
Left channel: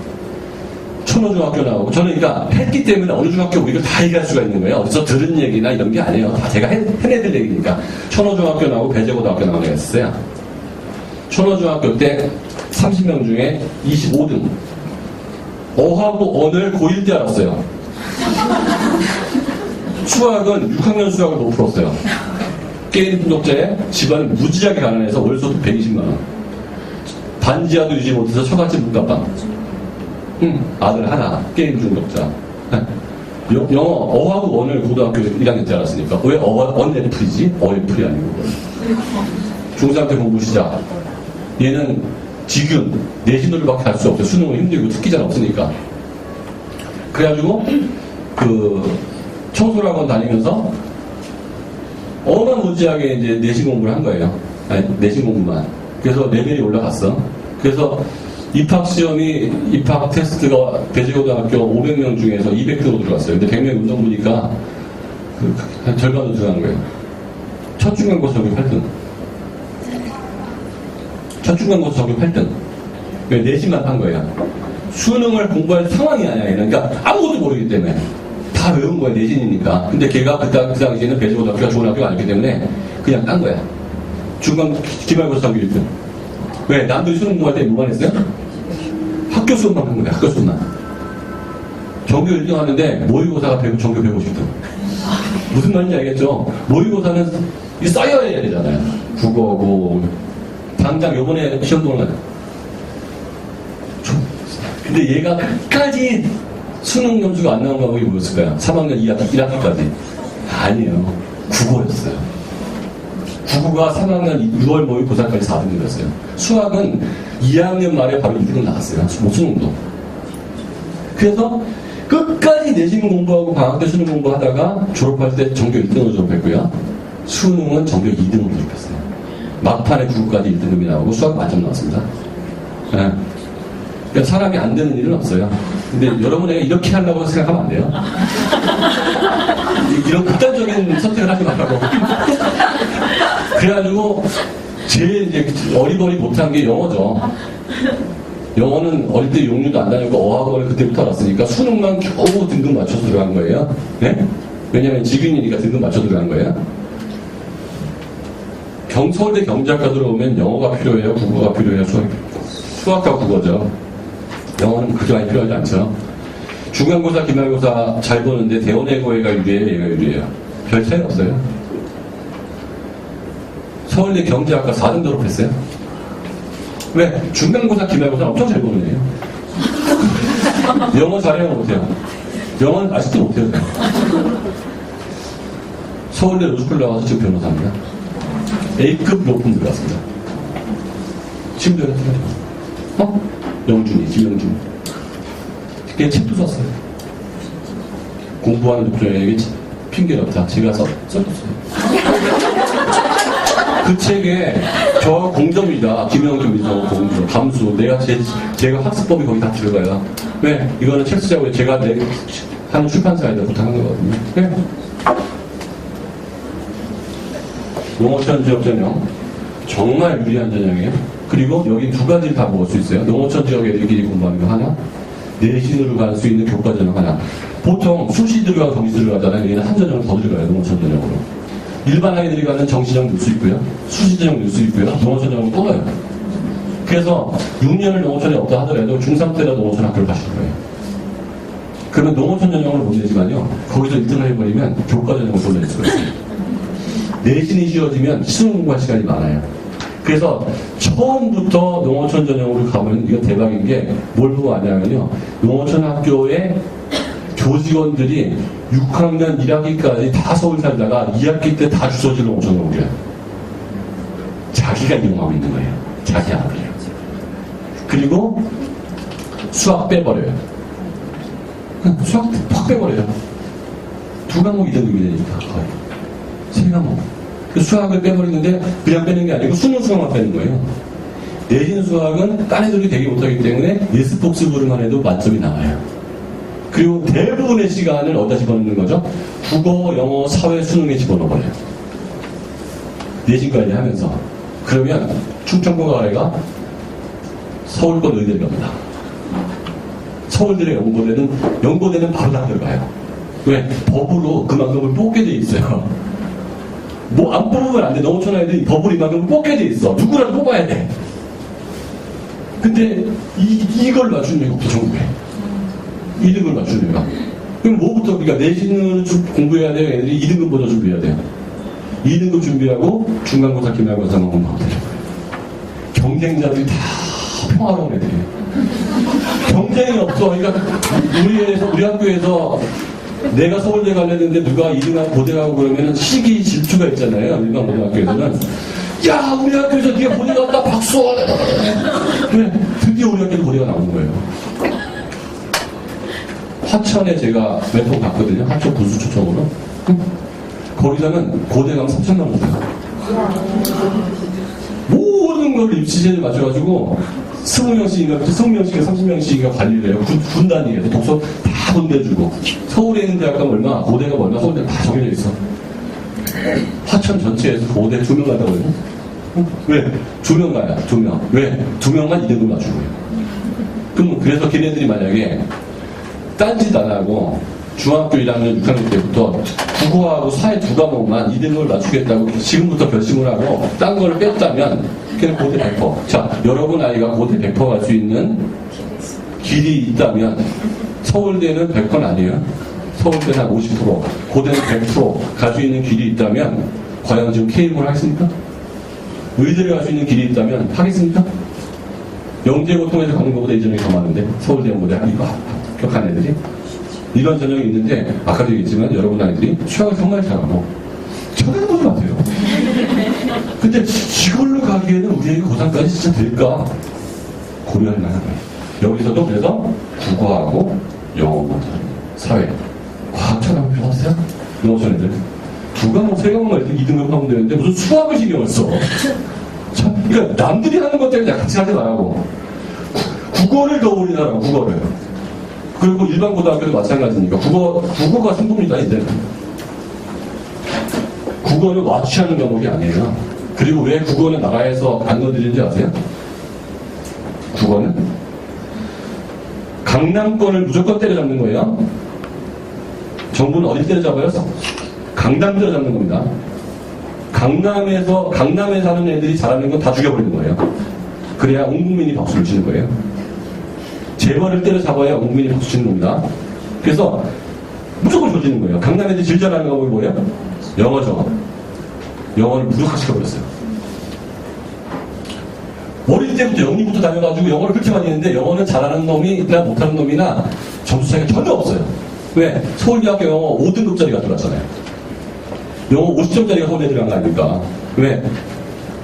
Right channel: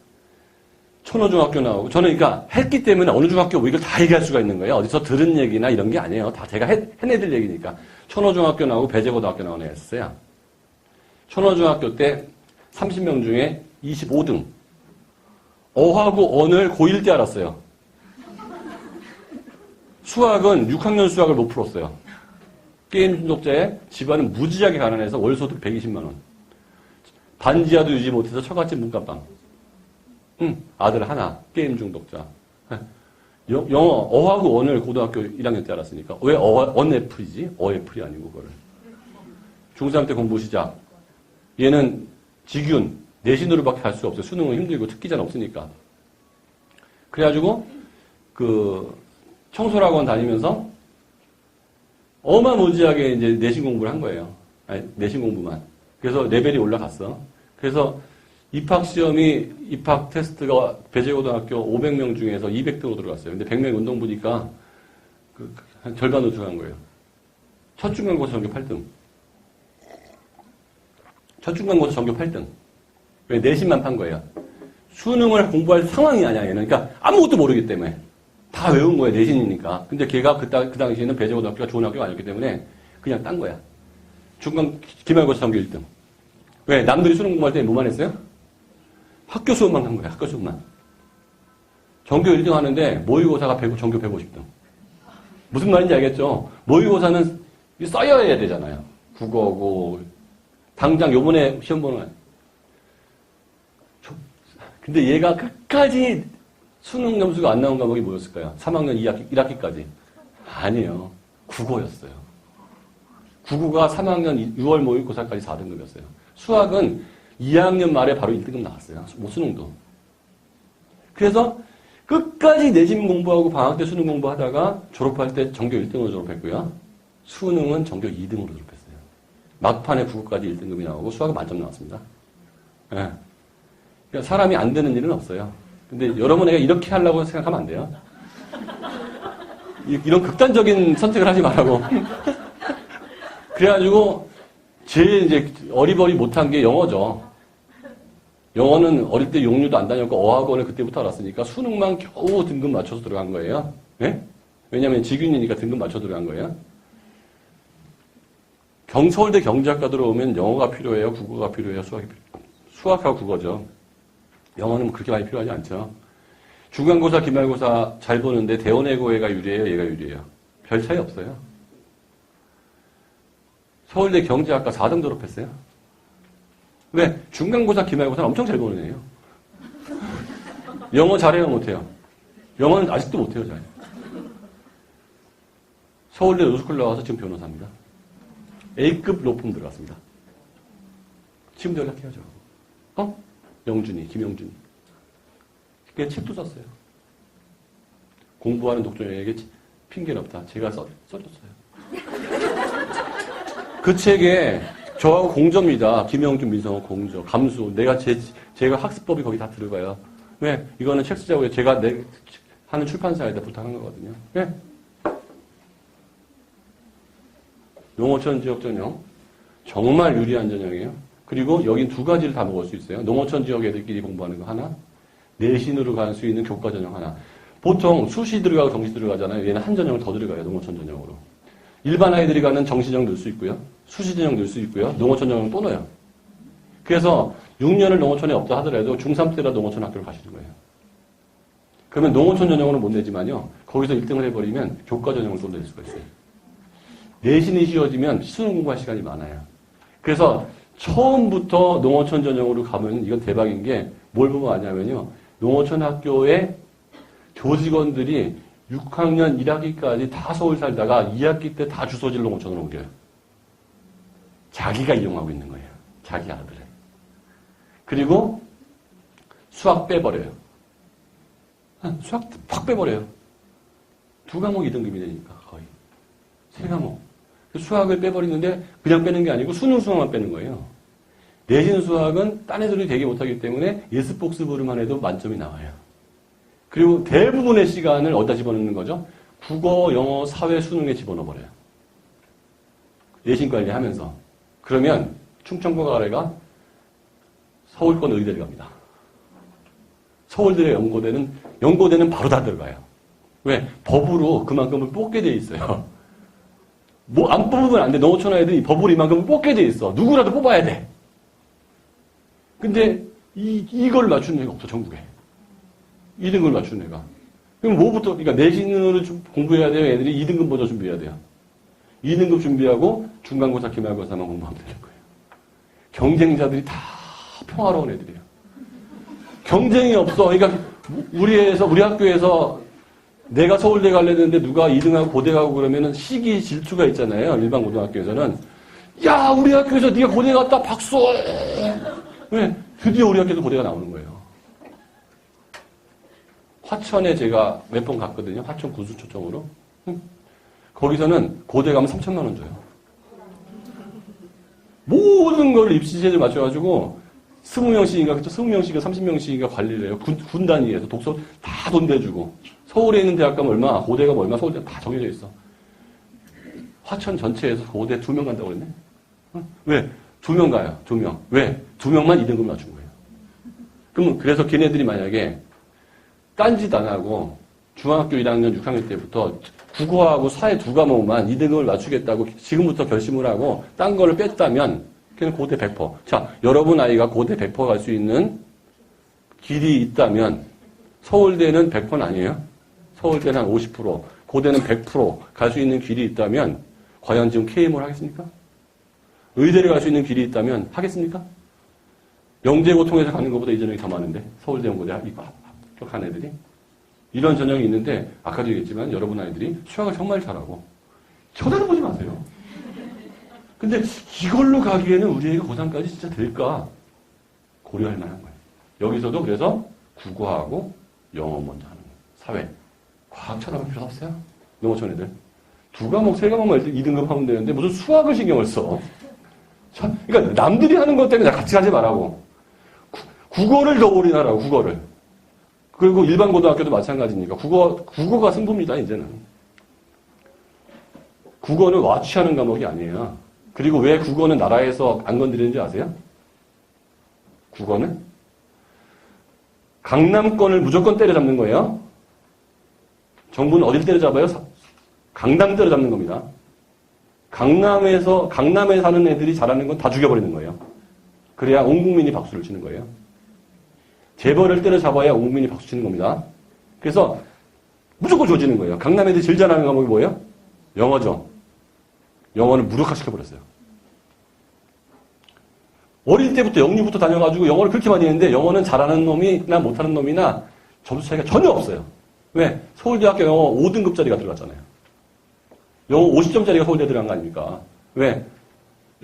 천호중학교 나오고 저는 그러니까 했기 때문에 어느 중학교 뭐 이걸 다 얘기할 수가 있는 거예요. 어디서 들은 얘기나 이런 게 아니에요. 다 제가 해내들 얘기니까. 천호중학교 나오고 배재고등학교 나오는 애가 있었어요. 천호중학교 때 30명 중에 25등. 어하고 언을 고1 때 알았어요. 수학은 6학년 수학을 못 풀었어요. 게임 중독자에 집안은 무지하게 가난해서 월소득 120만원. 반지하도 유지 못해서 처갓집 문답방. 아들 하나, 게임 중독자. 영어, 어하고 원을 고등학교 1학년 때 알았으니까. 왜 언애플이지? 어애플이 아니고. 중3 때 공부 시작. 얘는 지금 내신으로밖에 갈 수 없어요. 수능은 힘들고 특기자는 없으니까. 그래가지고, 청소학원 다니면서 어마무지하게 이제 내신 공부를 한 거예요. 아니, 내신 공부만. 그래서 레벨이 올라갔어. 그래서 입학 테스트가 배재고등학교 500명 중에서 200등으로 들어갔어요. 근데 100명 운동 보니까 한 절반으로 들어간 거예요. 첫 중간고사 적용 8등. 첫 중간고사 적용 8등. 왜? 내신만 한 거예요. 수능을 공부할 상황이 아니야. 그러니까 아무것도 모르기 때문에. 다 외운 거야, 내신이니까. 근데 걔가 그 당시에는 배재고등학교가 좋은 학교가 아니기 때문에 그냥 딴 거야. 기말고사 적용 1등. 왜? 남들이 수능 공부할 때 뭐만 했어요? 학교 수업만 한 거야, 학교 수업만. 전교 1등 하는데 모의고사가 전교 150등. 무슨 말인지 알겠죠? 모의고사는 써야 해야 되잖아요. 국어고. 당장 요번에 시험 보는 거야. 근데 얘가 끝까지 수능 점수가 안 나온 과목이 뭐였을까요? 3학년 1학기까지. 아니에요. 국어였어요. 국어가 3학년 6월 모의고사까지 4등이었어요. 수학은 2학년 말에 바로 1등 나왔어요. 수능도. 그래서 끝까지 내신 공부하고 방학 때 수능 공부하다가 졸업할 때 전교 1등으로 졸업했고요. 수능은 전교 2등으로 졸업했어요. 막판에 국어까지 1등급이 나오고 수학 만점 나왔습니다. 네. 그러니까 사람이 안 되는 일은 없어요. 근데 여러분 애가 이렇게 하려고 생각하면 안 돼요. 이런 극단적인 선택을 하지 말라고. 그래가지고 제일 이제 어리버리 못한 게 영어죠. 영어는 어릴 때 용류도 안 다녔고 어학원을 그때부터 알았으니까 수능만 겨우 등급 맞춰서 들어간 거예요. 네? 왜냐면 직윤이니까 등급 맞춰 들어간 거예요. 서울대 경제학과 들어오면 영어가 필요해요? 국어가 필요해요? 수학과 국어죠. 영어는 그렇게 많이 필요하지 않죠. 중간고사, 기말고사 잘 보는데 대원외고가 유리해요? 얘가 유리해요? 별 차이 없어요. 서울대 경제학과 4등 졸업했어요. 왜? 중간고사, 기말고사 엄청 잘 보는 애예요. 영어 잘해요? 못해요? 영어는 아직도 못해요. 서울대 로스쿨 나와서 지금 변호사입니다. A급 로펌 들어갔습니다. 지금 들어갔어요. 영준이, 김영준. 걔 책도 썼어요. 공부하는 독자에게 핑계가 없다. 제가 써줬어요. 그 책에 저 공점이다. 김영준, 미성, 공점, 감수. 제가 학습법이 거기 다 들어가요. 왜? 이거는 책 쓰자고 제가 하는 출판사에다 부탁한 거거든요. 네? 농어촌 지역 전형. 정말 유리한 전형이에요. 그리고 여기 두 가지를 다 먹을 수 있어요. 농어촌 지역 애들끼리 공부하는 거 하나, 내신으로 갈 수 있는 교과 전형 하나. 보통 수시 들어가고 정시 들어가잖아요. 얘는 한 전형을 더 들어가요. 농어촌 전형으로. 일반 아이들이 가는 정시 전형 넣을 수 있고요. 수시 전형 넣을 수 있고요. 농어촌 전형을 또 넣어요. 그래서 6년을 농어촌에 없다 하더라도 중3 때라도 농어촌 학교를 가시는 거예요. 그러면 농어촌 전형을 못 내지만요. 거기서 1등을 해버리면 교과 전형을 돌려낼 수가 있어요. 내신이 쉬워지면 수능 공부할 시간이 많아요. 그래서 처음부터 농어촌 전형으로 가면 이건 대박인 게 뭘 보고 아냐면요. 농어촌 학교의 교직원들이 6학년 1학기까지 다 서울 살다가 2학기 때 다 주소지로 농어촌으로 옮겨요. 자기가 이용하고 있는 거예요. 자기 학교요. 그리고 수학 빼버려요. 수학 팍 빼버려요. 두 과목 2등급이 되니까 거의. 세 과목. 수학을 빼버리는데 그냥 빼는 게 아니고 수능만 빼는 거예요. 내신 수학은 딴 애들이 되게 못하기 때문에 예습복습으로만 해도 만점이 나와요. 그리고 대부분의 시간을 어디다 집어넣는 거죠? 국어, 영어, 사회, 수능에 집어넣어버려요. 내신까지 하면서. 그러면 충청도 아래가 서울권 의대를 갑니다. 서울대의 연고대는 바로 다 들어가요. 왜? 법으로 그만큼을 뽑게 돼 있어요. 뭐 안 뽑으면 안 돼. 농어촌 아이들이 법으로 이만큼 뽑게 돼 있어. 누구라도 뽑아야 돼. 근데 이걸 맞추는 애가 없어, 전국에. 2등급을 맞추는 애가. 그럼 뭐부터, 그러니까 내신을 공부해야 돼요. 애들이 2등급부터 준비해야 돼요. 2등급 준비하고 중간고사, 기말고사만 공부하면 돼요. 경쟁자들이 다 평화로운 애들이에요. 경쟁이 없어. 그러니까 우리 학교에서 내가 서울대 가려는데 누가 2등하고 고대 가고 그러면 시기 질투가 있잖아요. 일반 고등학교에서는. 야, 우리 학교에서 네가 고대 갔다 박수! 그래, 드디어 우리 학교에서 고대가 나오는 거예요. 화천에 제가 몇 번 갔거든요. 화천 부수 초청으로. 거기서는 고대 가면 3,000원 원 줘요. 모든 걸 입시제를 맞춰가지고 20명씩인가 30명씩인가 관리를 해요. 군단이에요. 독서 다 돈 내주고. 서울에 있는 대학가 얼마, 고대가 얼마, 서울대 다 정해져 있어. 화천 전체에서 고대 2명 간다고 그러죠? 왜? 2명 가야, 2명. 왜? 2명만 2등급 맞추는 거예요. 그럼 그래서 걔네들이 만약에 딴짓 안 하고 중학교 1학년, 6학년 때부터 국어하고 사회 2과목만 2등급을 맞추겠다고 지금부터 결심을 하고 딴 걸 뺐다면 그냥 고대 100%. 자, 여러분 아이가 고대 100% 갈 수 있는 길이 있다면 서울대는 100%는 아니에요. 서울대는 한 50%, 고대는 100% 갈 수 있는 길이 있다면 과연 지금 K모를 하겠습니까? 의대를 갈 수 있는 길이 있다면 하겠습니까? 영재고 통해서 가는 것보다 이전이 더 많은데 서울대 모델 이거 합격한 애들이 이런 전형이 있는데 아까도 얘기했지만 여러분 아이들이 수학을 정말 잘하고 쳐다보지 마세요. 근데 이걸로 가기에는 우리에게 고3까지 진짜 될까? 고려할 만한 거예요. 여기서도 그래서 국어하고 영어, 사회, 과학 처럼 필요 없어요? 농어촌 애들. 2과목, 3과목만 2등급 하면 되는데 무슨 수학을 신경을 써. 참, 그러니까 남들이 하는 것 때문에 같이 하지 말라고. 국어를 더 올인하라고, 국어를. 그리고 일반 고등학교도 마찬가지니까. 국어가 승부입니다, 이제는. 국어는 와치하는 과목이 아니에요. 그리고 왜 국어는 나라에서 안 건드리는지 아세요? 국어는 강남권을 무조건 때려잡는 거예요. 정부는 어디 때려잡아요? 강남 때려잡는 겁니다. 강남에 사는 애들이 잘하는 건 다 죽여버리는 거예요. 그래야 온 국민이 박수를 치는 거예요. 재벌을 때려잡아야 온 국민이 박수 치는 겁니다. 그래서 무조건 조지는 거예요. 강남 애들이 제일 잘하는 건 뭐예요? 영어죠. 영어를 무력화시켜버렸어요. 어릴 때부터 영리부터 다녀가지고 영어를 그렇게 많이 했는데 영어는 잘하는 놈이나 못하는 놈이나 점수 차이가 전혀 없어요. 왜? 서울대학교 영어 5등급짜리가 들어갔잖아요. 영어 50점짜리가 서울대 들어간 거 아닙니까? 왜?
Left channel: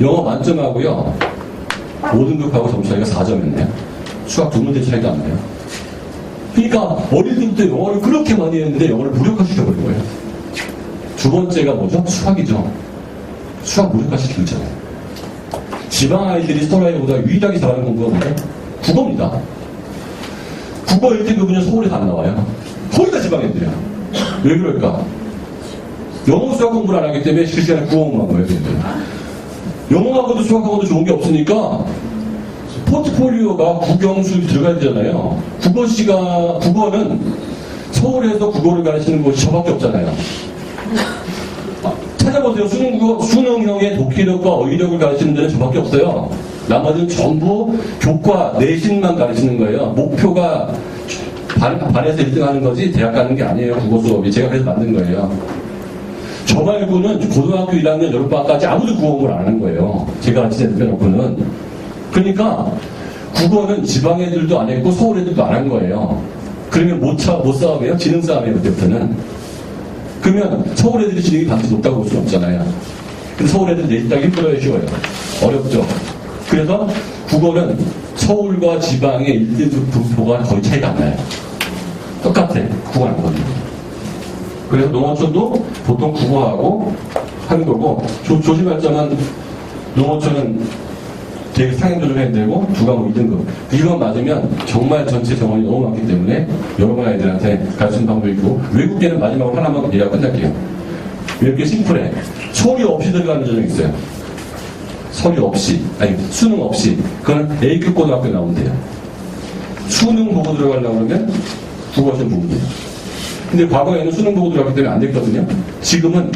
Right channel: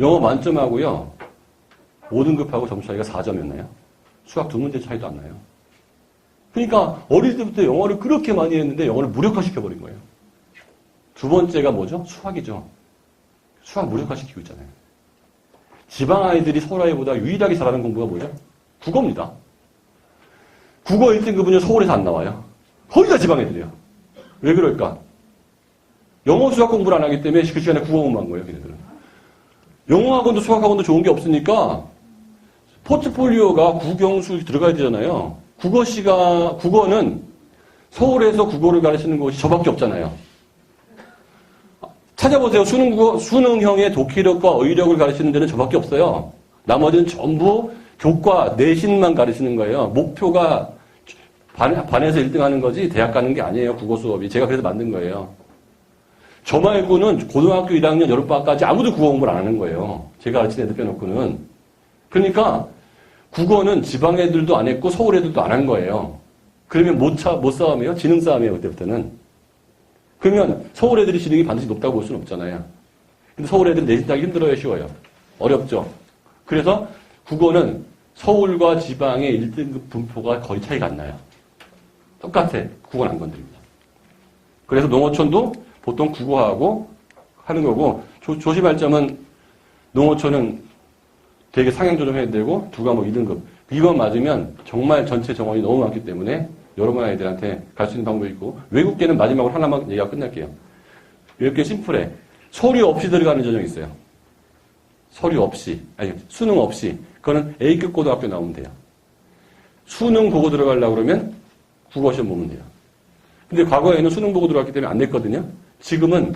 영어 만점하고요 5등급하고 점수 차이가 4점이었네요. 수학 두 문제 차이도 안 나요. 그러니까 어릴 때부터 영어를 그렇게 많이 했는데 영어를 무력화시켜버린 거예요. 두 번째가 뭐죠? 수학이죠. 수학 무력화시키고 있잖아요. 지방 아이들이 서울 아이보다 유일하게 잘하는 공부가 뭐죠? 국어입니다. 국어 1등급은요 서울에서 안 나와요. 거의 다 지방 애들이야. 왜 그럴까? 영어 수학 공부를 안 하기 때문에 그 시간에 국어 공부한 거예요. 영어학원도 수학학원도 좋은 게 없으니까 포트폴리오가 국영수 들어가야 되잖아요. 국어는 서울에서 국어를 가르치는 곳이 저밖에 없잖아요. 찾아보세요. 수능형의 독해력과 어휘력을 가르치는 데는 저밖에 없어요. 나머지는 전부 교과, 내신만 가르치는 거예요. 목표가 반에서 1등 하는 거지 대학 가는 게 아니에요. 국어 수업이. 제가 그래서 만든 거예요. 저 말고는 고등학교 1학년 여름방학까지 아무도 국어 공부를 안 하는 거예요. 제가 가르치는 데 빼놓고는. 그러니까 국어는 지방 애들도 안 했고 서울 애들도 안 한 거예요. 그러면 못 싸움이에요? 지는 싸움이에요. 그때부터는. 그러면 서울 애들이 지능이 반드시 높다고 볼 수는 없잖아요. 근데 서울 애들 내신 따기 힘들어요? 쉬워요? 어렵죠. 그래서 국어는 서울과 지방의 1등급 분포가 거의 차이가 안 나요. 똑같아. 국어는 안 거든요. 그래서 농어촌도 보통 국어하고 하는 거고, 조심할 점은 농어촌은 되게 상향조정해야 되고, 두 과목 2등급. 이거 맞으면 정말 전체 정원이 너무 많기 때문에 여러분 아이들한테 가르치는 방법이 있고, 외국계는 마지막으로 하나만 더 얘기하고 끝날게요. 이렇게 심플해. 서류 없이 들어가는 전형이 있어요. 서류 없이, 아니 수능 없이. 그거는 A급 고등학교 나오면 돼요. 수능 보고 들어가려고 그러면 국어 시험 보면 돼요. 근데 과거에는 수능 보고 들어갔기 때문에 안 됐거든요. 지금은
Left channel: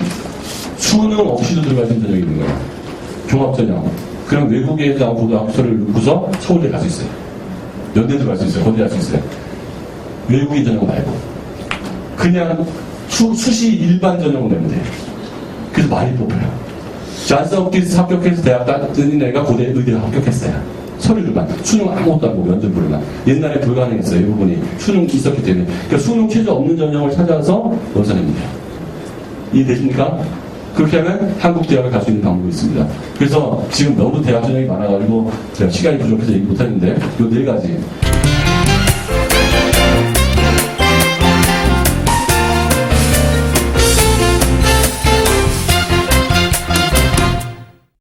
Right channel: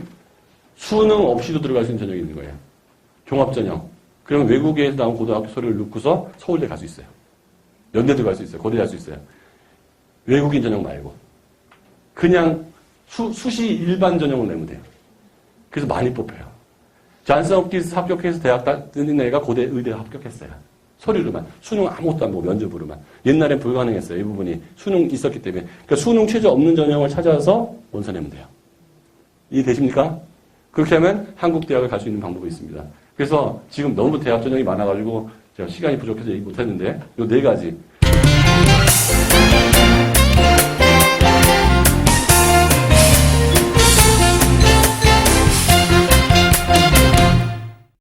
수능 없이도 들어갈 수 있는 전형이 있는 거예요. 종합전형. 그럼 외국에서 나온 고등학교를 넣고서 서울대 갈 수 있어요. 연대 들어갈 수 있어요. 거기 갈 수 있어요. 외국인 전형 말고. 그냥 수시 일반 전형을 내면 돼요. 그래서 많이 뽑혀요. 잔스 홉킨스 합격해서 대학 다닌 애가 고대 의대를 합격했어요. 서류를만. 수능 아무것도 안 보고 면접으로만. 옛날에 불가능했어요. 이 부분이. 수능이 있었기 때문에. 그러니까 수능 최저 없는 전형을 찾아서 논사내면 돼요. 이해되십니까? 그렇게 하면 한국 대학을 갈 수 있는 방법이 있습니다. 그래서 지금 너무 대학 전형이 많아가지고 제가 시간이 부족해서 얘기 못했는데 이 네 가지.